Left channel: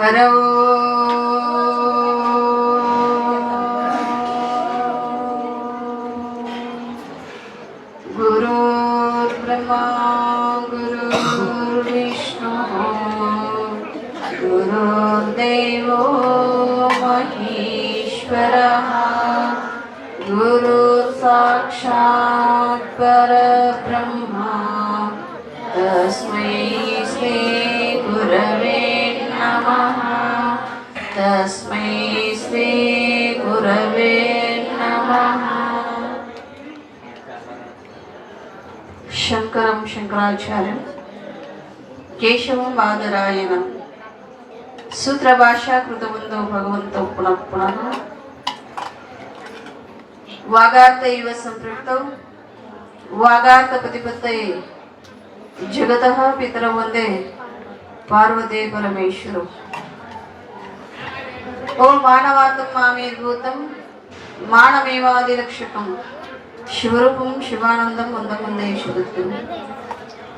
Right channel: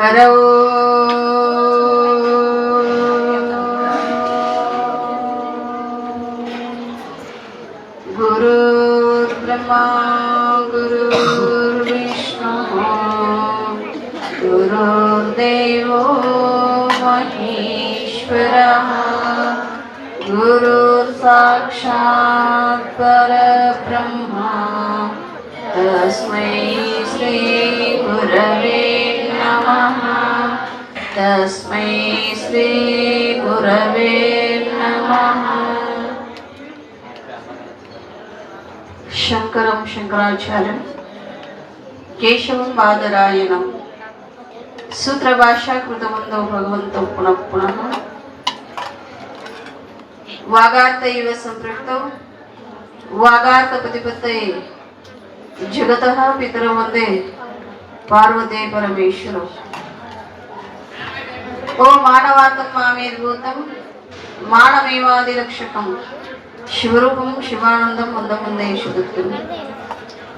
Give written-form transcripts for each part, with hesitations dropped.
हरो गुरुर्ब्रह्मा गुरुर्विष्णु गुरुर्देवो महेश्वरः गुरुर्साक्षात् परब्रह्मा तस्मै श्री गुरवे नमः तस्मै श्री गुरवे नमः। शंकरं शंकराचार्यं केशवं बादरायणं सूत्रभाषा कृतवन्तो भगवन्तो पुनः पुनः वागार्थ इव संपृक्तौ वागार्थ प्रतिपत्तये जगतः पितरौ वन्दे पार्वती परमेश्वरौ। ओ मानवात्मं मामेर्भूतं मानमेवादिरक्षकं शिवरूपं शिवानन्दं वन्दे शुद्धं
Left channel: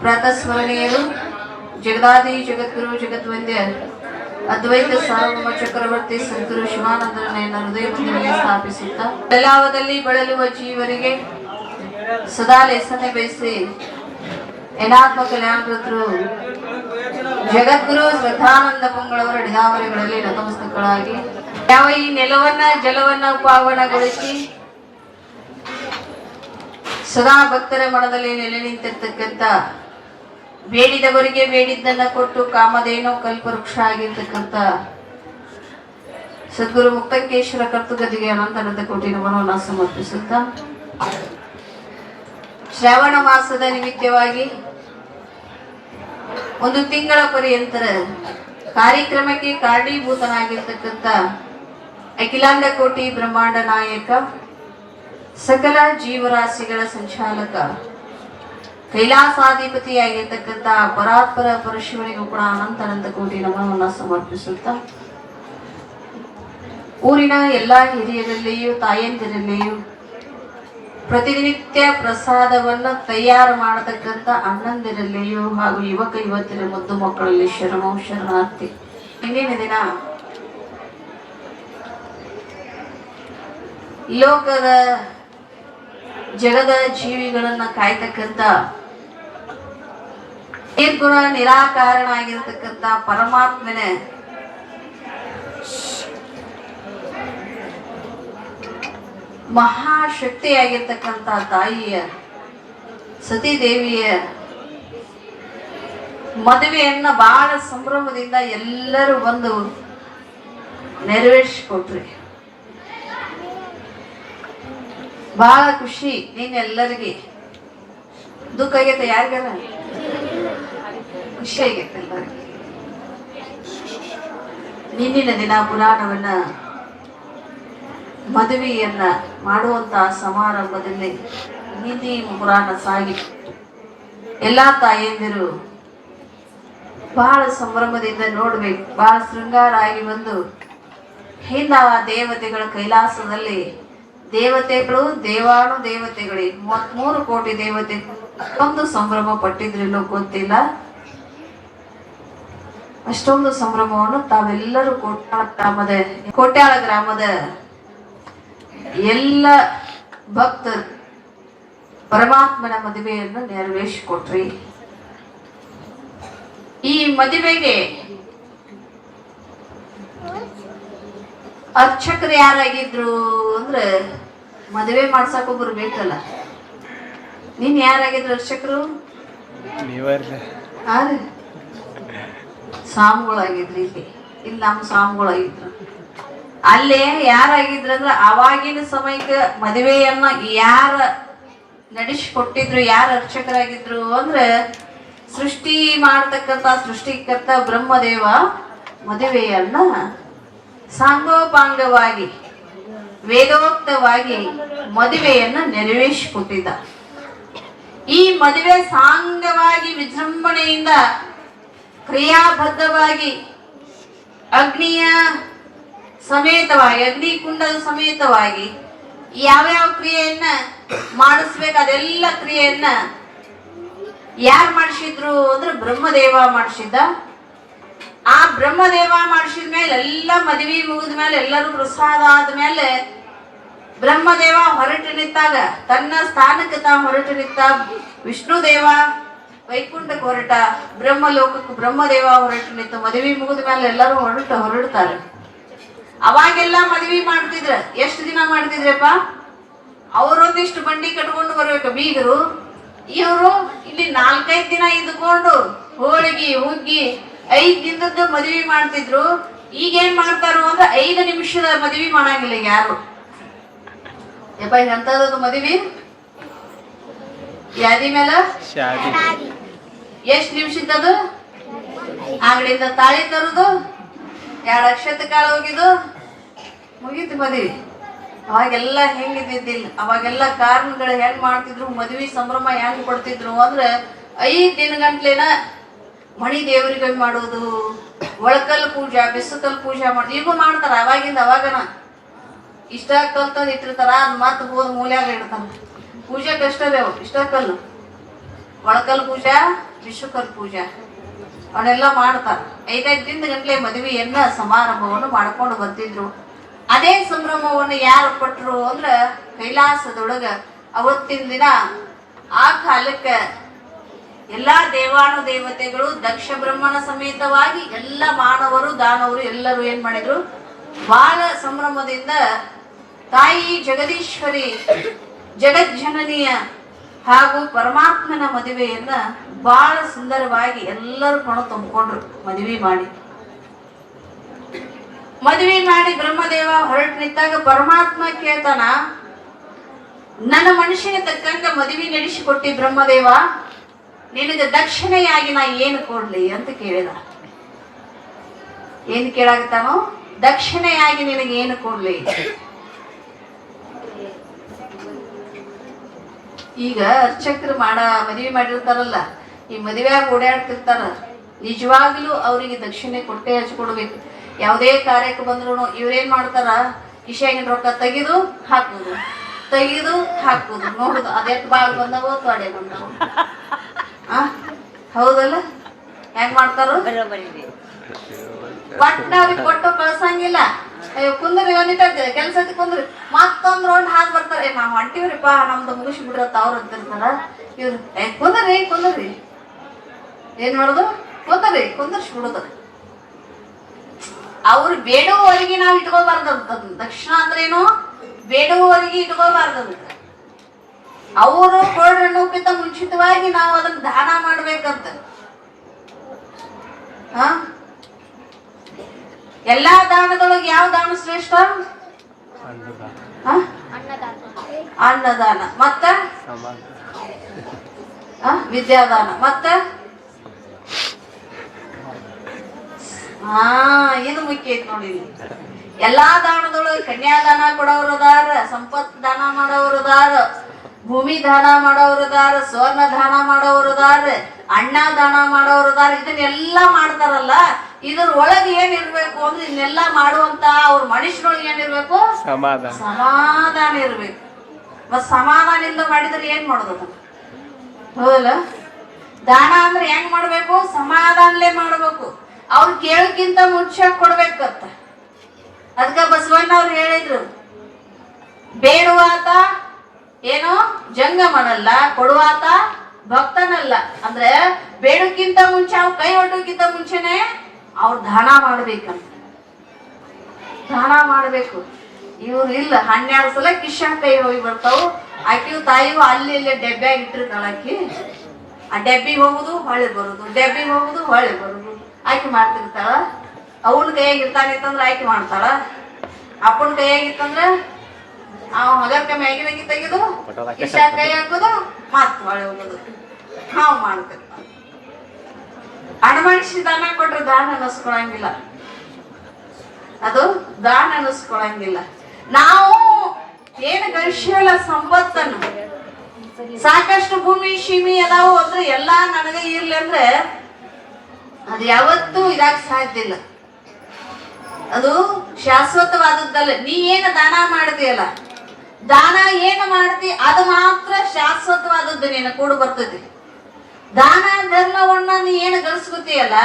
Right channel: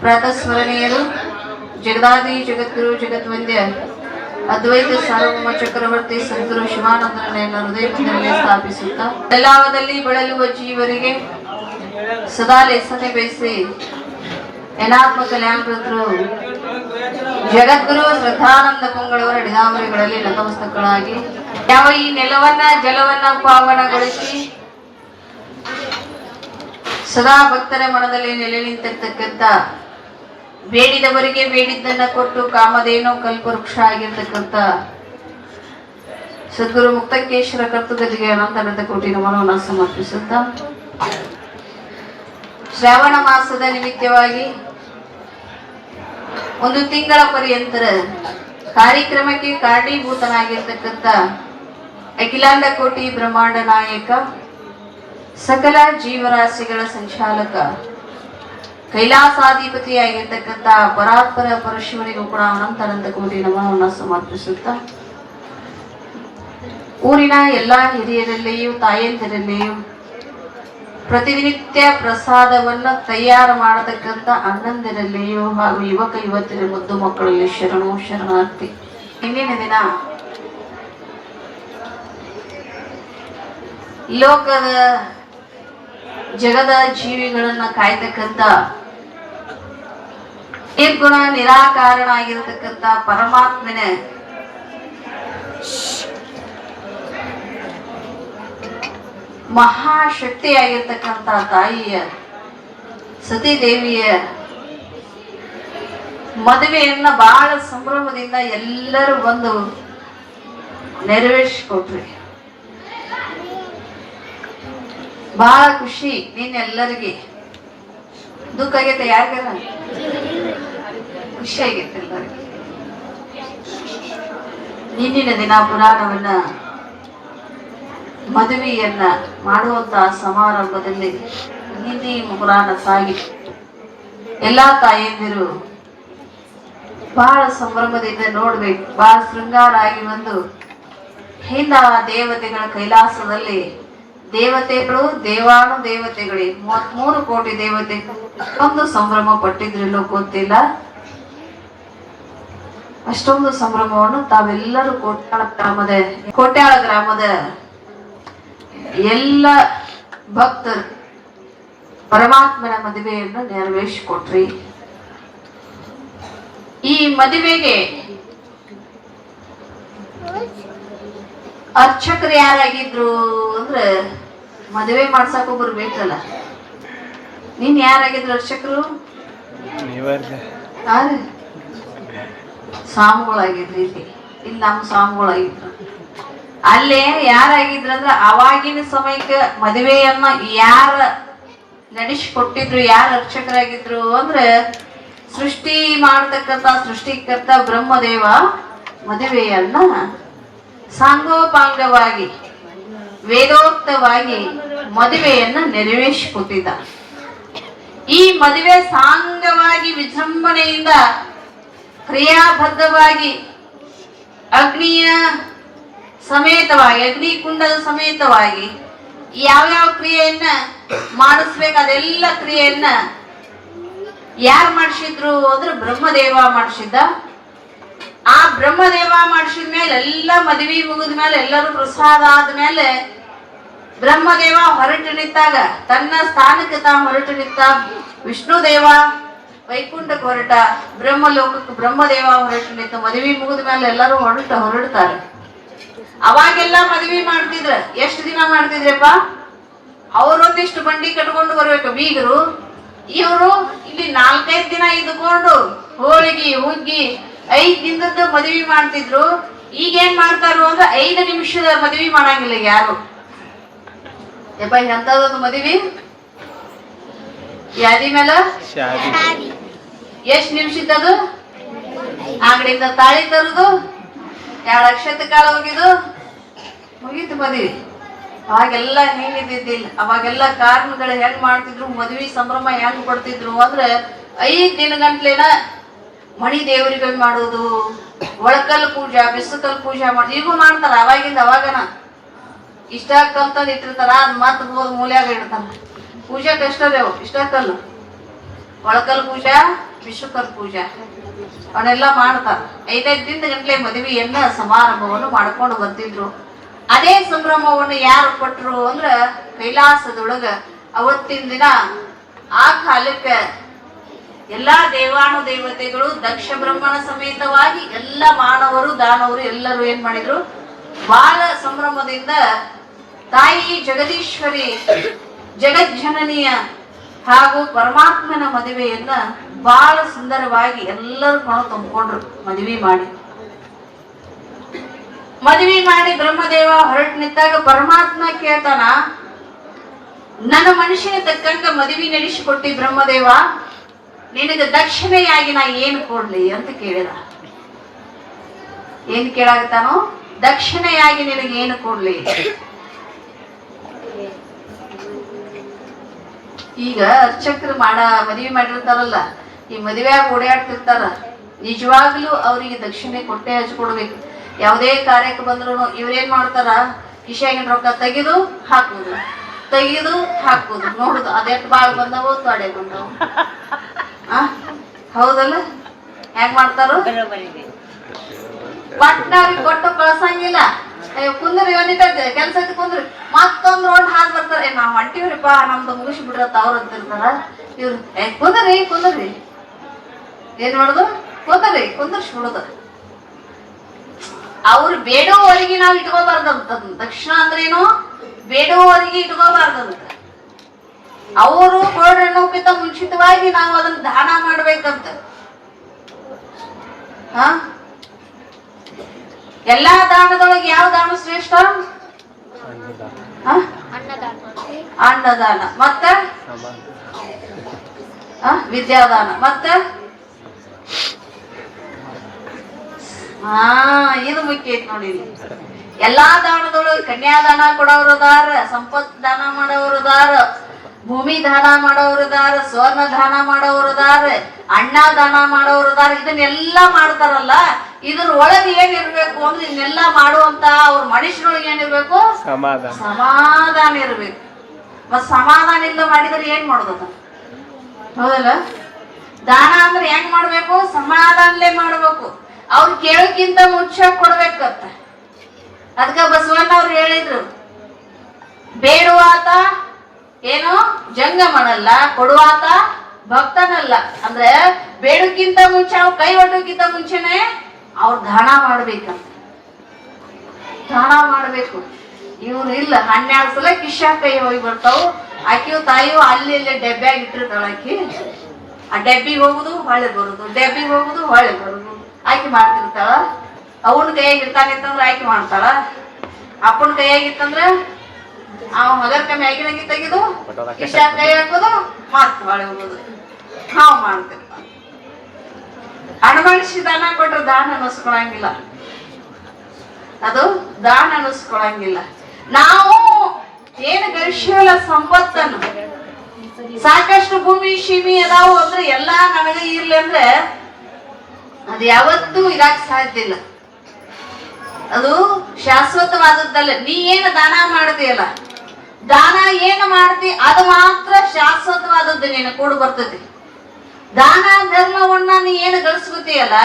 प्रातस्मरणीयರು ಜಗದಾದಿ ಜಗದ್ಗುರು ಜಗದ್ವಂದ್ಯ ಅದ್ವೈತ ಸಾರ್ವಭೌಮ ಚಕ್ರವರ್ತಿ ಸಂತರು ಶಿವಾನಂದರನ್ನು ಹೃದಯದಲ್ಲಿ ಸ್ಥಾಪಿಸುತ್ತಾ ಬೆಳಗಾವದಲ್ಲಿ ಬಳಲುವ ಜೀವರಿಗೆ ಸದಾ ಲೇಸನೆ ಬಯಸಿ ಏನಾತ್ಮ ಕಲ್ಯಾಣಕರ್ತರು ಜಗದ್ಗುರು ಶ್ರದ್ಧಾನಂದ ಪಂಗಳವರ ಅಡಿದಾವರಿಗಳಲ್ಲಿ ನತಮಸ್ತಕಗಳಾಗಿ ಯಾವ ಈ ನೆಲವನ್ನ ಜಲವನ್ನ ಪಾವನಗೊಳಿಸಿ ಸದಾ ಭಕ್ತರ ಮನದಲ್ಲಿ ನೆಲೆ ನಿಂತಿರ್ತಕ್ಕಂಥ ಬೇಡಿದವರಿಗೆ ಬೇಡಿದ್ದನ್ನ ಕೊಟ್ಟು ಕಾಮಧೇನು ಕಲ್ಪವೃಕ್ಷ ಆಗಿರ್ತಕ್ಕಂಥ ಸದ್ಗುರು ಮುಕ್ತಕೇಶ್ವರ ಕರ್ತೃಗದಿಗೆ ಅನಂತ ಕೋಟಿ ನಮನವನ್ನು ಸಮರ್ಪಿಸುತ್ತಾ ಶ್ರಾವಣ ಮಾಸದ ನಿಮಿತ್ತವಾಗಿ ಒಂದು ತಿಂಗಳ ಪರ್ಯಂತರ ಕಾರ್ಯಕ್ರಮಕ್ಕೆ ಕಾರಣೀಭೂತನಾಗಿರ್ತಕ್ಕಂಥ ಅಖಿಲಾಂಡ ಕೋಟಿ ಬ್ರಹ್ಮಾಂಡ ನಾಯಕ ಸಕಲ ಜೀವರಾಶಿಗಳ ಸಂಚಾಲಕ ಕೈಲಾಸಾಧಿಪತಿಯಾಗಿರ್ತಕ್ಕಂಥ ಪರಾತ್ಪರ ಪರಶಿವನಿಗೂ ಕೂಡ ಅನಂತ ಕೋಟಿ ನಮನವನ್ನು ಸಮರ್ಪಿಸುತ್ತಾ ಊರಿನ ಎಲ್ಲಾ ಹಿರಿಯರಲ್ಲಿಯೂ ತಾಯಂದಿರಲ್ಲಿಯೂ ಪ್ರತಿನಿತ್ಯ ಪ್ರಸಾದವನ್ನ ತಯಾರು ಮಾಡತಕ್ಕಂಥ ಅಣ್ಣಂದಿರಲ್ಲಿಯೂ ಹಾಗೂ ಯುವಕ ಯುವತಿಯರ ಮುದ್ದು ಮಕ್ಕಳಲ್ಲಿ ಶರಣೋ ಶರಣಾರ್ಥಿ. ಇಂದಿನ ದಿನ ಲೋಕದ ಜಗದ ಜೀವಿಗಳನ್ನ ಕಾಯ್ತಕ್ಕಂಥ ನಿರ್ಗುಣ ನಿರಾಕಾರನಾಗಿರ್ತಕ್ಕಂಥ ಪರಮಾತ್ಮನ ಮಹಾಶಕ್ತಿಯಾಗಿರ್ತಕ್ಕಂಥ ತಾಯಿಯ ಸತೀದೇವಿಯ ಮದುವೆಯನ್ನ ಬಹಳ ಸಂಭ್ರಮದಿಂದ ಎಲ್ಲರೂ ಬಂದು ನೆರವೇರಿಸಿಕೊಟ್ರಿ. ಬಹಳ ಖುಷಿ. ನೀನೆಲ್ಲರಿಗೆ ದುಃಖ ಆಗೈತೆ? ಯಾರಿಗಲ್ಲ ಖುಷಿ ಆಗೈತೆ ಎಲ್ಲರಿಗೆ. ಇಂದಿನ ದಿನ ಪುರಾಣವನ್ನ ಮದುವೆಯನ್ನ ಮಾಡುವಂತಹ ಸಮಾರಂಭದಲ್ಲಿ ಹಿಂದಿ ಪುರಾಣ ಸಾಗಿತು. ಎಲ್ಲಾ ತಾಯಂದಿರು ಬಹಳ ಸಂಭ್ರಮದಿಂದ ನೋಡ್ಬೇಕು. ಬಹಳ ಶೃಂಗಾರ ಆಗಿ ಬಂದು ಹಿಂದ ದೇವತೆಗಳ ಕೈಲಾಸದಲ್ಲಿ ದೇವತೆಗಳು ದೇವಾನು ದೇವತೆಗಳಿಗೆ 33 ಕೋಟಿ ದೇವತೆ ಒಂದು ಸಂಭ್ರಮ ಪಟ್ಟಿದ್ರಿಲ್ಲೋ ಗೊತ್ತಿಲ್ಲ. ಅಷ್ಟೊಂದು ಸಂಭ್ರಮವನ್ನು ತಾವೆಲ್ಲರೂ ಕೋಟ್ಯಾಳ ಗ್ರಾಮದ ಎಲ್ಲ ಭಕ್ತರು ಪರಮಾತ್ಮನ ಮದುವೆಯನ್ನು ನೆರವೇರಿಸಿಕೊಟ್ರಿ. ಈ ಮದುವೆಗೆ ಅರ್ಚಕರು ಯಾರಾಗಿದ್ರು ಅಂದ್ರೆ ಮದುವೆ ಮಾಡ್ಸಕ್ ಒಬ್ರು ಬೇಕಲ್ಲ. ನೀನ್ ಯಾರಾಗಿದ್ರು ಅರ್ಚಕರು? ಸ್ವಾಮಿಗಳಾಗಿದ್ರಿ. ಇಲ್ಲಿ ನಮ್ಮ ಸ್ವಾಮಿಗಳಾಗಿದ್ರು. ಅಲ್ಲೇ ಯಾರಾಗಿದ್ರು ಅಂದ್ರೆ ಅವಾಗಿನ ಸಮಯಕ್ಕೆ ಮದುವೆಯನ್ನ ಯಾರ ನಡೆಸಿಕೊಟ್ಟಿದ್ರು, ಯಾರ ಅರ್ಚಕರಾಗಿದ್ರು ಅಂದ್ರೆ ಸೃಷ್ಟಿ ಮಾಡತಕ್ಕಂತ ಸೃಷ್ಟಿಕರ್ತ ಬ್ರಹ್ಮದೇವ ಮದುವೆಯನ್ನ ಸಾಂಗೋಪಾಂಗವಾಗಿ ವೇದೋಕ್ತವಾಗಿ ಮದುವೆಯನ್ನ ನೆರವೇರಿಸಿಕೊಟ್ಟಿದ್ದ. ಈ ಮದುವೆ ಸಾಂಗವಾಗಿ ವಿಜೃಂಭಣೆಯಿಂದ ಕ್ರಿಯಾಬದ್ಧವಾಗಿ ಅಗ್ನಿಯ ಸಮೇತವಾಗಿ ಅಗ್ನಿಕುಂಡದ ಸಮೇತವಾಗಿ ಯಾವ್ಯಾವ ಕ್ರಿಯೆಯನ್ನ ಮಾಡಿಸ್ಬೇಕು ಅದೆಲ್ಲ ಕ್ರಿಯೆಯನ್ನ ಯಾರು ಮಾಡಿಸಿದ್ರು ಅಂದ್ರೆ ಬ್ರಹ್ಮದೇವ ಮಾಡಿಸಿದ್ದ. ಆ ಬ್ರಹ್ಮದೇವ ಮಾಡಿಸಿದ ಮೇಲೆ ಎಲ್ಲ ಮದುವೆ ಮುಗಿದ ಮೇಲೆ ಎಲ್ಲರೂ ಪ್ರಸಾದ ಆದ್ಮೇಲೆ ಬ್ರಹ್ಮದೇವ ಹೊರಟು ನಿಂತಾಗ ತನ್ನ ಸ್ಥಾನಕ್ಕೆ ಹೊರಟು ನಿಂತ ವಿಷ್ಣು ದೇವ ವೈಕುಂಠಕ್ಕೆ ಹೊರಟ, ಬ್ರಹ್ಮಲೋಕಕ್ಕೆ ಬ್ರಹ್ಮದೇವ ಹೊರಟು ನಿಂತ. ಮದುವೆ ಮುಗಿದ ಮೇಲೆ ಎಲ್ಲರೂ ಹೊರಡ್ತಾರೆ. ಅವಾಗೆಲ್ಲ ಮದುವೆ ಮಾಡ್ತಿದ್ರ. ಎಷ್ಟು ದಿನ ಮಾಡ್ತಿದ್ರಪ್ಪ? ಅವರೊಂದಿಷ್ಟು ಬಂಡಿ ಕಟ್ಕೊಂಡು ಬರ್ಬೇಕು ಬೀಗರು. ಇವರು ಇಲ್ಲಿ 4-5 ದಿನ ಇದ್ಕೊಂಡು ಹೋಳಿಗೆ ಹುಗ್ಗಿ 5 ದಿನದ ಮದುವೆ ಮಾಡ್ತಿದ್ರು. ಈಗ ಏನ್ ಮಾಡ್ತಾರು ಅಂದ್ರೆ 5 ನಿಮಿಷದ ಮದುವೆ ಮಾಡಂಗಿಲ್ಲ ಯಾರು. ಯಪ್ಪ ಎಂತದೊಂದು ಮದುವೆ ಯಾದಿ ಮೇಲೆ ಎಷ್ಟ್ ನಿಮಿಷದ್ದು? ಅಂಗಡಿಯಿಂದ ತಾಳಿ ತರುದು, 2 ಅಕ್ಷತೆ ಕಾಲ ಹೋಗಿದ್ದು ಮುಗೀತು ಮದುವೆ. ಅವಾಗೆಲ್ಲ ಹೆಂಗಿದ್ದಿದ್ದಿಲ್ಲ. ಅವಾಗೆಲ್ಲ ಕಾರಣಗಳು ಹೆಂಗ್ ಮಾಡ್ತಿದ್ರು, ಮದುವೆ ಸಂಭ್ರಮ ಹೆಂಗ್ ಕೊಡ್ತಿದ್ರು ಅಂದ್ರೆ 5 ದಿನ ಗಂಟ್ಲೆನ ಮಣಿ ದೇವರಿಗೆ ಮಾಡೋದು, ಒಳಕಲ್ ಪೂಜಾ, ಬಿಸುಕಲ್ ಪೂಜಾ ಮಾಡಿ. ಈಗೂ ಮಾಡ್ತಾರ. ಅವಾಗನ ಇಷ್ಟ ಕಲ್ತಂದ್ ಇಟ್ಟಿರ್ತಾರ, ಅದ್ ಮತ್ ಹೋದ್ ಮೂಲ್ಯಾಗ ಇಡ್ತಾರ. ಪೂಜೆ ಬೆಷ್ಟದೇವು ಇಷ್ಟ ಕಲ್ಲು, ಒಳಕಲ್ ಪೂಜಾ, ವಿಶ್ವಕಲ್ ಪೂಜಾ ಅವನ್ನೆಲ್ಲ ಮಾಡ್ತಾರ. 5 ದಿನದ ಗಂಟ್ಲೆ ಮದುವೆಯನ್ನ ಸಮಾರಂಭವನ್ನು ಮಾಡ್ಕೊಂಡು ಬರ್ತಿದ್ರು. ಅದೇ ಸಂಭ್ರಮವನ್ನು ಯಾರು ಕೊಟ್ಟರು ಅಂದ್ರ ಕೈಲಾಸದೊಳಗ ಅವತ್ತಿನ ದಿನ ಆ ಕಾಲಕ್ಕೆ ಎಲ್ಲಾ ದೇವಾನು ದೇವತೆಗಳು ದಕ್ಷ ಬ್ರಹ್ಮನ ಸಮೇತವಾಗಿ ಎಲ್ಲ ಮಾನವರು ದಾನವರು ಎಲ್ಲರೂ ಏನ್ ಮಾಡಿದ್ರು, ಬಹಳ ಸಂಭ್ರಮದಿಂದ ತಾಯಿ ಜಗದೀಶ್ವರಿ ಜಗಜ್ಜನನಿಯ ಹಾಗೂ ಪರಮಾತ್ಮನ ಮದುವೆಯನ್ನ ಬಹಳ ಸುಂದರವಾಗಿ ಎಲ್ಲರೂ ಕಣು ತುಂಬಿಕೊಂಡ್ರು. ಮದುವೆ ಮಾಡಿ ಬ್ರಹ್ಮದೇವ ಹೊರಟು ನಿಂತಾಗ ಪರಮಾತ್ಮ ಕೇಳ್ತಾನ, ನನ್ನ ಮನುಷ್ಯನ ತಕ್ಕಂತ ಮದುವೆ ನಡೆಸಿಕೊಟ್ಟಿ ಬ್ರಹ್ಮದೇವ, ನಿನಗೆ ದಕ್ಷಿಣೆಯಾಗಿ ನಾ ಏನು ಕೊಡ್ಲಿ ಅಂತ ಕೇಳಿದ. ಏನ್ ಕೇಳಾಗತ್ತಾನೋ? ದಕ್ಷಿಣೆಯಾಗಿ ನಿನಗೆ ಏನು ಕೊಡ್ಲಿ? ಈಗ ಅರ್ಚಕರು ಮದುವೆ ಮಾಡಿರ್ತಾರಲ್ಲ, ಈ ಮದುವೆಯಾಗ ಓಡಾಡ್ತಿರ್ತಾರ, ನಿಜವಾಗ್ಲೂ ಅವರಿಗೆ ದಕ್ಷಿಣೆ ಕೊಟ್ಟೆ ಹಚ್ಕೊಡ್ಬೇಕು. ಯಾವುದೇ ಕಾರ್ಯಕ್ಕೆ ಬಂದ್ರು ಇವ್ರೇನ್ ಮಾಡ್ತಾರ, ಕಿಶೆಗಿನ ರೊಕ್ಕ ತೆಗೆದು ಹಾಕುದು, ನೋಡುದು. ಅದೆಷ್ಟು ಬಾಳ್ ಬಂದವೋ ತಡೆ ಬಂದವು. ಹೌದಲ್ಲ? ಹೆಂಗ್ ಮಾಡ್ತಾರ? ಪಟ್ನಾರಿಗೆ ಕೊಟ್ಟು ಕಳ್ಸಂಗಿಲ್ಲ. ಕುಂದ್ರಿ ಒಂದಿಟ್ಟೈತೆ ಕೆಲ್ಸಕ್ಕೆ ಕುಂದ್ರಿ, ಮತ್ತೊಂದ್ ರೌಂಡ್ ಹಾದ್ ಬರ್ತಾರೆ. ನಾವ್ ಹೊಂಟಿವ್ರಿಪ್ಪ, ನಮ್ದು ಮುಗಿಸಿ ಬಿಡ್ರತ್ತ ಅವ್ರ ಅಂತಿರ್ತಾರ. ಇವ್ರು ಕುಂದ್ರಿ ಏನ್ ಮಾಡುದು? ಕುಂದರ್ಸ್ಬಿಡುದು. ಅವ್ರು ಬೇಡುವವರೆಗೆ ನಾವ್ ಇಟ್ಕೋಬಾರ್ದಂತ. ದಕ್ಷಿಣ ಅಂದ್ರೇನು? ಬೇಡುವವರೆಗೆ ಇಟ್ಕೋಬಾರ್ದಂತ. ಅವರು ಕೋಡಣ್ಣಕ್ಕಿಂತ ಮುಂಚಿತವಾಗಿ ನಾವು ಅದನ್ನ ದಾನ ಮಾಡ್ಬೇಕಂತ. ಎಲ್ಲಾ ದಾನದೊಳಗೆ ಯಾವ ದಾನ ಶ್ರೇಷ್ಠ? ಅನ್ನದಾನ, ಮತ್ತೆ ವಿದ್ಯಾದಾನ, ಮತ್ತೆ ಇದು ಮುಖ್ಯ ಐತಿ ನೋಡಿ. ಎಲ್ಲಾ ದಾನದೊಳಗೆ ಕನ್ಯಾದಾನ ಕೊಡೋರದಾರ, ಸಂಪತ್ ದಾನ ಮಾಡೋರದಾರ, ಭೂಮಿ ದಾನ ಮಾಡೋರದಾರ, ಸ್ವರ್ಣ ದಾನ ಮಾಡೋರದಾರ, ಅಣ್ಣ ದಾನ ಮಾಡೋರದಾರ. ಇದನ್ನೆಲ್ಲ ಮಾಡ್ತಾರಲ್ಲ, ಇದ್ರ ಒಳಗೆ ಏನಿರ್ಬೇಕು ಅಂದ್ರೆ ಇದನ್ನೆಲ್ಲ ಮಾಡುವಂತ ಅವ್ರ ಮನುಷ್ಯರೊಳಗೆ ಏನಿರ್ಬೇಕು? ಸಮಾಧಾನ ಇರ್ಬೇಕು. ಮತ್ ಸಮಾಧಾನದಿಂದ ಮಾಡಿದ್ರೆ ಏನ್ ಮಾಡೋದು? ಹೌದಲ್ಲ? ದಾನ ಅಂದ್ರೆ ಹೆಂಗ್ ಮಾಡ್ಬೇಕು? ಸಮಾಧಾನಲೇ ಮಾಡ್ಬೇಕು. ಅವ್ರು ಕೇಳಕ್ಕಿಂತ ಮುಂಚೆ ಕೊಡ್ಬೇಕತ್ತ. ಅದಕ್ಕ ಬಸವಣ್ಣ ಅವ್ರು ಹೇಳಿದ್ರು, ಬೇಡುವಾತ ಏನು ಜಂಗಮನಲ್ಲ, ಕೊಡುವಾತ ಭಕ್ತನಲ್ಲ. ಅಂದ್ರೆ ಬೇಡಕ್ಕಿಂತ ಮುಂಚೆ, ಅವ್ರು ಕೈ ಒಟ್ಟಕ್ಕಿಂತ ಮುಂಚೆನೆ ಅವ್ರು ದಾನ ಮಾಡ್ಬೇಕಂತ. ದಾನ ಮಾಡ್ಬೇಕು. ಇವ್ರು ಇಲ್ಲ, 12 ಸಲ ಕಿಶಾ ಕೈ ಹೋಗಿ ಬರ್ತಾವು. ಆಕಿವು ತಾಯಿವು ಅಲ್ಲಿ ಇಲ್ಲೇ ಡಬ್ಬ್ಯಾಗ ಇಟ್ಟಿರ್ತಾಳ. ಆಕಿ ಆ ಡಬ್ಬಿಗೆ ಹೋಗುದು ಹೊಳೆ ಬರುದು, ಡಬ್ಬಿಗೆ ಹೋಗುದು ಹೊಳೆ ಬರುದು. ಆಕಿ ಮಾಡ್ತಿರ್ತಾಳ. ಅವನ ಕೈಯಾಗಿರ್ತಾನೆ ಅಂತಂದ್ರೆ ಆಕಿ ಮಾಡ್ತಾಳ. ಅಪ್ಪನ ಕೈಯಾಗಿತ್ತಂದ್ರೆ ಅವ್ ಹೊಗರ್ಕ ಮ್ಯಾಗಿನಾಗಿ ತೆಗೆದು ಕಿಶಾ ಕೈ ಹಾಕೋದು, ಮತ್ ಹೊಳೆ ಹೋಗುದು. ನಾವು ಮಾಡ್ತೇವೆ. ಅಣಮಣಿಸಿ ದಾನ ಕೊಟ್ರೆ ದಾನ ಅನ್ನಿಸ್ಕೊಳಂಗಿಲ್ಲ. ಅದು ದಾನ ಅನ್ನಿಸ್ಕೊಳಂಗಿಲ್ಲ. ನಾವು ಏನು ಗಳಿಸಿವಲ್ಲ ಸಂಪತ್ತನ್ನು, ಸಾಕಷ್ಟು ಭೂಮಿ ಸೀಮಿ ಅದಾವು ಅಂದ್ರೆ ಎಲ್ಲಾ ನನಗೆ ಇರ್ಲಿ ಅಂದ್ರೆ ಅದು ಯಾವತ್ತೂ ಇದಾಕ್ ಸಾಧ್ಯ ಇಲ್ಲ. ಅದು ಶಾಶ್ವತವಾದದ್ದಲ್ಲ. ನೀ ಏನು ದಾನ ಮಾಡಿದೆಯಲ್ಲ, ದಾನ ಏನು ಮಾಡ್ತಿ ಅದು ಮಾತ್ರ ಶಾಶ್ವತವಾದದ್ದು ನಿನ್ನ ಕೂಡ ಬರ್ತದೆ. ದಾನ ಧರ್ಮವನ್ನ ನೀ ಏನು ಗಳಿಸ್ಕೊತೀಯಲ್ಲ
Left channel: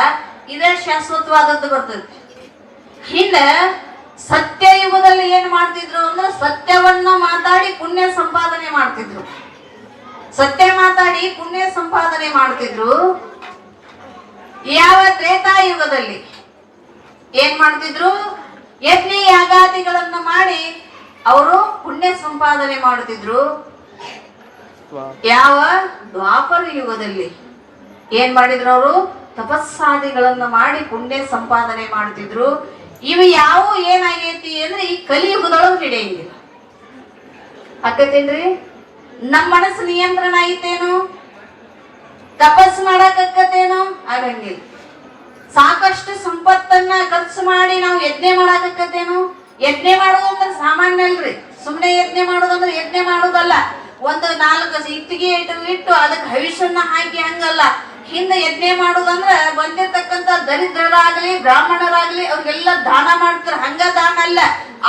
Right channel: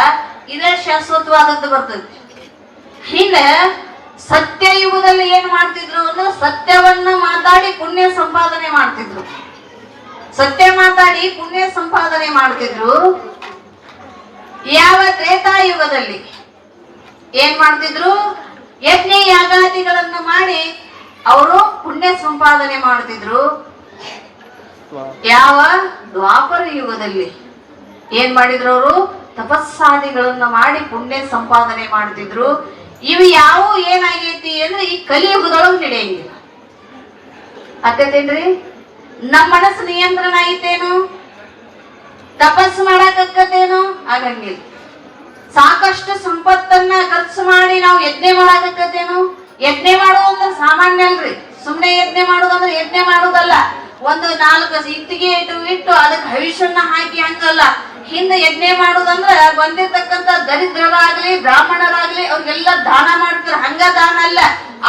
ಇದೇ ಶಾಶ್ವತವಾದದ್ದು ಬರ್ತೈತಿ. ಹಿಂದೆ ಸತ್ಯಯುಗದಲ್ಲಿ ಏನ್ ಮಾಡ್ತಿದ್ರು ಅಂದ್ರೆ ಸತ್ಯವನ್ನ ಮಾತಾಡಿ ಪುಣ್ಯ ಸಂಪಾದನೆ ಮಾಡ್ತಿದ್ರು. ಸತ್ಯ ಮಾತಾಡಿ ಪುಣ್ಯ ಸಂಪಾದನೆ ಮಾಡ್ತಿದ್ರು. ಯಾವ ತ್ರೇತಾಯುಗದಲ್ಲಿ ಏನ್ ಮಾಡ್ತಿದ್ರು? ಯಜ್ಞ ಯಾಗಾದಿಗಳನ್ನು ಮಾಡಿ ಅವರು ಪುಣ್ಯ ಸಂಪಾದನೆ ಮಾಡ್ತಿದ್ರು. ಯಾವ ದ್ವಾಪರ ಯುಗದಲ್ಲಿ ಏನ್ ಮಾಡಿದ್ರು? ಅವರು ತಪಸ್ಸಾದಿಗಳನ್ನ ಮಾಡಿ ಪುಣ್ಯ ಸಂಪಾದನೆ ಮಾಡ್ತಿದ್ರು. ಇವು ಯಾವ ಏನಾಗೈತಿ ಅಂದ್ರೆ ಈ ಕಲಿಯುಗದೊಳಗೆ ನಡೆಯಂಗಿಲ್ಲ. ಅಕ್ಕತೇನ್ರಿ? ನಮ್ಮ ಮನಸ್ಸು ನಿಯಂತ್ರಣ ಐತೇನು? ತಪಸ್ಸು ಮಾಡಕತ್ತೇನು? ಆಗಂಗಿಲ್ಲ. ಸಾಕಷ್ಟು ಸಂಪತ್ತನ್ನ ಖರ್ಚು ಮಾಡಿ ನಾವು ಯಜ್ಞ ಮಾಡಕತ್ತೇನು? ಯಜ್ಞ ಮಾಡೋದಂದ್ರೆ ಸಾಮಾನ್ಯ ಅಲ್ರಿ. ಸುಮ್ನೆ ಯಜ್ಞ ಮಾಡೋದಂದ್ರೆ ಯಜ್ಞ ಮಾಡೋದಲ್ಲ. ಒಂದು 4 ಇಟ್ಟಿಗೆ ಇಟ್ಟು ಅದಕ್ಕೆ ಹವಿಷನ್ನ ಹಾಕಿ ಹಂಗಲ್ಲ. ಹಿಂದೆ ಯಜ್ಞ ಮಾಡೋದಂದ್ರ ಬಂದಿರ್ತಕ್ಕಂಥ ದರಿದ್ರರಾಗ್ಲಿ ಬ್ರಾಹ್ಮಣರಾಗ್ಲಿ ಅವ್ರಿಗೆಲ್ಲ ದಾನ ಮಾಡ್ತಿದ್ರು. ಹಂಗ ದಾನ ಅಲ್ಲ,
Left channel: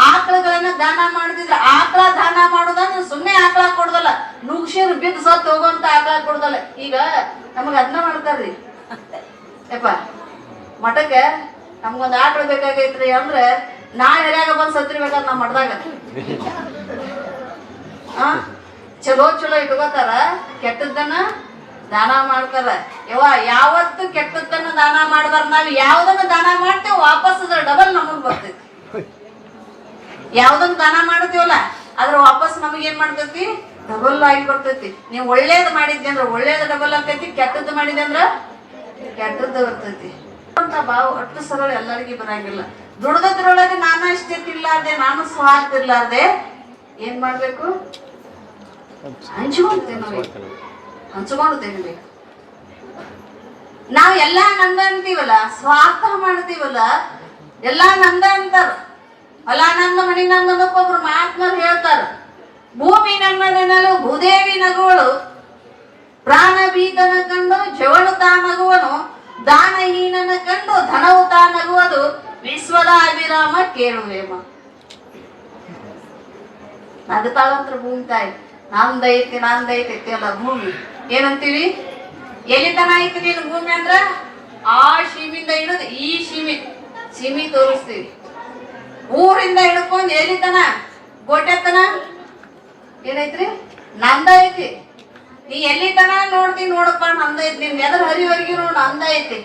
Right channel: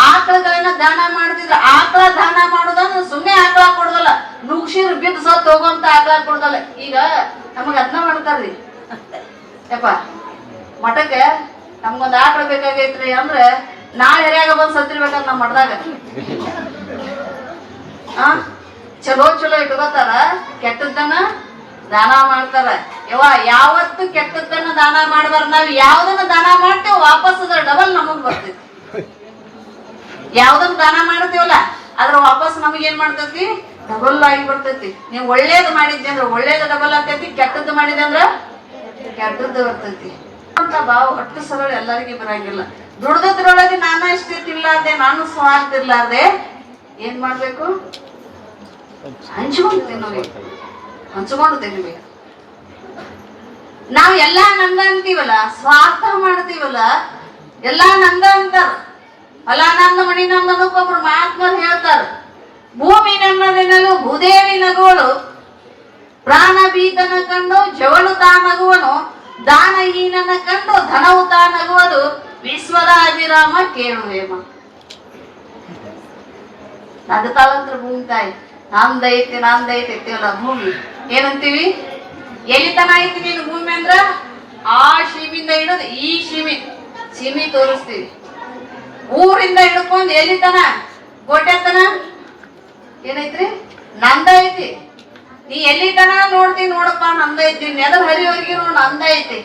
ಆಕಳಗಳನ್ನ ದಾನ ಮಾಡ್ತಿದ್ರು. ಆಕಳ ದಾನ ಮಾಡೋದಂದ್ರೆ ಸುಮ್ನೆ ಆಕಳ ಕೊಡೋದಲ್ಲ, ನುಗ್ಸಿರ್ ಬಿದ್ದು ಸತ್ತು ಹೋಗುವಂತ ಆಕಳ ಕೊಡೋದಲ್ಲ. ಈಗ ನಮಗ್ ಅದನ್ನ ಮಾಡ್ತಾರ್ರಿ. ಯಪ್ಪ ಮಠಕ್ಕೆ ನಮ್ಗೊಂದ್ ಆಕಳ ಬೇಕಾಗೈತ್ರಿ ಅಂದ್ರೆ ನಾಳೆ ಎರ್ಯಾಗ ಬಂದ್ ಸತ್ತಿರ್ಬೇಕಂತ ನಮ್ ಮಠದಾಗ ಚಲೋ ಚಲೋ ಇಟ್ಕೋತಾರ, ಕೆಟ್ಟದ್ದನ್ನ ದಾನ ಮಾಡ್ತಾರ. ಯಾವತ್ತು ಕೆಟ್ಟದ್ದನ್ನ ದಾನ ಮಾಡಬಾರ. ನಾವ್ ಯಾವ್ದನ್ನ ದಾನ ಮಾಡ್ತೇವೆ ವಾಪಸ್ ಅದ್ರ ಡಬಲ್ ನಮಗ್ ಬರ್ತೈತಿ. ಯಾವ್ದನ್ನ ದಾನ ಮಾಡ್ತೀವಲ್ಲ ಅದ್ರ ವಾಪಸ್ ನಮಗ್ ಏನ್ ಮಾಡ್ತೈತಿ? ಡಬಲ್ ಆಗಿ ಬರ್ತೈತಿ. ನೀವ್ ಒಳ್ಳೇದ್ ಮಾಡಿದ್ದೆ ಅಂದ್ರ ಒಳ್ಳೇದ್ ಡಬಲ್ ಆಗ್ತೈತಿ, ಕೆಟ್ಟದ್ದು ಮಾಡಿದೆ ಅಂದ್ರ ಕೆಟ್ಟದ್ದು ಬರ್ತೈತಿ ಅಂತ ಭಾವ ಅಷ್ಟು ಸರಳ ಎಲ್ಲರಿಗೂ ಬರಂಗಿಲ್ಲ. ದುಡ್ದದ್ರೊಳಗೆ ನಾನು ಇಷ್ಟೇ ತಿನ್ಲಾರ್ದೆ, ನಾನು ಸ್ವಾರ್ಥ ಇರ್ಲಾರ್ದೆ ಏನ್ ಮಾಡ್ಬೇಕು? ಹಂಚ್ಕೊಂಡು ತಿನ್ನಬೇಕು, ಹಂಚ್ಕೊಂಡು ತಿನ್ನಬೇಕು. ನಾವ್ ಎಲ್ಲಾ ನಂದ ಅಂತೀವಲ್ಲ, ಸ್ವಾರ್ಥ ಮಾಡ್ತೀವಲ್ಲ, ಎಲ್ಲಾ ನಂದ ಅಂತಾರ. ಅಲ್ಲ ನಂದ ಮನಿ ನಂದ ಒಬ್ಬೊಬ್ರು ಮಹಾತ್ಮರು ಹೇಳ್ತಾರ. ಭೂಮಿ ನನ್ನನೆನಲು ಭೂದೇವಿ ನಗುವಳು, ಪ್ರಾಣ ಬೀಗನ ಕಂಡು ಜವಳು ತಾನಗುವನು, ದಾನಹೀನನ ಕಂಡು ಧನವು ತಾನಗುವುದು, ವಿಶ್ವದ ಅಭಿರಾಮ ಕೇಳುವೇಮ. ನಗತಾಳಂತ್ರ ಭೂಮಿ ತಾಯಿ ನಂದೈತಿ ನಂದೈತಿ ಅಲ್ಲ. ಭೂಮಿ ಏನಂತೀವಿ? ಎಲ್ಲಿತನ ಐತಿ ನೀನು ಭೂಮಿ ಅಂದ್ರ ಆ ಸೀಮಿಂದ ಹಿಡಿದು ಈ ಸೀಮಿ ತೋರಿಸ್ತೀವಿ. ಊರಿಂದ ಹಿಡ್ಕೊಂಡ್ ಎಲ್ಲಿತನ ಗೋಟೆತನ ಏನೈತ್ರಿ? ನಂದ ಐತಿ. ನೀ ಎಲ್ಲಿತನ ನೋಡ್ತೀನಿ ನೋಡಪ್ಪ ನಂದ ಐತಿ. ನೆಲದ ಹರಿವರೆಗೆ ನೋಡ್ ನಂದ ಐತಿ.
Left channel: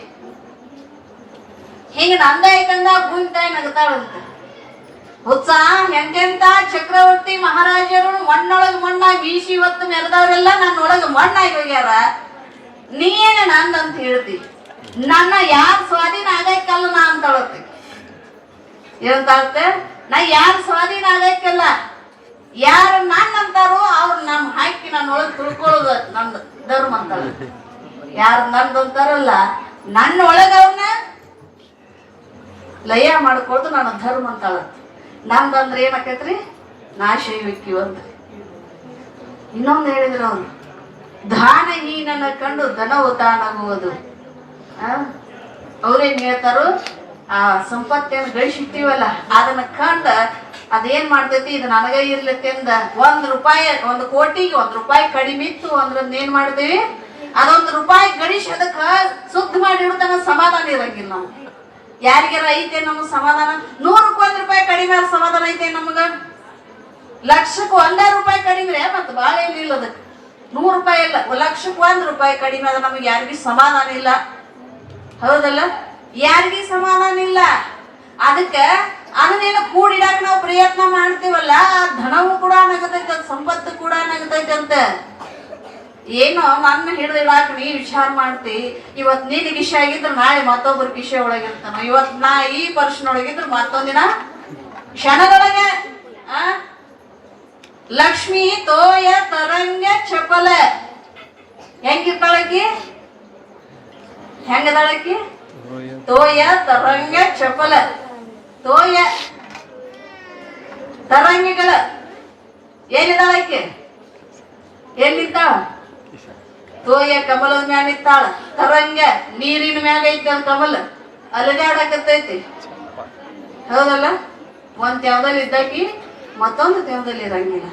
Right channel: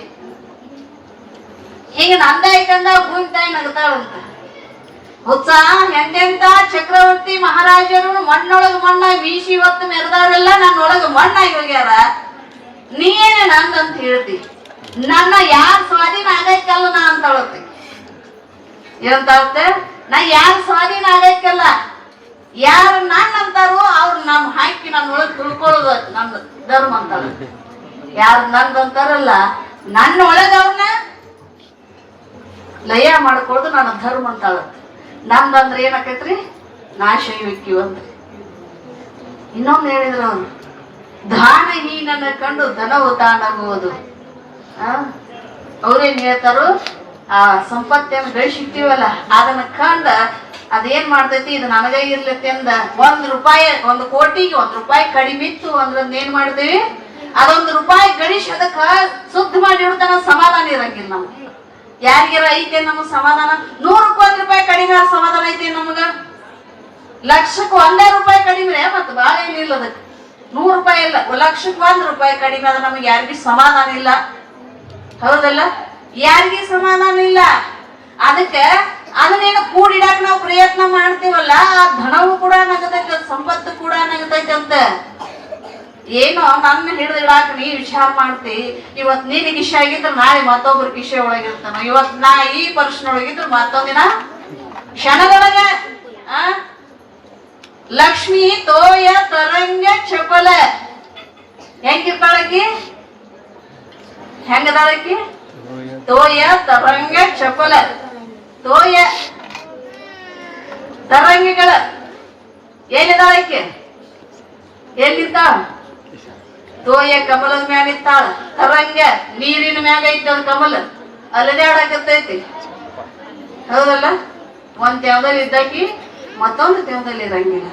ಹಿಂಗ ನಂದ ಐತಂದ ಭೂಮಿ ತಾಯಿ ನಗತಾಳಂತ. ಉತ್ಸಾಹ ಎಂತೆಂತ ಚಕ್ರವರ್ತಿ ಮಹಾರಾಜರು ಮಣ್ಣೊಳಗ ಮಣ್ಣಾಗಿ ಬೀಸಿ ಹೊತ್ತು ಮೆರೆದಾಗೆಲ್ಲ ನನ್ನೊಳಗ ಮಣ್ಣಾಗಿ ಹೋಗ್ಯಾರ. ನೀನೇ ನಂದಂತ ಹೇಳ್ತಿ. ನನ್ನ ಯಾರ್ ಸ್ವಾಧೀನ ಆಗೈಕಲ್ಲ ನಾ ಅಂತ ಹೇಳ್ತಿ. ಏನಂತ? ನಾ ಯಾರ ಸ್ವಾಧೀನ ಆಗೈಕಲ್ಲ, ಯಾರು ನನ್ನ ಅಂತಾರೋ ಅವ್ರು ನಮ್ ಹಾಕಿ ನನ್ನೊಳಗ್ ತುಳ್ಕೊಳ್ಳೋದು ನನ್ನ ಧರ್ಮ ಅಂತ. ಯಾರು ನಂದು ಅಂತಾರಲ್ಲ ನನ್ನ ಒಳಗ ಅವ್ರನ್ನ ಲಯ ಮಾಡ್ಕೊಳ್ಳೋದು ನನ್ನ ಧರ್ಮ ಅಂತ ಹೇಳತ್ತೆ. ನಂದಂದ್ರೆ ಏನಾಕೈತ್ರಿ? ನಾಶೈವಿಕ್ಯು ಅಂತ. ಇನ್ನೊಂದು ಹೇಳಿದ್ರು ಅವ್ರು, ದಾನಹೀನನ ಕಂಡು ಧನವು ತಾನಾಗುವುದು. ಅವ್ರೇನ್ ಹೇಳ್ತಾರೋ, ಆ ಸಂಪತ್ತನ್ನು ಗಳಿಸಿರ್ತೀವಲ್ಲ ಅದನ್ನ ಕಂಡ ಅದೇನ್ ಮಾಡ್ತೈತಿ? ಇದು ನನಗ ಇರ್ಲತಿ ಅಂದ ₹1 1 ಕೋಟಿಗೆ ₹1 ಕಡಿಮೆ ಇತ್ತು ಅಂದ್ರೆ ಏನ್ ಮಾಡ್ತೀವಿ? ಅದೊಂದು ರೂಪಾಯಿ ಗಳಿಸಿ ಅದಕ್ಕ ಶುದ್ಧ ಮಾಡಿ ಇಡ್ತಾನ, ಸಮಾಧಾನ ಇರಂಗಿಲ್ಲ ನಮ್ಗೆ. ಯಾರಿಗಾರ ಐತೆ ನಮಗ್ ಸಮಾಧಾನ? ₹100ಕ್ಕೆ ₹1 ಕಡಿಮೆ ಸಮಾಧಾನ ಐತೆ ನಮಗ? ಲಕ್ಷಕ್ಕೆ ₹1 ಕಡಿಮೆ ಮತ್ ಬಾಳ ಏನಿಲ್ಲ. ಅದಕ್ಕೆ ₹100 ಇಲ್ಲ, ಲಕ್ಷಕ್ಕೆ ₹1 ಕಡಿಮೆ ಅದ ನಮ್ಗೆ ಯಾರಿಗೂ ಸಮಾಧಾನ ಇಲ್ಲ. ಹೌದಲ್ಲ? ಯಾರಿಗೂ ಸಮಾಧಾನ ಇಲ್ಲ. ಅದಕ್ಕೆ ಅದನ್ನೇನು ಕೂಡಿಡಾಕ ನಾವು ಪ್ರಯತ್ನ ಮಾಡ್ತೀವಲ್ಲ, ಆ ಧನವು ಕೂಡ ನಗತೈತೆ, ಸಂಪತ್ತು ಕೂಡ ನಗತೈತೆ ಅಂತ. ಏನೋ ನನ್ನ ಹಿಡಿದಿಡಾಕ ನೀ ವಿಚಾರ ಮಾಡ್ತಿ. ಇವತ್ ನೀನ್ ಕಿಶೆ ಆಗಿದ್ರೆ ನಾಳೆ ಮತ್ತೊಬ್ಬರು ಕಿಶೆ ಒಳಗಿರ್ತಾನ. ಇವತ್ ನಾ ಈ ಪರ್ಸನೊಳಗಿದ್ರೆ ಮತ್ತೊಂದಿನ ಕ್ಷಣದೊಳಗೆ ಲಕ್ಷ್ಮಿ ತೋಯ ತರಂಗ ಚಪಲ ಹೆಂಗಿರ್ತಾಳಕಿ? ಹೆಂಗದಾಳಕಿ? ತೋಯ ತರಂಗ ಚಪಲ. ತೋಯ ತರಂಗಿಗಳ ಏನಿದಾಳಕ್ಕೆ? ಎಲ್ಲಿರ್ತಾಳ? ತೋಯ ಕಮಲದ ಮ್ಯಾಗ ಇತ್ತಾಳ. ತರಂಗ ನೀರಿನ ಮ್ಯಾಗ ಐತ ಕಮಲ, ಅಲ್ಲದೆ ಆಡಕತ್ತೈತಿ. ಹೌದಲ್ಲ? ಒಂದ್ ತೇವದಲ್ಲಿ ಇದ್ದಾಕಿ ಮತ್ತೊಂದು ತೇವದಲ್ಲಿ ಇರಂಗಿಲ್ಲ.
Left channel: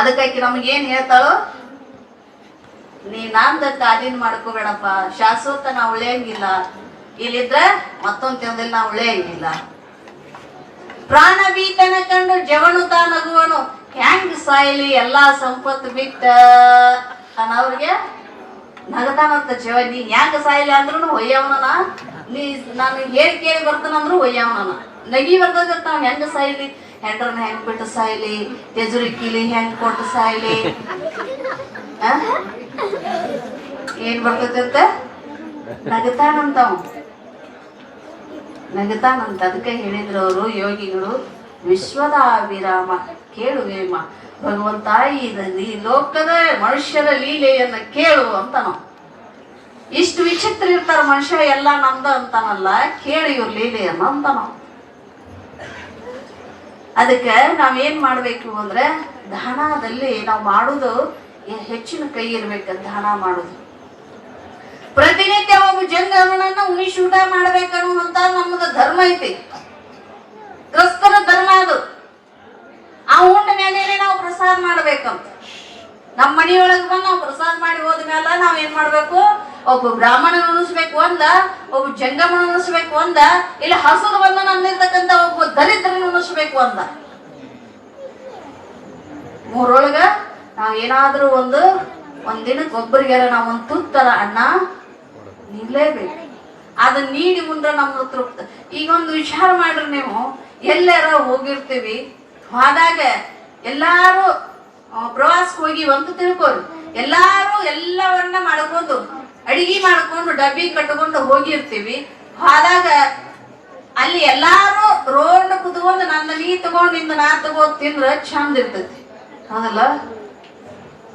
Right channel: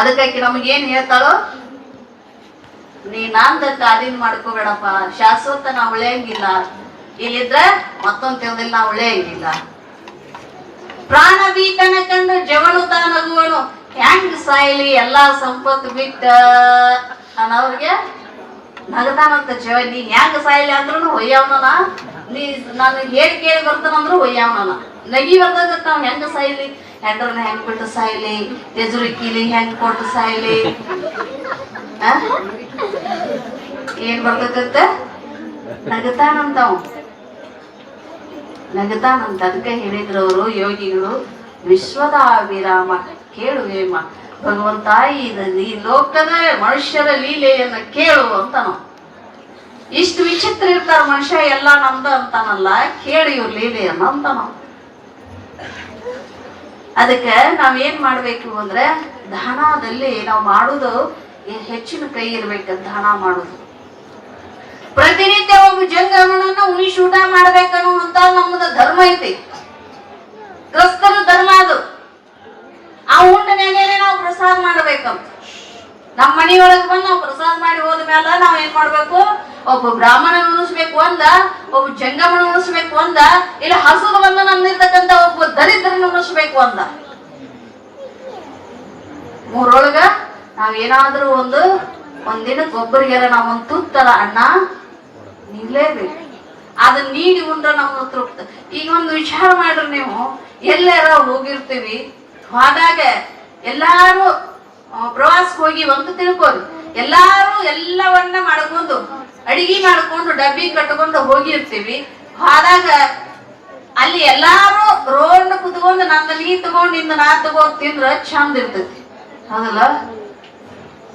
ಅದಕ್ಕಾಕಿ ನಮಗೇನ್ ಹೇಳ್ತಾಳೋ? ನೀ ನಂದಕ್ಕ ಅದಿನ್ ಮಾಡ್ಕೋಬೇಡಪ್ಪ, ಶಾಶ್ವತ ನಾ ಉಳಿಯಂಗಿಲ್ಲ, ಇಲ್ಲಿದ್ರ ಮತ್ತೊಂದ್ ತಿಂದಲ್ಲಿ ನಾ ಉಳಿಯಂಗಿಲ್ಲ. ಪ್ರಾಣ ಬೀತನ ಕಂಡು ಜವನುತ ನಗುವನು, ಹೆಂಗ್ ಸಾಯ್ಲಿ ಎಲ್ಲಾ ಸಂಪತ್ತು ಬಿಟ್ಟ ಅನ್ನೋರ್ಗೆ ನಗತಾನಂತ ಜವ. ನೀ ಹೆಂಗ್ ಸಾಯ್ಲಿ ಅಂದ್ರೂ ಹೊಯ್ಯವನ, ನೀ ನಾನು ಹೇಳಿ ಕೇಳಿ ಬರ್ತಾನಂದ್ರು ಹೊಯ್ಯವನ. ನಗಿ ಬರ್ದಾಗ ನಾವ್ ಹೆಂಗ ಸಾಯ್ಲಿ, ಹೆಂಡ್ರನ್ನ ಹೆಂಗ್ ಬಿಟ್ಟು ಸಾಯ್ಲಿ, ತೆಜುರಿಕಿಲಿ ಹೆಂಗ್ ಕೊಟ್ಟು ಸಾಯ್ಲಿ, ಏನ್ ಬರ್ತದಂತ ನಗತಾನಂತವ್ ನಗತಾನಂತ. ಅದಕ್ಕೆ ಹೇಳಿದ್ರು ಅವರು ಯೋಗಿಗಳು, ವಿಶ್ವದ ವಿರಾಮ ಕೇಳು ವೇಮ ಭಗವಂತ, ಈ ಲೋಕದ ಮನುಷ್ಯರ ಲೀಲೆಯನ್ನ ಕೇಳು ಅಂತ. ನಾವು ಇಷ್ಟು ವಿಚಿತ್ರ ಇರ್ತಾರ ಮನುಷ್ಯ, ಎಲ್ಲ ನಮ್ದ ಅಂತಾನಲ್ಲ, ಕೇಳಿ ಇವ್ರ ಲೀಲೆಯನ್ನ ಅಂತ ನಾವು. ಅದಕ್ಕೆ ನಾವ್ ಏನ್ ಮಾಡ್ಬೇಕು ಅಂದ್ರೆ, ದಾನದಲ್ಲಿ ನಾವು ಮಾಡುದು ಹೆಚ್ಚಿನ ಕೈ ಇರ್ಬೇಕು. ದಾನ ಮಾಡುದು ಪ್ರತಿನಿತ್ಯ ಒಬ್ಬ ಜಂಗಮನನ್ನ ಉಣಿಸಿ ಊಟ ಮಾಡ್ಬೇಕನ್ನುವಂತ ನಮ್ಮದು ಧರ್ಮ ಐತಿ, ಕ್ರಿಸ್ತರ ಧರ್ಮ ಅದು. ಆ ಉಂಡ ಮೇಲೆ ನಾವು ಪ್ರಸಾದ ಮಾಡ್ಬೇಕಂತ. ನಮ್ಮ ಮನೆಯೊಳಗೆ ಬಂದು ನಾವು ಪ್ರಸಾದ ಮಾಡಿ ಹೋದ್ಮೇಲೆ ನಾವ್ ಏನ್ ಮಾಡ್ಬೇಕು, ಒಬ್ಬ ಬ್ರಾಹ್ಮಣ ಉಣಿಸ್ಬೇಕು ಒಂದ, ಒಬ್ಬ ಜಂಗಮನ ಉಣಿಸ್ಬೇಕು ಒಂದ, ಇಲ್ಲ ಹಸುರು ಬಂದು ನಮ್ದಿರ್ತಕ್ಕಂಥ ಒಬ್ಬ ದರಿದ್ರನ ಉಣಿಸ್ಬೇಕು ಒಂದ. ಮೂರೊಳಗ ನಾವ್ ಏನಾದ್ರೂ ಒಂದಿನಕ್ಕೆ ಒಬ್ಬರಿಗಾರ ನಾವ್ ಒಂದ್ ತುತ್ತರ ಅನ್ನ ನಿಲ್ಲೇಬೇಕು. ಅದನ್ನ ನೀಡಿ ಮುಂದ್ರ ನಮ್ಮ ತೃಪ್ತ. ಈಗ ಒಂದು ವಿಚಾರ ಮಾಡ್ರಿ, ನೀವು ಎಲ್ಲಾರ ಹೋಗಿರ್ತೀವಿ, ಹೋದಾಗ ಎಲ್ಲಾರು ಪ್ರವಾಸಕ್ಕೆ ಹೋಗಿ ಒಂದು ತಿಳ್ಕೋರಿ, ಎಲ್ಲಾರು ಎಲ್ಲವನ್ನ ಮಾಡ್ಕೊಂಡು ಅಡಿಗೆ ಮಾಡ್ಕೊಂಡು ಡಬ್ಬಿ ಕಟ್ಕೊಂಡು ಹೋಗಿರ್ತೀವಿ. ಹೋದಾಗ ಅಲ್ಲಿ ಎಲ್ಲಾರು ರೋಡ್ ಕುತ್ಕೊಂಡು ನನ್ನ ನೀ ತಗೊಂಡು ಇಂದ ನಾ ತಗೊಂಡ್ ತಿಂದ್ರ ಚಂದ ಇರ್ತೈತಿ, ಹೌದಲ್ಲ?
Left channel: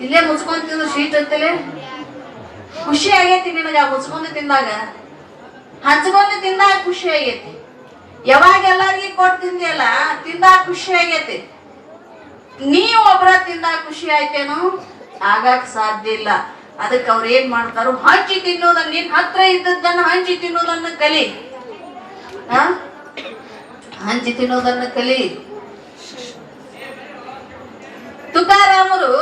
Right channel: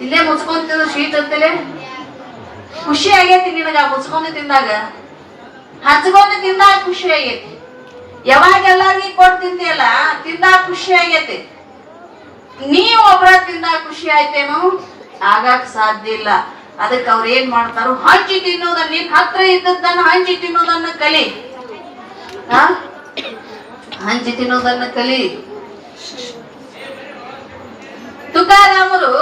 ಇಲ್ಲೇ ಮುಚ್ಕೊಂಡ್ ತಿಂದ್ರು ಸ್ವೀಟ್ ಅಂತಲೇ ಖುಷಿ ಆಗೈತಿ ನಿನಗ. ಮುಚ್ಕೊಂಡು ತಿಂದಾಗ, ಹಚ್ಕೊಂಡು ತಿಂದಾಗ ಖುಷಿ ಆಗೈತಿ. ಯಾವಾಗ ಎಲ್ಲಾರ್ಗಿ ಕೊಟ್ಟು ತಿಂದಿಯಲ್ಲ, ತಿಂದಾಗ ಖುಷಿ ಆಗೈತಿ. ನೀವ್ ಒಬ್ರ ತಿಂದಾಗ ಖುಷಿ ಆಯ್ತೇನು? ಆಗಾಕ್ ಸಾಧ್ಯ ಇಲ್ಲ. ಅದಕ್ಕೆ ಅವ್ರ ಏನ್ ಮಾಡ್ತಾರು, ಹಂಚಿ ತಿನ್ನೋದನ್ನ, ನಿನ್ ಹತ್ರ ಇದ್ದದ್ದನ್ನ ಹಂಚಿ ತಿನ್ನೋದನ್ನ ಕಲಿ, ಹಂಚಿ ತಿನ್ನೋದನ್ನ ಕಲಿ. ತುಕಾರಾಮರು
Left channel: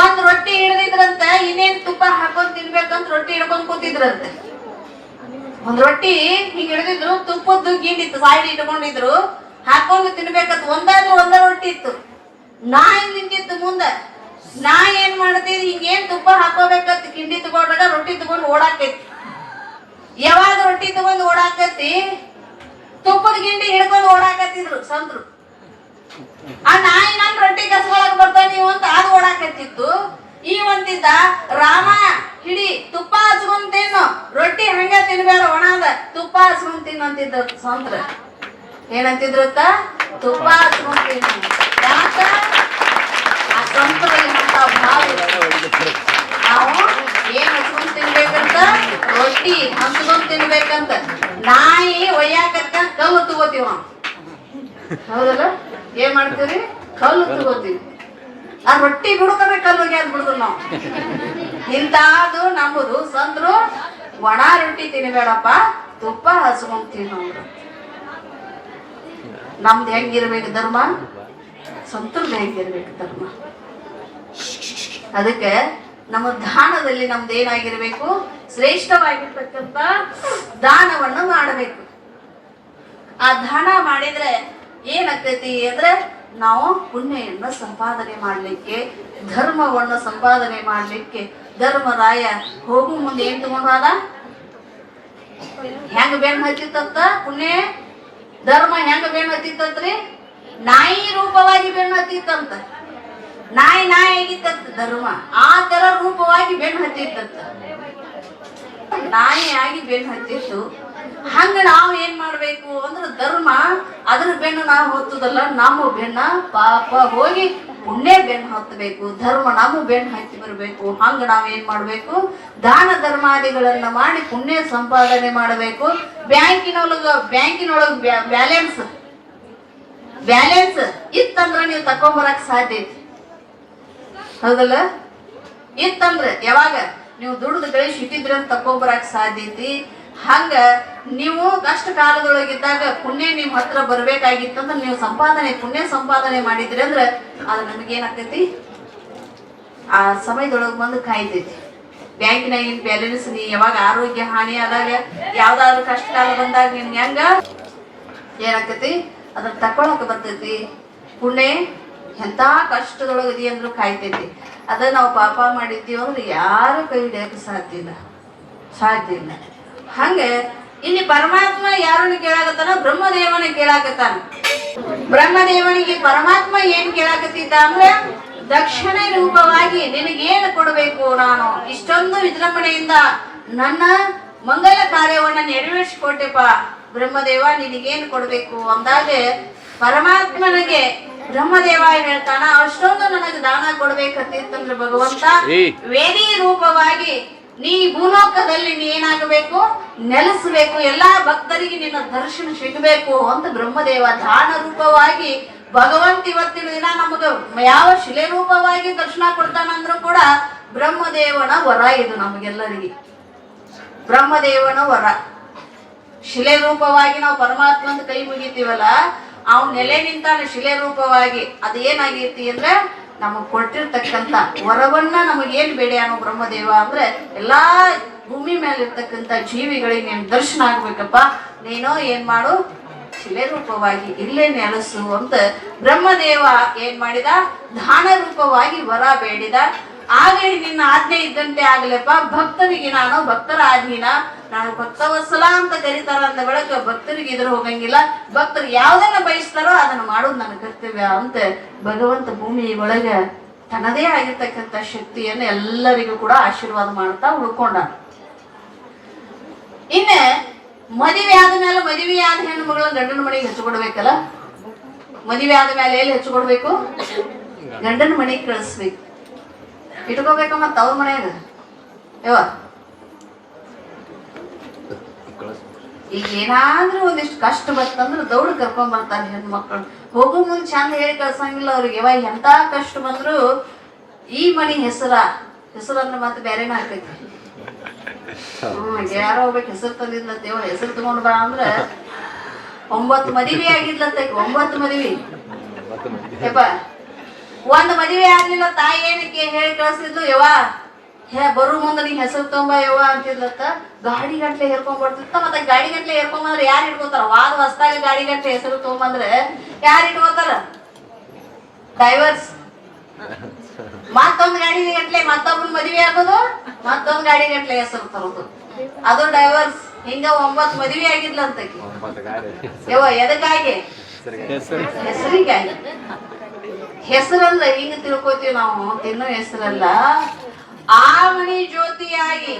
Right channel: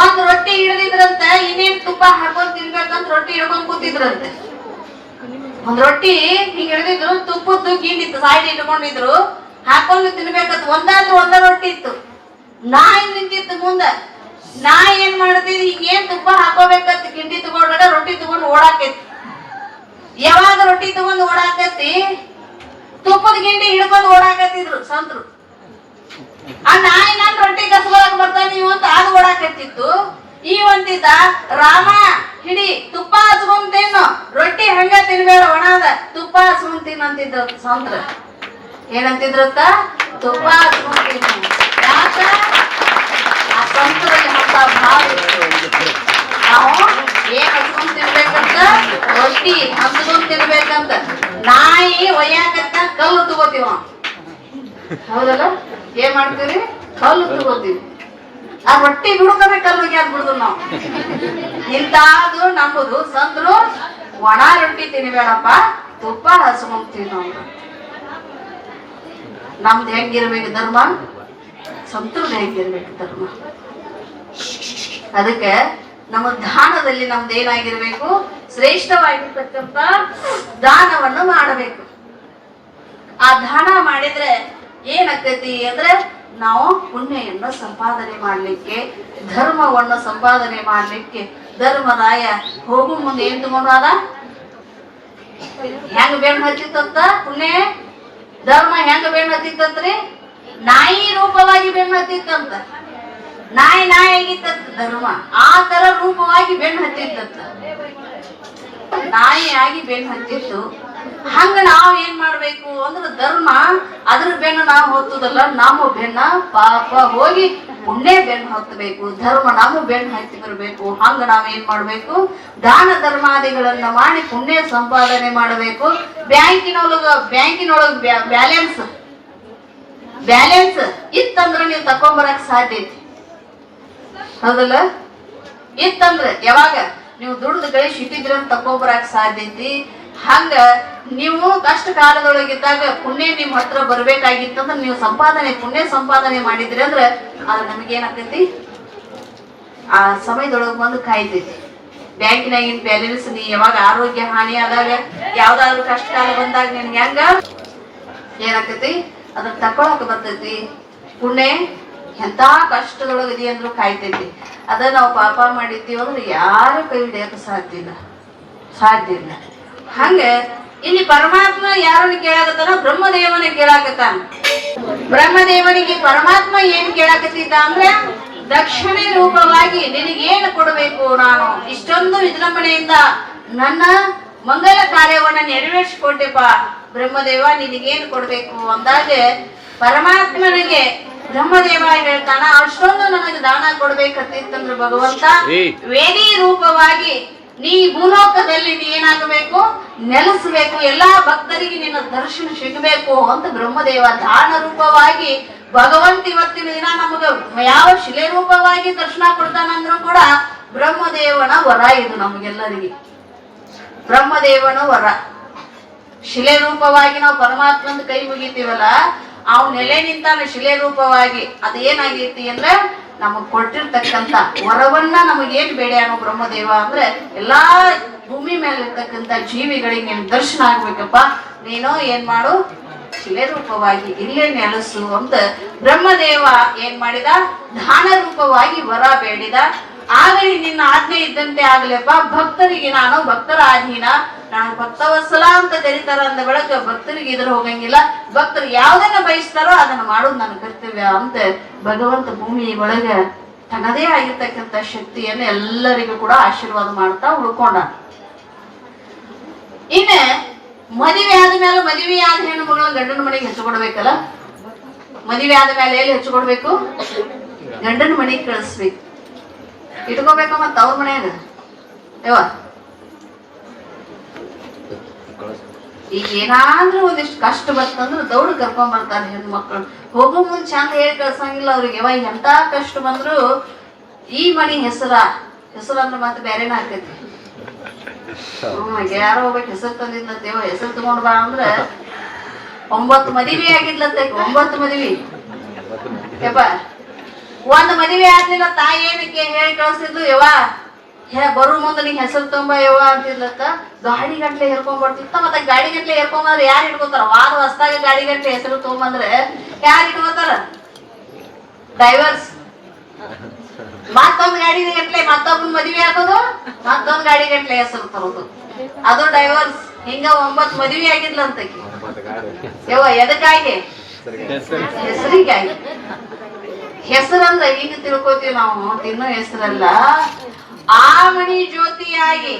ಒಂದ್ ರೊಟ್ಟಿ ಹಿಡಿದಿದ್ರಂತ, ಇನ್ನೇನ್ ತುಪ್ಪ ಹಾಕೊಂಡ್ ತಿನ್ಬೇಕಂತ ರೊಟ್ಟಿ ಹಿಡ್ಕೊಂಡ್ ಕೂತಿದ್ರಂತೆ. ಒಂದ್ ರೊಟ್ಟಿ ಹಿಂಗ್ ಹಿಡಿದಿದ್ರು, ತುಪ್ಪದ್ದು ಗಿಂಡಿತ್ತು ಸೈಡ್ ಇಟ್ಕೊಂಡಿದ್ರು, ಹಾಕೊಂಡು ತಿನ್ಬೇಕಂತ. ಒಂದಾದ್ರೂ ಒಂದ ರೊಟ್ಟಿ ಇತ್ತು. ನಾಯಿ ನಿಂತಿತ್ತು ಮುಂದ. ನಾಯಿ ಏನ್ ಮಾಡ್ತಿದ್, ಹಿಂಗೇನ್ ತುಪ್ಪ ಹಾಕೋಬೇಕಂತ ಗಿಂಡಿ ತಗೊಂಡಾಗ ರೊಟ್ಟಿ ತಗೊಂಡು ಓಡಾಕೈತಿ. ಯಾವಾಗ ರೊಟ್ಟಿ ತಗೊಂಡು ಓಡಾಕತಿ, ತುಪ್ಪದ ಗಿಂಡಿ ಹಿಡ್ಕೊಂಡು ಓಡಾಕತ್ತಿದ್ರು ಸಂತರು. ಆ ನಾಯಿ ನನ್ ರೊಟ್ಟಿ ಕಸ್ಕೊಳಕ್ ಬರ್ತಾವ ನೀವು ಅಂತ ಅದು ಓಡಾಕತ್ತಿತ್ತು. ಈ ಒಂದಿದ್ದ, ರಾಮ ಹಿಡಿ ತುಪ್ಪ ಹಚ್ಕೊಂಡ್ ತಿನ್ನು, ರೊಟ್ಟಿ ಹಂಗ ತಿನ್ಬೇಡ ಒಣದ, ತುಪ್ಪ ಹಚ್ಕೊಂಡ್ ತಿನ್ನಂತಿದ್ರು ಸಂತ್ರ. ಏನಂತಿದ್ರತ್ತ? ತುಪ್ಪ ಹಚ್ಕೊಂಡ್ ತಿನ್ನು. ಯಾಕ? ಆ ಸಂತರಲ್ಲಿ ನಾವು ಏನ್ ಹಚ್ಕೊಂಡ್ ತಿನ್ಬೇಕಂತ, ರೊಟ್ಟಿ ಹಚ್ಕೊಂಡ್ ತಿನ್ಬೇಕಂತ. ನಾಯಿ ಒಯ್ಯಾಕತ್ತ ಕಲ್ಲು ತಗೋತೀವ, ಹೌದಲ್ಲ? ಏನ್ ಮಾಡ್ತೀವಿ? ಕಲ್ಲು ತಗೋತೀವಿ. ಆ ರೊಟ್ಟಿ ಬಿಡ್ಕೋbe ಕಲ್ಲುಗೆ ಯಾಕೆ ಬಿಡುದು ನಾವು? ಇಂತಾದು ನಮ್ಮದು ಸಂದ್ರು, ಒಣ ರೊಟ್ಟಿ ತಿನ್ಬೇಡಪ್ಪ, ತುಪ್ಪ ಹಚ್ಕೊಂಡ್ ತಿನ್ನೋದು. ನಮ್ದು ಹೆಂಗಿರ್ಬೇಕು ಧರ್ಮ? ಸಂತೃಪ್ತಿ ಹೆಂಗಿರ್ಬೇಕು ಧರ್ಮ? ಅದಕ್ಕೆ ನಮ್ಮ ದಾನದಲ್ಲಿ ನಮ್ದು ಏನಾಗಿರ್ಬೇಕು? ಶ್ರೇಷ್ಠವಾಗಿರ್ತಕ್ಕಂಥ ದಾನವನ್ನು ಮಾಡಬೇಕು. ಆ ದಾನ ಮಾಡಿದ್ರೆ ಏನಾಗ್ತೈತಿ ಅಂದ್ರೆ, ನಾವು ಪುಣ್ಯವನ್ನು ಸಂಪಾದನೆ ಮಾಡ್ಲಿಕ್ಕೆ, ಧರ್ಮವನ್ನು ಸಂಪಾದನೆ ಮಾಡ್ಲಿಕ್ಕೆ. ಧರ್ಮರಾಯ ಹೋಗು ಮುಂದೆ ಏನ್ ತಗೊಂಡಾದ? ಹೆಂಗ ಬೆಣ್ಣು ಹತ್ತಿತ್ತಂತ ಪುಣ್ಯ ಧರ್ಮ, ಹೆಂಗ ಬೆಣ್ಣು ಹತ್ತಿತ್ತಂತ್ರಿ? ನಾಯಿ ರೂಪವಾಗಿ ಬೆಣ್ಣು ಹತ್ತಿತ್ತಂತ. ನಾಯಿ ಆಗಿತ್ತಂತ ಧರ್ಮ, ಆ ತರ ರೂಪವಾಗಿ ಬೆಣ್ಣು ಹತ್ತಿತ್ತಂತ. ನಾಯಿ ಆಗಿ ಬೆಣ್ಣು ಹತ್ತಿತ್ತು. ಹಂಗ ನಾವ್ ಏನ್ ಮಾಡ್ಬೇಕು ಅಂದ್ರೆ, ಧರ್ಮ ಅದ್ರ ಬೆನ್ನು ನಾವು ಹೊತ್ತದಲ್ಲ, ನಮ್ಮ ಬೆನ್ನ ಪಾಪ ಹೋಗಿ ಪುಣ್ಯ ಬೆನ್ನು ಹತ್ತಬೇಕು. ಧರ್ಮ ನಮ್ಮ ಬೆನ್ನು ಹತ್ತಿ ಬರ್ಬೇಕು. ಹಂಗ ನಾವ್ ಏನ್ ಮಾಡ್ಬೇಕು? ದಾನ ಧರ್ಮಾದಿಗಳನ್ನ ಮಾಡಿ ಪುಣ್ಯ ಸಂಪಾದನೆ ಮಾಡಬೇಕು. ಬ್ಯಾಂಕಿನೊಳಗ ಬ್ಯಾಲೆನ್ಸ್ ಇತ್ತಂದ್ರ ನೀವು ತಕೊಂಬರಕ್ ಸಾಧ್ಯ ಐತಿ, ಹೌದಲ್ಲ? ಇತ್ತಂದ್ರೆ ಯಾವಾಗ ನೀವು ದುಡ್ದು ಗಳಿಸಿ ಇಟ್ಟಿದ್ರಿ ಅಂತ ತಕೊಂಬರಕ್ ಸಾಧ್ಯ ಐತಿ. ಹಂಗ ನೀವು ಕಷ್ಟ ಕಾಲದೊಳಗಿದ್ದಾಗ ಪುಣ್ಯ ನಿಮ್ ಹತ್ರ ಬರ್ಬೇಕಾಗಿತ್ತಂದ್ರೆ, ನೀವು ಪುಣ್ಯ ಸಂಪಾದನೆ ಮಾಡಿದ್ರಿ ಅಂದ್ರೆ ಅದು ನಮಗೇನಾಗ್ತೈತಿ? ಆ ಸಮಯದೊಳಗೆ ಬಂದು ಕಾಯ್ತೈತಿ. ಬ್ಯಾಂಕಿನಾಗಿನ ಬ್ಯಾಲೆನ್ಸ್ ನೀ ಯಾವಾಗ ಆರೋಗ್ಯ ಹಾನಿ ಆದಾಗ ಯಾವ್ದಾದ್ರು ಕಷ್ಟ ಕಾಲ ಬಂದಾಗ ನಿನ್ಗೆ ಹೆಂಗ ಏನಾಕತಿ ಅದನ್ನ ತಕೊಳಕ್ ಬರ್ತೈತಿ. ಪುಣ್ಯ ಎಂತ ಕಷ್ಟದೊಳಗದಿ ಅಂದ್ರೂ ಕಾಯ್ತೈತಿ. ಅದ ನಾವು ಪಾಪ ಮಾಡಿದ್ದೀವಿ ಅಂದ್ರೆ ಯಾರು ಕೈ ಹಿಡಿಯಕ್ಕೆ ಸಾಧ್ಯ ಇಲ್ಲ. ಹಂಗೆ ಇಲ್ಲಿ ಪರಮಾತ್ಮ ಯಾರನ್ನ ಕೇಳಾಕತ್ತಾನ? ಬ್ರಹ್ಮದೇವನ ಕೇಳಾಕತ್ತಾನ. ಬ್ರಹ್ಮದೇವನಿಗೆ ಪರಮಾತ್ಮ ಏನ್ ಕೇಳಾಕತ್ತಿದ್ದ ಅಂದ್ರೆ ದಕ್ಷಿಣೆ ರೂಪವಾಗಿ ನಿನಗೇನು ಕೊಡಬೇಕು, ನಾನು ಇಷ್ಟೊಂದು ವಿಜೃಂಭಣೆಯಿಂದ ನನ್ನ ಮಂಗಲ ಕಾರ್ಯವನ್ನ ನೆರವೇರಿಸಿಕೊಟ್ಟೆಪ್ಪ ಬ್ರಹ್ಮದೇವ, ನಿನಗೇನು ಕೊಡ್ಬೇಕು ಅಂದಾಗ ಪರಮಾತ್ಮನಿಗೆ ಬ್ರಹ್ಮದೇವ ಹೇಳ್ತಾನ, ಅಷ್ಟೊಂದು ನನಗೆ ದಾನ ಕೊಡ್ಬೇಕಂತಿತ್ತಂದ್ರೆ ಭಗವಂತ ವೇದಿ ರೂಪವಾಗಿ ನೀ ಭೂಲೋಕದಲ್ಲಿ ನೀ ಏನಾಗಬೇಕು, ನೆಲೆಸಬೇಕು, ಎಲ್ಲಾ ಭಕ್ತರಿಗೆ ನಿನ್ನ ದರ್ಶನ ಸಿಗಬೇಕು ಅಂತ ಬ್ರಹ್ಮದೇವ ದಾನ ರೂಪವಾಗಿ ಭಗವಂತ ಇವತ್ತಿನ ದಿನ ನಮಗ ಯಾವ ಶಿಲೆ ರೂಪವಾಗಿ ದರ್ಶನ ಕೊಡ್ತಾನಂದ್ರೂ ಕೂಡ ಬ್ರಹ್ಮದೇವನ ವರ ಇದು ನಮಗೆಲ್ಲರಿಗೆ. ಬ್ರಹ್ಮದೇವನ ವರ ಶಿಲೆ ರೂಪವಾಗಿ ನಾವು ಪರಮಾತ್ಮಂದು ಕೈ ಮುಗಿತೀವಲ್ಲ, ಅವ್ನ ನೆಲೆ ನಿಂತಾನ ಶಿಲೆ ರೂಪವಾಗಿ. ಅದೇನಾಗೈತಿ ಅಂದ್ರೆ ನಮಗ್ ಕೊಟ್ಟಿರ್ತಕ್ಕಂಥ ವರವನ್ನ ನಮಗೇನ್ ಬೇಡ ಅನ್ನೋ ಬ್ರಹ್ಮದೇವ ಅಂದ್ರೆ ಎಲ್ಲಾ ಭೂಮಿ ಮೇಲೆ ಇರ್ತಕ್ಕಂಥ ಜೀವಿಗಳಿಗೆ ನೀನ್ ದರ್ಶನ ಆಗ್ಬೇಕಪ್ಪ, ನೀನು ಏನ್ ಮಾಡು, ಶಿಲೆ ರೂಪವಾಗಿ ಇಲ್ಲೇ ನೆಲೆಸು ಅಂತ ಬ್ರಹ್ಮದೇವ ಏನ್ ಮಾಡಿದ, ದಾನ ರೂಪವಾಗಿ ವರ ಬೇಡಿದ. ಆಗಲಿ ನಿನ್ನ ಆಜ್ಞೆ ಇದ್ದಂತೆ ಆಗ್ಲಪ್ಪ, ಭಕ್ತರಿಗೆ ನಾನು ಭಕ್ತರ ಅಧೀನ, ನಾನು ಭಕ್ತವತ್ಸಲ ಅಂತ ಕರೀತಾರ ಅಂದ ಬೆಳಗ್ಗೆ ಭಕ್ತರಿಗೆ ಇದ್ರ ಹೋಗಂಗಿಲ್ಲ, ಭಕ್ತರು ಯಾವ್ದನ್ನ ಬಯಸ್ತಾರೋ ಅದನ್ನ ಮಾಡೋದು ನನ್ನ ಕರ್ತವ್ಯ ಅಂತ ಭಗವಂತ ಭೂಮಿ ಒಳಗೆ ತನ್ನದೇ ಆಗಿರ್ತಕ್ಕಂಥ ಶಕ್ತಿಯನ್ನು ಎಲ್ಲರಿಗೂ ಕೂಡ ಆಶೀರ್ವಾದ ಮಾಡ್ತಾ ಉಳ್ಕೊಂಡ. ಇನ್ನ ಮದುವೆ ಆದ್ಮೇಲೆ ಮದುವೆ ಆದ ಹೆಣ್ಣು ಮಗಳು ಗಂಡನ ಮನೆಗೆ ಹೆಚ್ಚುಕೊಡ್ಬೇಕಲ್ಲ. ಮದುವೆ ಆದ್ಮೇಲೆ ಎಲ್ಲಿ ಹೆಚ್ಚುಕೊಡ್ಬೇಕು? ಗಂಡನ ಮನೆಗೆ ಕಳಿಸ್ಬೇಕು. ಇಟ್ಕೋಬೇಕ ಮತ್ತ ಅವ್ರ ಮನ್ಯಾಗ ಈಗ ಏನಾದ್ರೂ ಒಂದಿಷ್ಟು ಕಷ್ಟ ಬರ್ತಂದ್ರೆ ದೌಡ್ ಕರ್ಕೊಂಡ್ ಬರ್ತಾರೆ ಹೆಣ್ಮಕ್ಳು. ಹೋಗೋ ಮುಂದ್ ಚಂದ ಹೇಳಿ ಕಳ್ಸಂಗಿಲ್ಲ ಅವ್ರಿಗೆ. ಯಾವ ಎಂತ ಕಷ್ಟ ಬಂದ್ರು ಈ ಮನಿ ಹೆಸರನ್ನ ಮತ್ತೆ ಬೇರೆನ ಆಗ್ತೈತಿ. ಯಾರೋ ಹೋಗ್ಬೇಕು ಹೆಸರು ತಂದಿದ್ಲಂತ, ಹೆಸರು ತಗೊಂಡ್ ಬಾ ಅಂದ್ರೆ 9 ಮದುವೆ ಆಗಿದ್ಲಂತ. 9 ಮದುವೆ ಯಪ್ಪ. ಒಂದ್ ಮದುವೆ ಆಗ್ಲಿಲ್ಲ, ತಾಯಿ ಏನಕ್ಕೆ ಹೇಳಿ ಕಳ್ಸಿದ್ಲು, ಬರು ಮುಂದೆ ನೀ ಹೆಸರು ತೊಂಬ ಅಂತಿದ್ಲತ್ತ. ಗಾಡಿ ಗಂಟ್ಲೆ ಹೇರ್ಕೊಂಡ್ ಬರ್ತಿತ್ತ. ಮತ್ತೆ ಗಾಡಿ ಗಂಟ್ಲೆ ಹೇರ್ಕೊಂಬಂದ್ರೆ ಯಾರು ಇಟ್ಕೋತಾರ? ವಾದ ಹೊಸ್ದಾಗ ಗಾಡಿ ಗಂಟ್ಲೆ ಹೆಸರು ತೊಗೊಂಬಂದ್ರೆ ಯಾರು ಇಟ್ಕೋತಾರ? ಡ್ರೈವರ್ಸ್. ಮತ್ತೊಂದ್ ಗಾಡಿ ಗಂಟ್ಲೆ ಮತ್ತೊಬ್ಬನ ಮದುವೆ ಆಗೋದು, ಮತ್ತೊಂದ್ ಗಾಡಿ ಗಂಟ್ಲೆ ಹೆಸರು ತರೋದು, ಅದು ಡ್ರೈವರ್ಸ್. ಹಿಂಗ 9 ಮದುವೆ ಆಗಿದ್ಲಂತಕಿ. ಎದಕ್ಕಾಗಿ? ಹೆಸರಿಗಾಗಿ. ಹೆಸರಂದ್ರೆ ಹಿಂಗ ತಿಳ್ಕೊತೀವಿ ನಾವು, ತಿನ್ನೋ ಹೆಸರಲ್ಲ. ಆ ಮನಿ ಜ್ಯೋತಿಯಾಗಿ,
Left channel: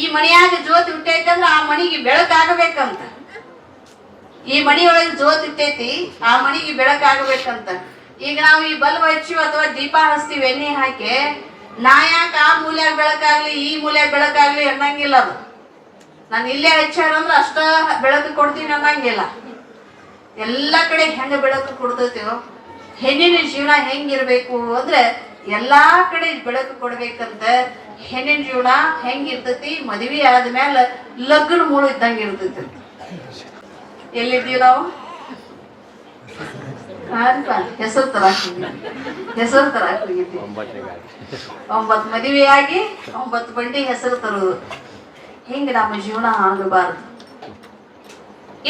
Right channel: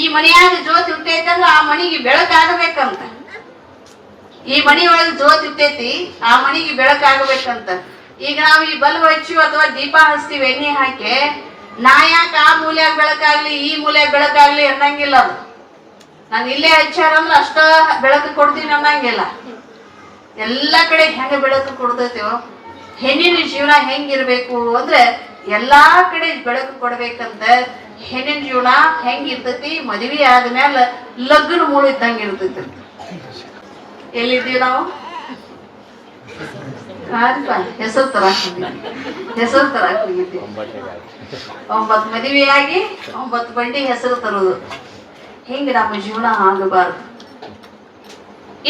ಈ ಮನೆಯಾಗ ಜ್ಯೋತಿ ಹುಟ್ಟೈತಂದ್ರ ಆ ಮನಿಗೆ ಬೆಳಕಾಗಬೇಕಂತ. ಈ ಮನಿಯೊಳಗೆ ಜ್ಯೋತಿ ಹುಟ್ಟೈತಿ, ಆ ಮನಿಗೆ ಬೆಳಕಾಗಬೇಕಂತ. ಈಗ ನಾವು ಈ ಬಲ್ಬ್ ಹಚ್ಚಿವಿ ಅಥವಾ ದೀಪ ಹಚ್ತೀವಿ ಎಣ್ಣೆ ಹಾಕಿ, ನಾ ಯಾಕೆ ಆ ಮೂಲೆ ಬೆಳಕಾಗ್ಲಿ ಈ ಮೂಲೆ ಬೆಳಕಾಗ್ಲಿ ಅನ್ನಂಗಿಲ್ಲ. ಅದು ನಾನು ಇಲ್ಲೇ ಹಚ್ಚಾರಂದ್ರೆ ಅಷ್ಟ ಬೆಳಕು ಕೊಡ್ತೀವಿ ಅನ್ನಂಗಿಲ್ಲ. ಎಲ್ಲಾ ಕಡೆ ಹೆಂಗ ಬೆಳಕು ಕೊಡ್ತೈತಿವೋ, ಹೆಣ್ಣಿನ ಜೀವನ ಹೆಂಗಿರ್ಬೇಕು ಅಂದ್ರೆ ಎಲ್ಲಾ ಕಡೆ ಬೆಳಕು ಕೊಡ್ಬೇಕಂತ. ಹೆಣ್ಣಿನ ಜೀವನ ಹೆಂಗಿರ್ತೈತಿ? ಮದುವೆ ಆದ್ಮೇಲೆ ಲಗ್ನ ಮೂಳು ಇದ್ದಂಗ ಇರ್ತೈತಿ. ಎಲ್ಲಿದ್ದೀವಿ ನಾವು? ಹೆಸರು ತರಾಕ್ ಹೋಗಿದ್ವಿ. 9 ಮದುವೆಯಾಗಿ 9 ಬಂಡಿ ಹೆಸರು ತರುವುದು. ಹಿಂಗ ನಮ್ಮ ಜೀವನ ಆಗಬಾರದು.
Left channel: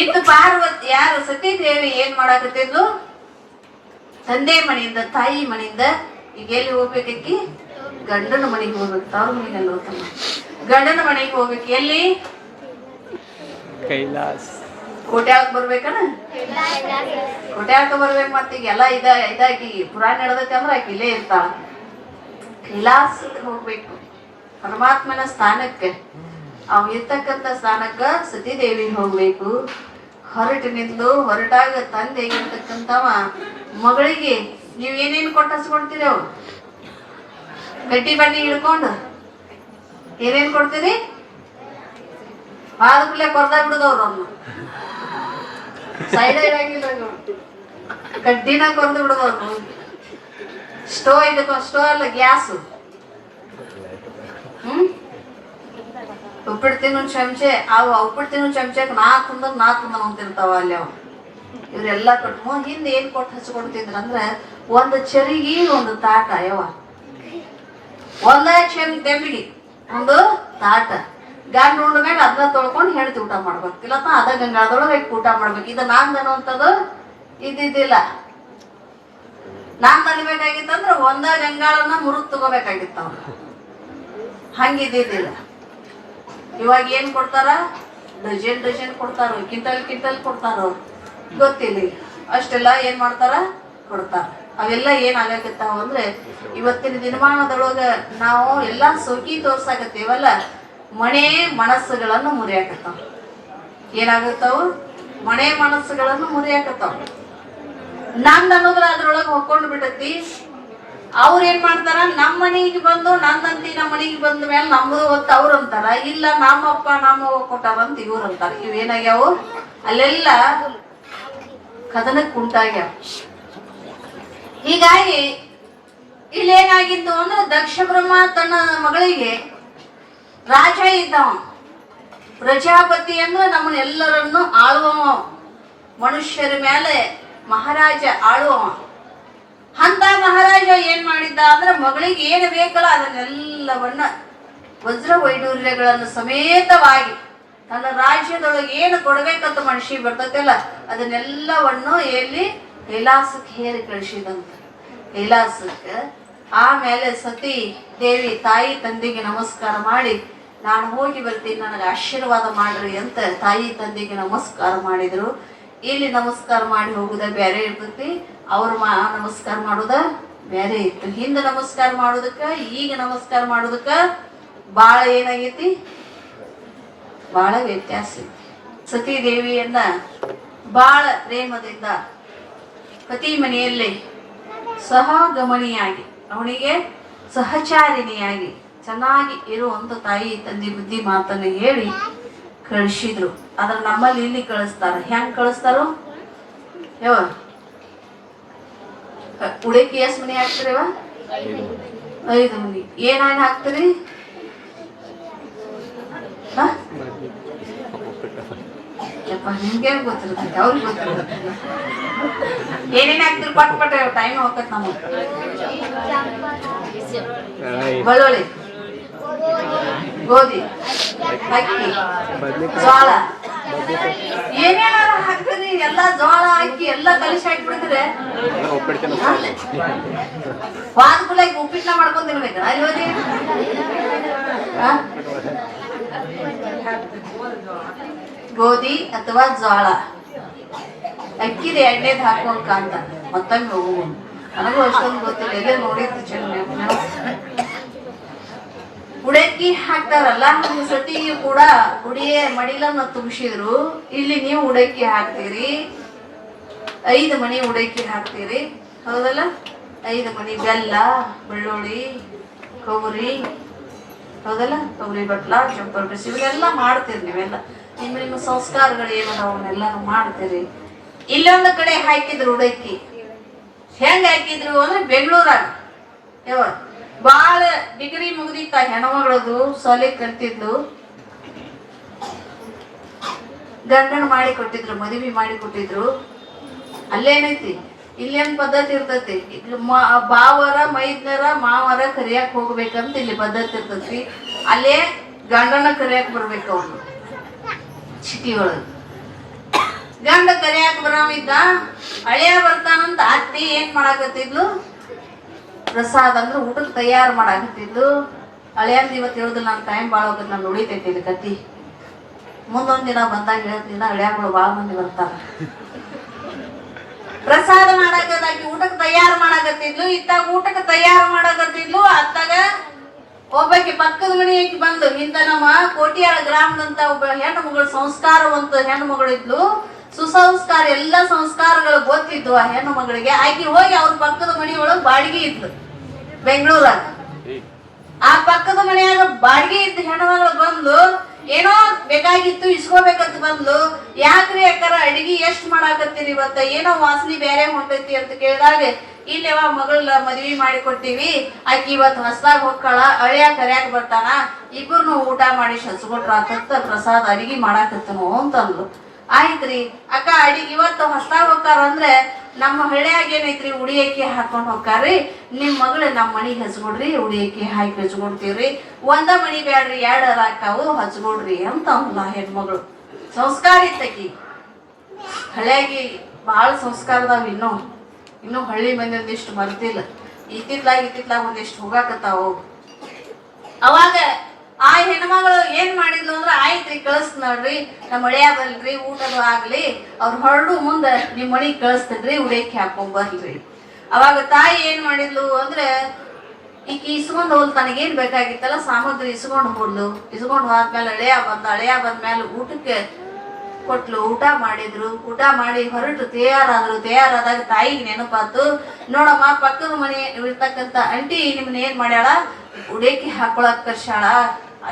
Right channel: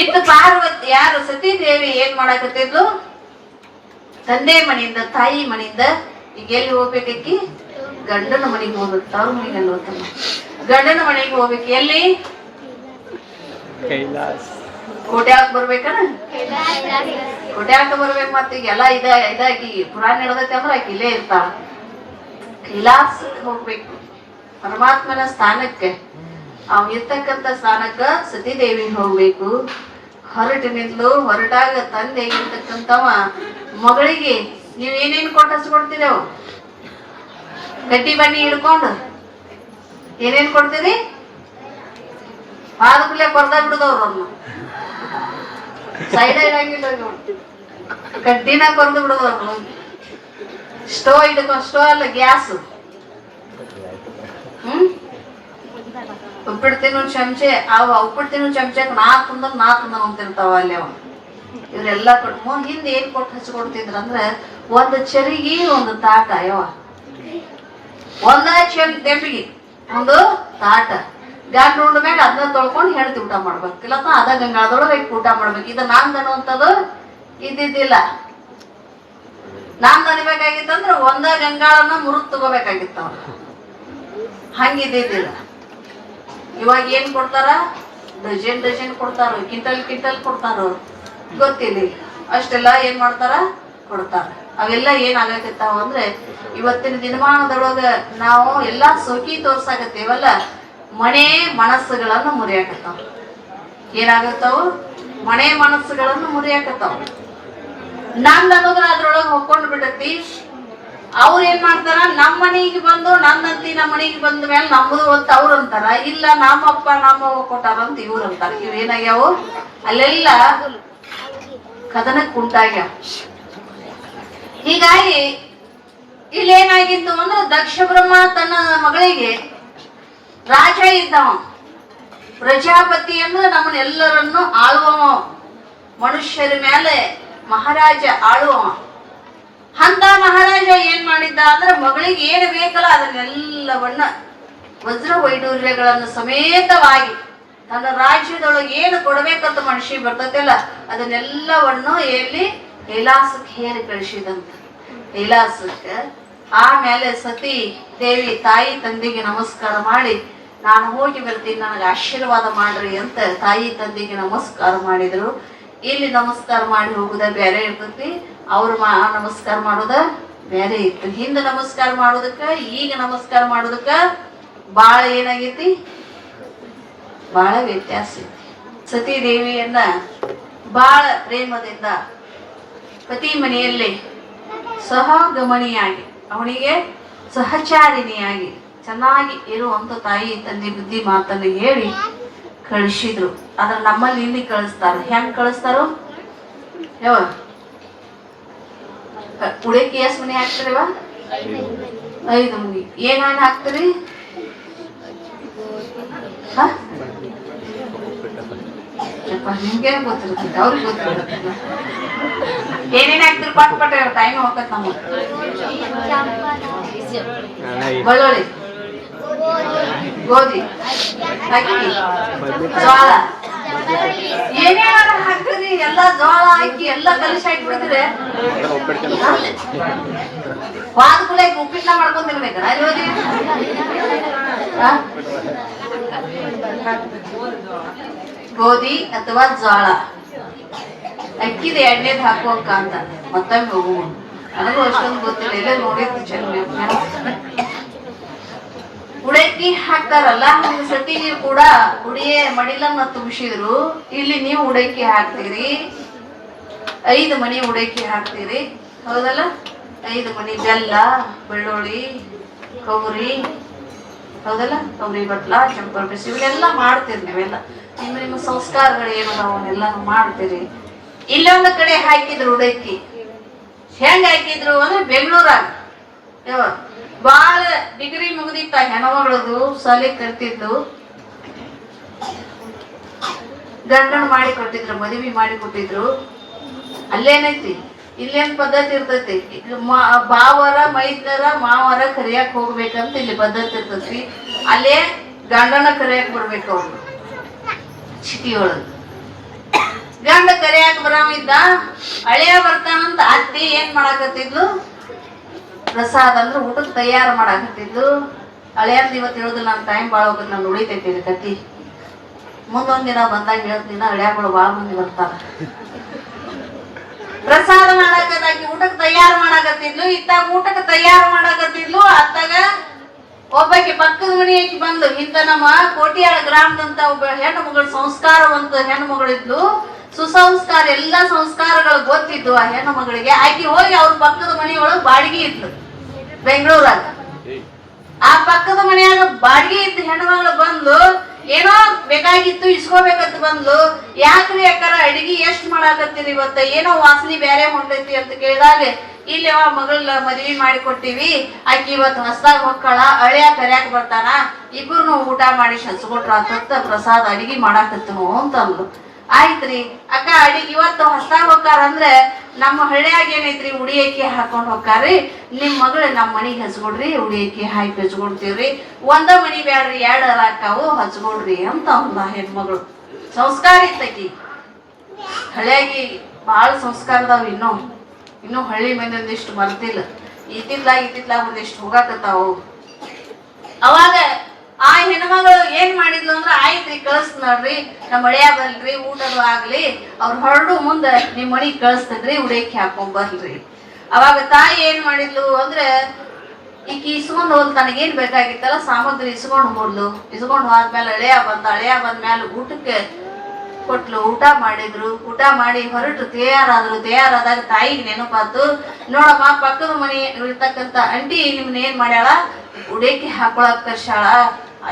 ಇತ್ತು ಪಾರ್ವತಿ ಯಾರು ಸತೀದೇವಿ ಏನ್ ಮಾಡಾಕತ್ತಿದ್ಲು? ತಂದೆ ಮನೆಯಿಂದ, ತಾಯಿ ಮನೆಯಿಂದ ಈಗ ಎಲ್ಲಿ ಹೋಗ್ಬೇಕಿ? ಗಂಡನ ಮನೆಗೆ ಹೋಗ್ಬೇಕು. ಅವ್ರ ಮನೆಗೆ ಅಲ್ಲಿ ಹೋಗ್ತಾನೆ. ಗಂಡನ ಮನೆಗೆ ಹೋಗ್ಬೇಕು. ಎಲ್ಲಿ? ಕೈಲಾಸ. ಕೋಟ್ಯಾಕ್ ಬರ್ಬೇಕನ? ಕೋಟ್ಯಾಕ ಬರ್ಬೇಕು. ಮತ್ತೆ ಈಗೆಲ್ಲ ಇದಾಗಿ ಪುರಾಣ ನಡೆದಕ್ಕೆ ಅಂದ್ರೆ ಆಕೆ ಇಲ್ಲೇ ಇರ್ತಾಳ. ಕೈಲಾಸಕ್ಕೆ ಹೋಗ್ಬೇಕು, ಪರಮಾತ್ಮನ ಸ್ಥಾನಕ್ಕೆ. ಅವ್ ಇರ್ತಕ್ಕಂಥ ಸ್ಥಾನಕ್ಕ ಸತೀದೇವಿ ಹೋಗ್ಬೇಕು. ಹೊರಟಾಗ ತಂದೆ ಇರ್ತಕ್ಕಂಥವ ಮಗಳಿಗೆ ನೀವ್ ಏನೇನು ಕೊಟ್ಟು ಹಚ್ಕೊಡ್ತೀರವು? ಗಡ್ಡಿ ಬನ್ನಿ ಹಿಡ್ಕೊಂಡು ಏನೇನ್ ಕೊಡ್ತೀರಿ? ಬಾದ್ಬಿಡ್ಲೆ ಕೊರ್ದ ಬಿಡುದವ್ರನ್ನ ಸೈಡ್ ಆಗಿಲ್ಲ, ಗಡ್ಡಿನ ಕೊರ್ದು ಬಿಡುದವ್ರು. ಸ್ಟೋ ಅಲ್ಲ, ಗ್ಯಾಸ್. ಉಪ್ಪಿಟ್ಟು ತಿನ್ನೋ ಚಮಚೆ, ಉಪ್ಪಿಟ್ಟು ತಿನ್ನೋ ಚಮಚೆ ನಾ ತುಂದ ಅಂತಿರ್ತಾವ ಅಲ್ಲಿ. ಅವ್ ಇವ್ರೆಲ್ಲಾ ಕೊಟ್ಟು ಹಿಂದೆ ಏನ್ ಕೊಟ್ಟು ಹಚ್ಕೊಡ್ತಿದ್ರ ಅಂದ್ರೆ ಒಂದು ಚರಿಗೆ ಒಂದು ತಾಟ. ಒಂದ ತೆಂಬಿಗೆ ಒಂದು ತಾಟ ಗಂಡ ಉಂಡ ಮ್ಯಾಗ ಅದನ್ನ ತೊಳ್ಕೊಂಡು ಹೆಣ್ತಿ ಊಟ ಮಾಡ್ಬೇಕು, ಇಲ್ಲಪ್ಪ ಅದ ಗಂಗಾಳದೊಳಗೆ ಊಟ ಮಾಡ್ಬೇಕು. ಇದು ನಾಂದ್ ಅನ್ನುವಂಥದ್ದು ಇದ್ದಿದ್ದಿಲ್ಲ. ನಾಂದ್ ಅನ್ಬೇಕಾಗಿತ್ತಂದ್ರ ಒಂದ ಗಂಗಾಳನ್ನ ಮುರಿದು ತಗೋಬೇಕಾಗಿತ್ತ, ಹಂಗಿದ್ದಿದ್ದಿಲ್ಲ. ಇವಾಗ ಏನ್ ಕೊಡ್ತಾರ? ಡಜನ್ ಕೊಡ್ತಾರ, ಕ್ವಿಂಟಲ್ ಕೊಡ್ತಾರ, ಗೊತ್ತಿಲ್ಲ. ಅಷ್ಟೆಲ್ಲ ಏನ್ ಮಾಡ್ತಾರ? ಕೊಡ್ತಾರ. ಅವೆಲ್ಲ ಏನ್ ಆಗಕತ್ತಾವ ಅಂದ್ರೆ ಇವತ್ತಿನ ದಿನಮಾನದೊಳಗ ನಾವು ಎಲ್ಲಾ ಸೋಕಿ ತೋರ್ಸಾಕತ್ತೇವಲ್ಲ, ಮನೆ ಮನಸ್ಸುಗಳನ್ನು ಮುರಿಯಾಕತ್ತಾವ. ಏನಾಗತ್ತಾವ? ಮನೆ ಮನಸ್ಸುಗಳನ್ನು ಮುರಿಯಾಕತ್ತಾವ. ನಂದ್ ಅನ್ನೋದ್ರ ಅದ್ರೊಳಗ ಹೊಕ್ಕೊಂಡ್ ಬಿಟ್ಟತಿ. ಅವ್ರ ಏನ್ ಮಾಡ್ತಾರ? ನಮ್ಮ ಮನೆಗೆ ಬಂದು ನಂದಂತಿ ನಮ್ಮ ಮನೆಗೆ ಬಂದ ಮೇಲೆ ನಮ್ಮದು ಹೊತ್ತು ಅವ್ರು ಅಂತಾರ, ಇಲ್ಲ ನಮ್ಮಪ್ಪ ನಮ್ಮವ್ವ ಕೊಟ್ಟಾರಂತ ಇವ್ರು ಅಂತಾರ. ಇವೇನಾಗ್ಯಾವು? ಅಲ್ಲೆಲ್ಲ ಕದನಕ್ಕೆ ಉಂಟಾಗ್ಯಾವ. ಹೀಗಾಗಿ ಇಲ್ಲೇನಾಗಿತ್ತು ಅಂದ್ರೆ ದಕ್ಷ ಬ್ರಹ್ಮ ತನ್ನ ಮಗಳಿಗೆ ರಾಜ ಇದ್ದವ, ಪ್ರಜಾಪತಿ ಅಂದ್ರೆ ನಮ್ಮನ್ನೆಲ್ಲರನ್ನು ಆಳುವವ, ಮನುಷ್ಯರ ಮೇಲೆ ಮಹಾರಾಜ ಆಳುವವ. ಅಂತ ಮಹಾರಾಜ ಏನ್ ಮಾಡಿದ್ದ ಅಂದ್ರೆ ಮಗಳಿಗೆ ಏನು ಬೇಕಲ್ಲ ಅದನ್ನೆಲ್ಲವನ್ನ ವಜ್ರ ವೈಡೂರ್ಯಗಳನ್ನು ಸಮೇತವಾಗಿ ತನ್ನ ರಾಜ್ಯದೊಳಗೆ ಏನು ಕೊಡ್ಬೇಕಂತ ಮನುಷ್ಯ ಬರ್ತೈತಲ್ಲ ಅದನ್ನೆಲ್ಲವನ್ನು ಎಲ್ಲಿ ಕೈಲಾಸಕ್ಕೆ ಹೇರಿ ಕಳಿಸಿದಂತ. ಕೈಲಾಸಕ್ಕೆ ಆಮೇಲೆ ಸತಿ ದೇವಿ ತಾಯಿ ತಂದೆಗೆ ನಮಸ್ಕಾರ ಮಾಡಿ ನಾನು ಹೋಗಿ ಬರ್ತೀನಿ, ನನಗೆ ಆಶೀರ್ವಾದ ಮಾಡ್ರಿ ಅಂತ ತಾಯಿ ತಂದೆಗೆ ನಮಸ್ಕಾರ ಮಾಡಿದ್ರು. ಇಲ್ಲಿ ನಮಸ್ಕಾರ ಮಾಡಿ ಹೋಗುದ ಬೇರೆ ಇರ್ತೈತಿ, ಅವ್ರ ನಮಸ್ಕಾರ ಮಾಡೋದ ಬೇರೆ ಇತ್ತು. ಹಿಂದೆ ನಮಸ್ಕಾರ ಮಾಡೋದಕ್ಕ ಈಗ ನಮಸ್ಕಾರ ಮಾಡೋದಕ್ಕ ಬಾಳ ಏನಾಗೈತಿ? ಬಾಳ ವ್ಯತ್ಯಾಸ ಐತಿ. ಸತಿ ದೇವಿಯನ್ನ ಬಾಳ ಪ್ರೇಮದಿಂದ ಪತಿ ಮನೆಯಲ್ಲಿ ಸಹಗಮನಿಯಾಗಿ ಅವನಿಗೆ ಸಹಚಾರಿಣಿಯಾಗಿ ಚೆನ್ನಾಗಿ ಇರುವಂತ ತಾಯಿ ತಂದೆ ಬುದ್ಧಿ ಮಾತನ್ನು ಹೇಳಿ ಕಳಿಸಿದ್ರು. ಅದ್ರ ನಮ್ಮಲ್ಲಿ ಇಲ್ಲಿ ಕಳಿಸ್ತಾರ. ಹೆಂಗ್ ಕಳಿಸ್ತಾರೋ? ಯಾವ ಉಡಕಿ ಎಷ್ಟು ಮನೆ ಹಾಕ್ತಿರಿವ? 5 ಮನಿ. ಏನೇನ್ ಹಾಕ್ತಿರಿ? ನಿಮ್ಗೇನ್ ಗೊತ್ತಿರ್ತೈತಿ, ಅವ್ರಿಗೆ ಗೊತ್ತಿರ್ತೈತಿ. ಏನೇನ್ ಹಾಕ್ತಿರಿ? ಪಟ್ ಟೈಮ್ ಹೋಗತ್ ನಮ್ಗೆ. ಬೆಳ್ಳುಳ್ಳಿ, ಗೋಧಿ, ಅಕ್ಕಿ, ಜೋಳ, ಏನೇ ಹಾಕ್ತಿರಿ ಎಲ್ಲ ಜೋಳ ಅಕ್ಕಿ ಎಲ್ಲ ಕಲಿಸಿ ಹಾಕ್ಬಿಡ್ತೀರಿ. ವಾದಕೂಲ ಉಪ್ಪಿಟ್ನ ಮಾಡ್ಕೊಂಡ್ ತಿನ್ಬೇಕಲ್ಲ ಅಲ್ವದಿ? ಗೋಧಿ ಅಥವಾ ಜೋಳ ಅಕ್ಕಿದ ಎಣ್ಣೆದ್ ಹಾಕುವಂಕ ಅಂತ ಮತ್ತೊಮ್ಮೆ ಹೋಗುವ. ನನಗೂ ಅಷ್ಟೊಂದು ಗೊತ್ತಿಲ್ಲ, ಎಲ್ಲ ನೋಡಿರ್ತಿ ಚೆನ್ನಾಗಿ. ಉಡಕ್ಕಿ ಹಾಕ್ತಾರಲ್ಲ, ಸತಿಗೆ ಕೂಡ ಉಡಿಯ ಮಡಿಲನ್ನ ತುಂಬಿಸಿದ್ರು. ಇಲ್ಲಿ ನೀವು ಉಡಕ್ಕಿ ಹಾಕ್ತೀರಿ, 5 ಮನಿ ಉಡಕ್ಕಿ ಹಾಕ್ತೀರಿ, ಹೌದಲ್ಲ? 5 ಮನಿ ಬೆಲ್ಲ, ಬೆಳ್ಳುಳ್ಳಿ, ಕೊಬ್ಬರಿ, ಹೌದಲ್ಲ? ಕೊಬ್ಬರಿ ಬಟ್ಲ, ಚಪ್ಪರ ಬಿಸಿ ಇವೆಲ್ಲ ಮಾಡ್ತೀರಿ ನೀವೆಲ್ಲ. ನಿಮ್ಮ ಸಂಸ್ಕಾರಗಳು ಏನು ಅವನ್ನೆಲ್ಲ ಮಾಡ್ತೀರಿ. ಇಲ್ಲೊಂದು ಕಡೆ ಹಾಕಿದ್ರು ಉಡಕ್ಕಿ. ಹೆಂಗ್ ಹಾಕಿದ್ರು ಅಂದ್ರೆ ಬೆಂಗಳೂರಾಗ ಯಾವ ಬಾಳ ಡಿಗ್ರಿ ಮುಗ್ದಿತ್ತ ಹೆಣ್ಮಗಳದು, ಸಾಲಿ ಕಲ್ತಿದ್ದು, ಗಂಡನ ಮಾಡಿ ಕೊಟ್ಟಿದ್ರು, ಮದುವೆ ಮಾಡಿ ಕೊಟ್ಟಿದ್ರು. ಅಲ್ಲೇನೈತಿ? ಇಲ್ಲೇನ್ ಪದ್ಧತಿ ಇರ್ತೈತಿ? ಬಾವರ ಮೈದ್ನರ ಮಾವರ ಕರಿಯಾಕ್ ಹೋಗ್ಬೇಕಂತ ಇಲ್ಲಿ ಪದ್ಧತಿ ಇರ್ತೈತಿ. ಅಲ್ಲೇ ಗಂಡನ ಕರಿಯಾಕ್ ಬರ್ಬೇಕು. ಅವ್ರು ಚಿಟಿಯೊಳಗ ಗಂಡ ಕರಿಯಾಕ ಬರಾಮಿದ್ದ, ಹಳೆಯ ಬರ್ತಾನಂತ ಅತ್ತಿ ಏನ್ ಮಾಡಾಕತ್ತಿದ್ಲು? ಪ್ರಸಾದ ಅಂದ್ರೆ ಊಟಕ್ಕೆ ತಯಾರು ಮಾಡಾಕತ್ತಿದ್ಲು. ಹಳೆಯಂದ ಇವತ್ತು ಹೇಳುದು ನನ್ನ ಟೈಮ್ ಭಾಳ ಹೋಗುತ್ತೆ, ನಾನು ಉಳಿತೈತಿ ಇದು ಕತಿ. ಮುಂದೊಂದ್ ದಿನ ಬಂದಾಗ ಹೇಳ್ತೀನಿ, ಹಳೆಯಗಳು ಭಾಳ ಮಂದಿ ಬರ್ತಾರ. ಪ್ರಸಾದ ಮಾಡಾಕತ್ತಾಕಿ ಊಟಕ್ಕೆ ತಯಾರು ಮಾಡಾಕತ್ತಿದ್ಲು. ಇತ್ತಾಗ ಊಟಕ್ಕೆ ತಯಾರು ಮಾಡಾಕತ್ತಿದ್ಲು. ಅತ್ತಾಗ ಒಬ್ಬಾಕಿ ಪಕ್ಕದ ಮನೆಯಾಗಿ ಬಂದು, ಇಂತ ನಮ್ಮ ಕೋಟಿಯಾಳ ಗ್ರಾಮದಂತ ಒಬ್ಬ ಹೆಣ್ಣು ಮಗಳು, ಸಂಸ್ಕಾರವಂತ ಹೆಣ್ಣು ಮಗಳಿದ್ಲು. ಸುಸಂಸ್ಕಾರ ಎಲ್ಲ ಸಂಸ್ಕಾರಗಳು ಗೊತ್ತಿದ್ದು ಆ ಹೆಣ್ಣು ಮಗಳಿಗೆ. ಆಕಿ ಹೋಗಿ ಅವ್ರ ಪಕ್ಕದ ಮನೆಯೊಳಗೆ ಬಾಡಿಗೆ ಇದ್ಲು ಬೆಂಗಳೂರಾಗ. ಆ ಪಕ್ಕದ ಮನೆಯಾಗ ಬಾಡಿಗೆ ಇದ್ದ ಹೆಣ್ಣು ಮಗಳು ಬಂದು ಏನೋ ಬೇಕಾಗಿತ್ತು ಇಸ್ಕೋಬೇಕಂತ ಬಂದ್ಲು. ಯಾಕ್ರಿ ಯಾಕಾರ ಅಡಿಗೆ ಎಷ್ಟ್ ಮಾಡಾಕತ್ತೀರಿ ಇವತ್ತ? ಏನೋ ವಾಸನೆ ಬೇರೆ ಹೊಂಟೈತಿ ಅಂತ ಕೇಳಿದಾಗ, ಇಲ್ಲಿ ಅವ ಮಗಳ ಮದ್ವಿ ಮಾಡಿ ಕೊಟ್ಟಿವಿ, ಆಕಿ ಇವತ್ತು ಹೊಸದಾಗ ಹೊಕ್ಕಳ, ಹಳೆಯ ಕರ್ಯಾಕ ಬರ್ತಾನ, ಇಬ್ಬರು ಊಟ ಮಾಡಿ ಹಚ್ಕೊಟ್ರ ಅಂತ ಪ್ರಸಾದ ಅಡಿಗೆ ಮಾಡಾಕತ್ತೀನು ಅಂತಂದ್ಲು. ಆಯ್ತ್ರಿ ಅಕ್ಕ ಅಡಿಗೆ ಇವತ್ತು ಹೊಸದಾಗ್ ಹೋಗಾರ ಅಂದ್ರೆ ನಮ್ಮ ಹಳ್ಳಿಯಾಗ ಏನೈತ್ರಿ ಉಡಿಯಕ್ಕಿ ಹಾಕೊಂಡ್ ಹೋಗ್ತಾರ್ರಿ. ನಿಮ್ ಮಗಳು ನಮ್ಮ ಮನಿಗ್ ಹಚ್ಕೊಡ್ರಿ, ಉಡಿಯಕ್ಕಿ ಹಾಕಿ ಹಚ್ಕೊಡ್ತೀವ್ರಿ. ಒಂದ ಮನಿ ಬ್ಯಾಡ್ರಿ, 2 ಹಾಕಾವು ಹಚ್ಕೊಡ್ರಿ ಅಂತ ಅಂದ ಹೆಣ್ಮಗಳು. ಸಂಸ್ಕಾರ ಇತ್ತಕಿ. ಹಳ್ಳಿಯಾಗಿ ಬಹಳ ಸಂಸ್ಕಾರ ಅದಾವ. ಇನ್ನು ಹಳ್ಳಿ ಮಂದಿ ಒಂದಿಷ್ಟು ಮರ್ತಿಲ್ಲ. ಇತ್ತಿತ್ಲಾಗ ಒಂದಿಷ್ಟು ಹೋಗಾಕತ್ತಾವು. ಅವಾಗ ಆ ಹೆಣ್ಮಗಳು ಏನ್ ಮಾಡಿದ್ಲು ಅಂದ್ರ ಆಯ್ತ್ರಿ ಕಳಿಸ್ನಲ್ರಿ, ನಮ್ಮ ಮಳೆಯ ಬಲ್ರಿ, ಊಟದು ಆಗ್ಲಿ, ಅವ್ರ ಹೊರಡು ಮುಂದೆ ನಿಮ್ ಮನಿಗ್ ಕಳಿಸ್ತದ್ರಿ, ಉಡೇಕಿ ಹಾಕೊಂಡ್ ಬರ್ಲ್ರಿ. ಅವಾಗ ತಾಯಿ ಏನ್ ಮಾಡಿದ್ಲು ಅಂದ್ರೆ ಈಕಿ ಇಸ್ಕೊಂಡ್ ಹೋದ್ ತನಗೇನ್ ಬೇಕಾಗಿತ್ತಲ್ಲ ಸಾಮಗ್ರಿ ಇಸ್ಕೊಂಡ್ ಹೋದ್ಲು. ಇಸ್ಕೊಂಡ್ ಹೋದ್ಮೇಲೆ ಅಳಿಯ ಬಂದ್ಮೇಲೆ ಊಟಕ್ಕೆ ಕೊಟ್ಲು. ಊಟ ಮಾಡಿದ್ರು. ಊಟ ಮಾಡಿ ಹೊರಟು ತಯಾರಾದಾಗ ತಾಯಿಗೆ ನೆನಪಾತು. ನೋಡಮ್ಮ, ಪಕ್ಕದ ಮನೆ ಇರ್ತಕ್ಕಂತ ಅಂಟಿ ನಿಮ್ನ ಏನ್ ಮಾಡ್ಯಾಳ, ಉಡೇಕಿ ಹಾಕೊಳಕ್ ಕರ್ಸಾಳ.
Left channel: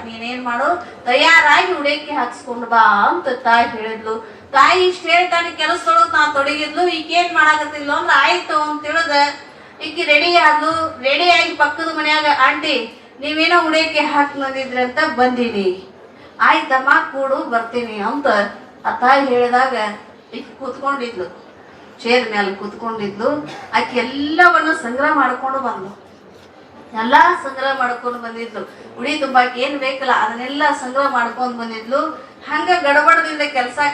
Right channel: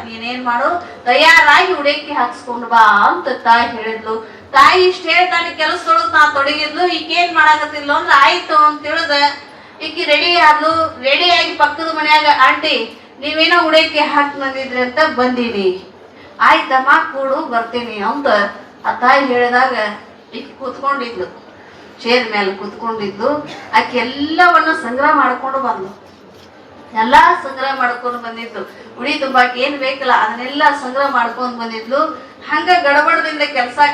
ನೀನೇನ್ ಮಾಡು, ತಯಾರಾಗಿ ಉಡೇಕಿ ಹಾಕ್ಸ್ಕೊಂಡ್ ಬಾ ಅಂತ ತಾಯಿ ಹೇಳಿದ್ಲು. ತಾಯಿ ಇಷ್ಟ ಹೇಳ್ತಾನೆ ಕೆಲಸದೊಳಗ ನಾ ತೊಡಗಿದ್ಲು. ಈಕೇನ್ ಮಾಡಾಕತ್ತಿಲ್ಲ ಅಂದ್ರೆ ಆಯ್ತು ಅಂತ ತಿಳಿದ ಈಕಿ ರೆಡಿಯಾಗಿ ಪಕ್ಕದ ಮನ್ಯಾಗ ಆಂಟಿ ನೀವೇನೋ ಉಡೇಕಿ ಹಾಕಿ ಬಂದಿದ್ರಿ ಅಂತ ಬಂದೀನಿ, ಆಯ್ತಮ್ಮ ಕೂಡು ಬರ್ತೀನಿ ಅಂತ ಆ ತಾಯಿ ಹೇಳಿದಾಗ ಈಕಿ ಕೂತ್ಕೊಂಡಿದ್ಲು. ಚೇರ್ ಮೇಲೆ ಕೂತ್ಕೊಂಡಿದ್ದು. ಆಕೆ ಎಲ್ಲವನ್ನ ಸಂಗ್ರಹ ಮಾಡ್ಕೊಂಡು ಬಂದ್ಲು. ಎಲ್ಲಾ ಸಂಗ್ರಹ ಮಾಡ್ಕೊಂಡು ಬಂದಿದ್ಲು. ಉಡಿ ತುಂಬಾಕ್ ಏನ್ ಬೇಕಲ್ಲ ಅದನ್ನೆಲ್ಲ ಸಂಗ್ರಹ ಮಾಡ್ಕೊಂಡ್ ಬಂದಿದ್ಲು. ಹಂಗ ಗಡಬಡದಿಂದ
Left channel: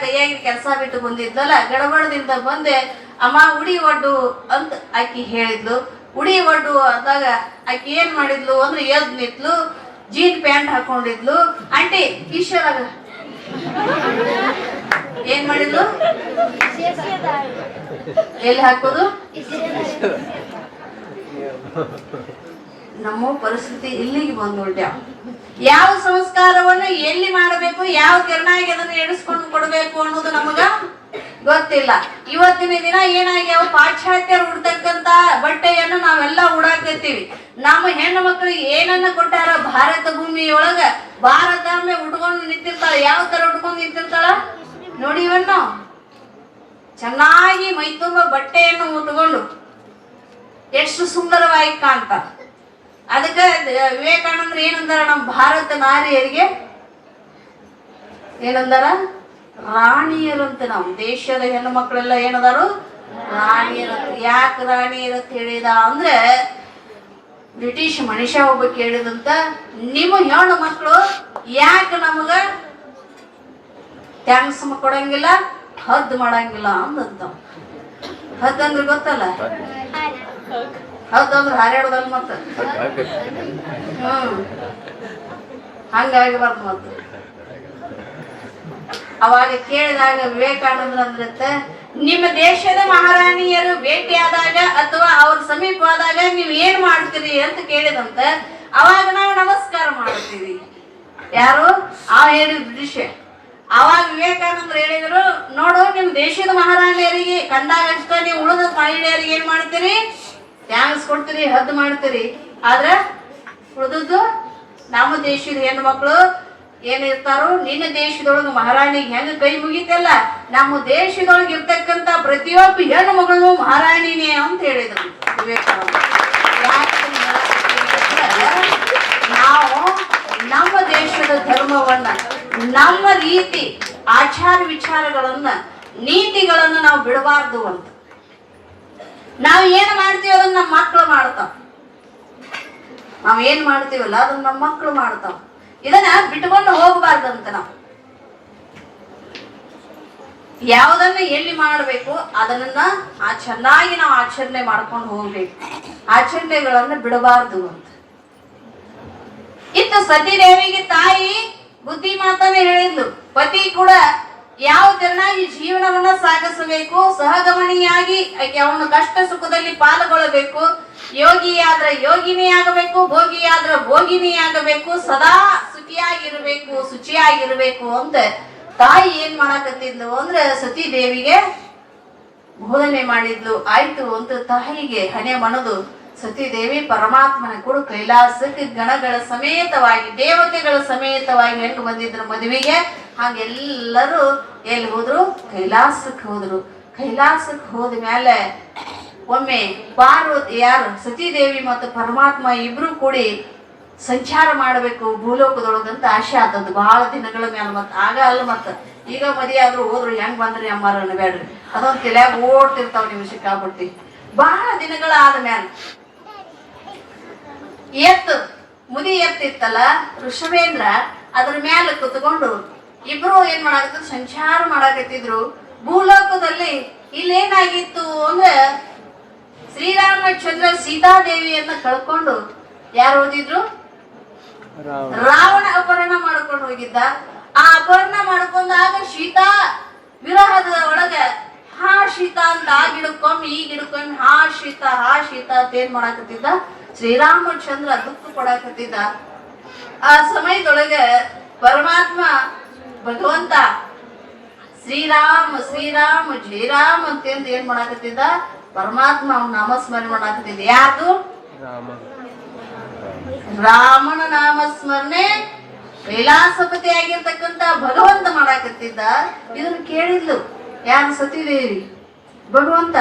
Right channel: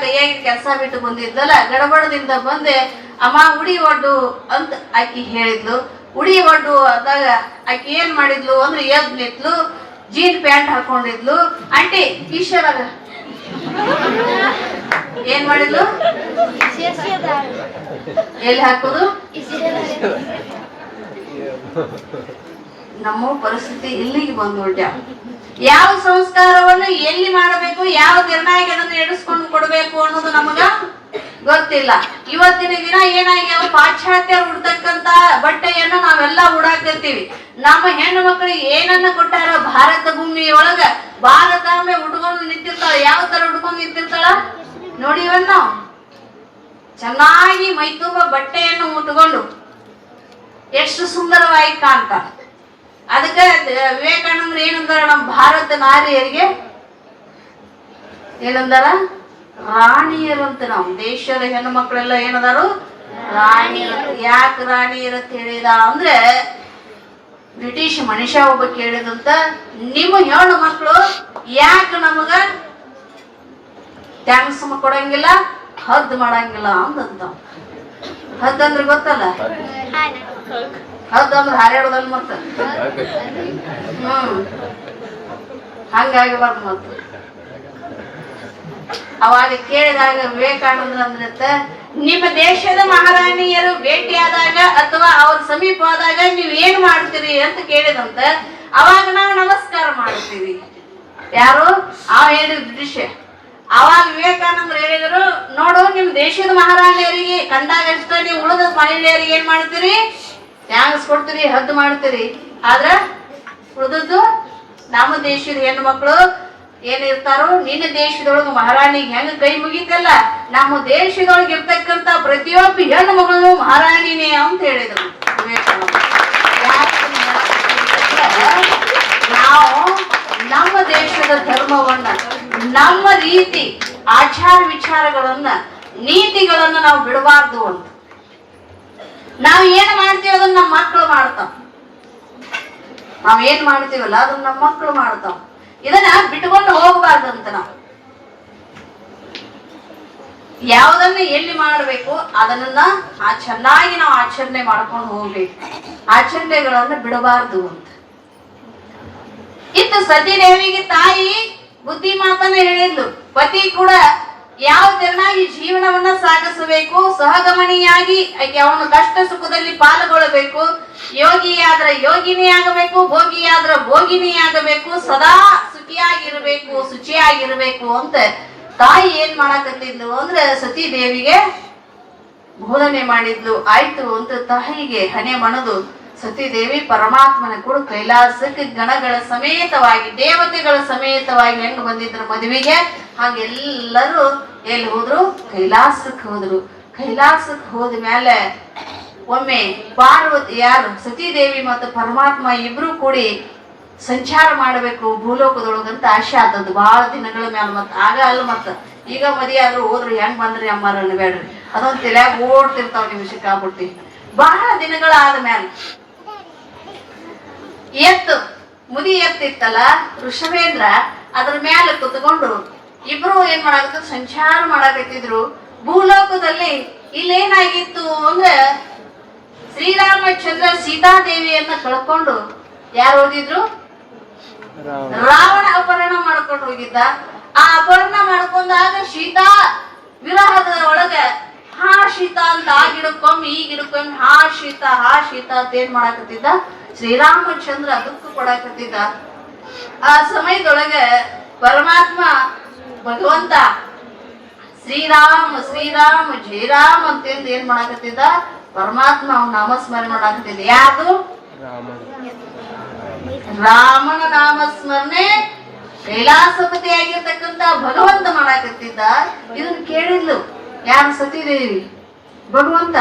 ಕೈಯಾಗಿ ಕೆಲಸ ಬಿಟ್ಟು ಬಂದಿದ್ದಲ್ಲ, ಗಡಬಡದಿಂದ ಬಂದೆ ಅಮ್ಮ ಉಡಿ ಒಡ್ಡು ಅಂತ ಆಕಿ ಹೇಳಿದ್ಲು. ಉಡಿ ಒಡ್ಡು ಆದಾಗ ಆಕಿ ಏನ್ ಮಾಡಿದ್ಲು ಅಂದ್ರೆ ಎದ್ ನಿಂತ್ಲು. ಜೀನ್ ಪ್ಯಾಂಟ್ ಹಾಕೊಂಡಿದ್ಲು. ಆಂಟಿ ಈಶ್ವರಾಗ ಏನ್ ಮಾಡಿದ್ಲು, ಎಲ್ಲಿ ಹಾಕೋದು? ನಮ್ಮ ಪರಿಸ್ಥಿತಿ ಇಲ್ಲಿಗೆ ಬಂದ್ಬಿಟ್ಟ. ಯಾವ ಸಂಸ್ಕಾರವನ್ನ ಎಲ್ಲಿ ಮಾಡಬೇಕು, ಯಾವ ನಿರ್ಣಯ ಅದನ್ನ ಎಣಿಸ್ಕೊಂಡು ಕೊಡ್ಬೇಕು ಅನ್ನೋದು ನಮಗ ಗೊತ್ತಿಲ್ಲ. ಇವತ್ತಿನ ದಿನ ಏನಾಗ್ಯಾವ, ಪಾಶ್ಚಾತ್ಯರು ಉಡ್ತಕ್ಕಂತ ಬಟ್ಟೆಯನ್ನ ನಾವೆಲ್ಲ ಉಡಾಕತ್ತೀವಿ. ನಮ್ಮ ಹೆಣ್ಣು ಮಕ್ಕಳಿಗೆ ಏನನ್ನ ಕೊಟ್ಟಾರ, ಭಾರತ ಭೂಮಿಯೊಳಗ ಭಾರತಾಂಬೆ ಉಟ್ಕೊಂಡು ನಿಂತಿರ್ತಾಳ. ಯಾವ ತರ ಉಟ್ಕೊಂಡು ನಿಂತಿರ್ತಾಳ ನೋಡಿವನ್ ನಾವು. ಚೆನ್ನಾಗಿ ಮೈತುಂಬ ಬಟ್ಟೆಯನ್ನು ಮುಟ್ಕೊಂಡು ಎಷ್ಟು ಸುಂದರವಾಗಿ ಕಾಣ್ತಾರ. ಅದಕ್ಕೆ ವಿವೇಕಾನಂದ್ರ ಏನಂದಾರ, ನಮ್ಮ ಭಾರತ ನಾರಿಯರಿಗೆ ಏನಂದಾರ, ರಾಣಿಯರಂತ. ನಾವು ದೇಶದ ಹೆಣ್ಣು ಮಕ್ಕಳೆಲ್ಲ ಏನದಾರು ರಾಣಿಯರು. ಯಾಕೆ ರಾಣಿಯರಂತ ಹೇಳಿದ ಅಂದ್ರೆ ಬ್ರಿಟಿಷ್ ಮನುಷ್ಯ ಒಬ್ಬ ಕೇಳಿದಂತ, ನಿಮ್ಮ ಹೆಣ್ಣು ಮಕ್ಕಳು ಯಾಕೆ ನಮಗ ಥ್ಯಾಂಕ್ಸ್ ಕೊಡಂಗಿಲ್ಲ, ಹದ್ದು ಮಾಡಂಗಿಲ್ಲ ಅಂದಂತ. ಹದ್ದಂದ್ರೆ ಗೊತ್ತಲ್ಲ, ಹೌದಂದ್ರೆ ಹಾರಾಡೋದಲ್ಲ ಮತ್ತ. ಹಂಗಾಗಬಾರ್ದು ಮತ್ತ. ಅವಾಗ ಕೇಳಿದಾಗ ವಿವೇಕಾನಂದ್ರ ಅಂದ್ರತ್ತ, ನಿಮ್ಮ ದೇಶದ ಮಹಾರಾಣಿಯರು ಭೇಟಿಯಾದಾಗ ಅಥವಾ ಅವ್ರ ಸಮೀಪ ಆದಾಗ ನೀವ್ ಏನ್ ಮಾಡ್ತೀರಿ ಅಂತ ಕೇಳಿದಂತ. ಅವಾಗ ನಾವು ನಮಸ್ಕಾರ ಮಾಡ್ತೀವಿ. ಯಾರು ಹೇಳಿ ಬ್ರಿಟಿಷ್. ಅವಾಗ ವಿವೇಕಾನಂದ್ರ ಹೇಳಿದ್ರು, ನೋಡು ನಿಮ್ ದೇಶದ ಮಹಾರಾಣಿಯರಿಗೆ ಕಂಡಾಗಷ್ಟ ನೀವು ಉಳಿದ ಮಹಿಳೆಯರಿಗೆ ಏನ್ ಮಾಡ್ತೀರಿ, ಥ್ಯಾಂಕ್ಸ್ ಕೊಡ್ತೀರಿ, ಹದ್ದು ಮಾಡ್ತೀರಿ. ಆದ್ರ ಉಳಿದದ್ದು ನಮ್ಮ ದೇಶದ ಹೆಣ್ಣು ಮಕ್ಕಳು ಏನಿರ್ತಾರೋ, ನಿನ್ನ ದೇಶದೊಳಗ ಮಹಾರಾಣಿಗೆ ಹೆಂಗ ಕೈ ಮುಗಿತಲ್ಲ, ನಮ್ಮ ದೇಶದೊಳಗೆ ಇರ್ತಕ್ಕಂತ ಪ್ರತಿಯೊಬ್ಬ ಹೆಣ್ಣು ಮಗಳು ಮಹಾರಾಣಿನೇ ಅಂತ ಹೇಳಿದ್ರು ವಿವೇಕಾನಂದ. ನಾವು ನಮ್ಮ ದೇಶದ ಧರ್ಮವನ್ನ, ನಮ್ಮ ರೀತಿ ಆಚಾರ ವಿಚಾರಗಳನ್ನ, ನೀತಿಗಳನ್ನ ನಾವು ಬಿಡಬಾರ್ದು ಅಂತ. ನಾವ್ ಏನ್ ಮಾಡ್ತೀವಿ ಅದನ್ನ ನಮ್ಮ ಮಕ್ಕಳು ಮಾಡ್ತಾವ. ನಾವ್ ಏನ್ ಮಾಡ್ತೀವಲ್ಲ ಅದನ್ನ ನಮ್ಮ ಮಕ್ಕಳು ಮಾಡ್ತಾವ. ಇದನ್ನ ಬಿಟ್ಕೊಂಡು ಹೋಗ್ಬಾರ್ದಂತ. ನಾವು ಯಾವ್ದನ್ನ ಎಲ್ಲಿ ಮಾಡ್ಬೇಕು ಅದನ್ನ ಚೆನ್ನಾಗಿ ನಾವು ಆಚರಣೆ ಮಾಡ್ಕೊಂಡು ಹೋಗ್ಬೇಕು. ಆಚರಣೆಗಳನ್ನ ಬಿಡಬಾರ್ದು ಅಂತ. ಇತ್ತು ಸತಿದೇವಿಗೆ ತಾಯಿ ಬುದ್ಧಿ ಮಾತನ್ನ ಹೇಳಿದ್ಲು. ಪತಿ ಕೂಡ ಯಾವ ತೆರನಾಗಿ ಜೀವನವನ್ನ ಸಾಗಿಸಬೇಕು, ಸಹಗಮನಿಯಾಗಿ ಅವನು ಕಷ್ಟ ಸುಖದಲ್ಲಿ ಪಾಲ್ಗೊಳ್ಳಬೇಕು, ಯೋಗಿಯಾದ್ರ ಯೋಗಿನಿ ಆಗಬೇಕು, ಭೋಗಿಯಾದ್ರ ಭೋಗಿನಿ ಆಗಬೇಕು, ಸದಾ ಸುಖಿಯಾಗಿರ್ಬೇಕು, ಶುಚಿಯಾಗಿರ್ಬೇಕು ಅಂತ ತಾಯಿ ಏನ್ ಮಾಡಕತ್ತಿದ್ಲು ಅಂದ್ರೆ ಸತೀದೇವಿಗೆ ಬೋಧನೆ ಮಾಡಿದ್ಲು. ಆಯ್ತು ಅಂತ ತಾಯಿಗೆ ಹಣೆ ಮಣದು ಸತೀದೇವಿ ಪರಮಾತ್ಮನ ಕೂಡ ಕೈಲಾಸಕ್ಕೆ ಗಣಗಳ ಸಮೇತವಾಗಿ, ದೇವತೆಗಳ ಸಮೇತವಾಗಿ ಹೆಂಗ್ ಬಂದಿದ್ರು ಮದುವೆಗೆ, ಹಂಗೆಲ್ಲರೂ ಎಲ್ಲಿ ಹೋದ್ರು, ಕೈಲಾಸಕ್ಕೆ ಹೋದ್ರು. ಕೈಲಾಸಕ್ಕೆ ಹೋದ ಮೇಲೆ ಒಮ್ಮೆ ಪಾರ್ವತಿ, ಯಾರು ಸತೀದೇವಿ ಮತ್ತು ಪರಮಾತ್ಮ ಇಬ್ರು ಕೂಡಿ ಸಂಚಾರ ಮಾಡಬೇಕು ಭೂಲೋಕದೊಳಗಂತ ಆಸೆ ಆದದ್ದು ಬಹಳ ದಿನಗಳ ಮ್ಯಾಲ. ಮತ್ತ ಆಗ ಅಲ್ಲ, ಮತ್ತ ಈಗ ಮದಿ ಆದ್ರೂ ಹೋದ್ರು ಹೆಂಗ್ ಬಂದ್ರಿ ಅಮ್ಮಾರ ಅನ್ಬೇಡ್ರಿ, ಅದೊಂದ್ ತಲ್ಯಾಗ ಓಡ್ತಿರ್ತಾವ ನಿಮ್ ಸಿಕ್ಕಾಬಿಟ್ಟಿ. ಬಹಳ ದಿನಗಳಾದ ಮ್ಯಾಲ ಮುದಿ ಎತ್ತಿತ್ತಲ್ಲ ಋಷಭೇಂದ್ರ, ಅದ್ರ ಮ್ಯಾಲ ಕುತ್ಕೊಂಡು ಇಬ್ರು ಏನ್ ಮಾಡಾಕತ್ತ, ಸಂಚಾರ ಮಾಡಾಕತ್ತಿದ್ರು ಭೂಲೋಕದಲ್ಲಿ. ಇಲ್ಲೇನಾಗಿತ್ತು ಅಂದ್ರೆ ಶ್ರೀರಾಮಚಂದ್ರ ಸೀತಾದೇವಿಯನ್ನ ಕಳ್ಕೊಂಡು ಯಾರು ಹೋಗಿದ್ರು, ರಾವಣ ಅಪಹರಣ ಮಾಡ್ಕೊಂಡು ಹೋಗಿದ್ದ. ಆ ಅಪಹರಣ ಮಾಡ್ಕೊಂಡಾಗ ಸೀತಾ ವಿರಹದ ಒಳಗ ಹಾ ಸೀತಾ ಅಂತ ಆ ಗಿಡಕ್ಕೊಮ್ಮೆ ಈ ಗಿಡಕ್ಕೊಮ್ಮೆ ಹಾ ಸೀತಾ ಅಂತ ಏನ್ ಮಾಡಾಕತ್ತಿದ್ದ, ಶ್ರೀರಾಮಚಂದ್ರ ದುಃಖ ಕೊಡಾಕತ್ತಿದ್ದ. ಆ ಸಮಯದೊಳಗ ಪರಮಾತ್ಮ ಭಗವಂತ ಶ್ರೀರಾಮ ಶ್ರೀರಾಮ ಜಯ ರಾಮ್ ಅಂತಂದು ಏನ್ ಮಾಡಾಕತ್ತಿದ್ದ, ಪರಮಾತ್ಮ ಅವನ ನಾಮಸ್ಮರಣೆ ಮಾಡಾಕತ್ತಿದ್ದ. ಯಾರು? ರಾಮನ ನಾಮಸ್ಮರಣೆ ಕೈಲಾಸಪತಿ ಆಗಿರ್ತಕ್ಕಂತ ಭಗವಂತ ಮಾಡಾಕತ್ತಿದ್ದ. ಇದನ್ನು ಕೇಳಿದ್ಲು ಯಾರು? ಸತೀದೇವಿ. ಭಗವಂತ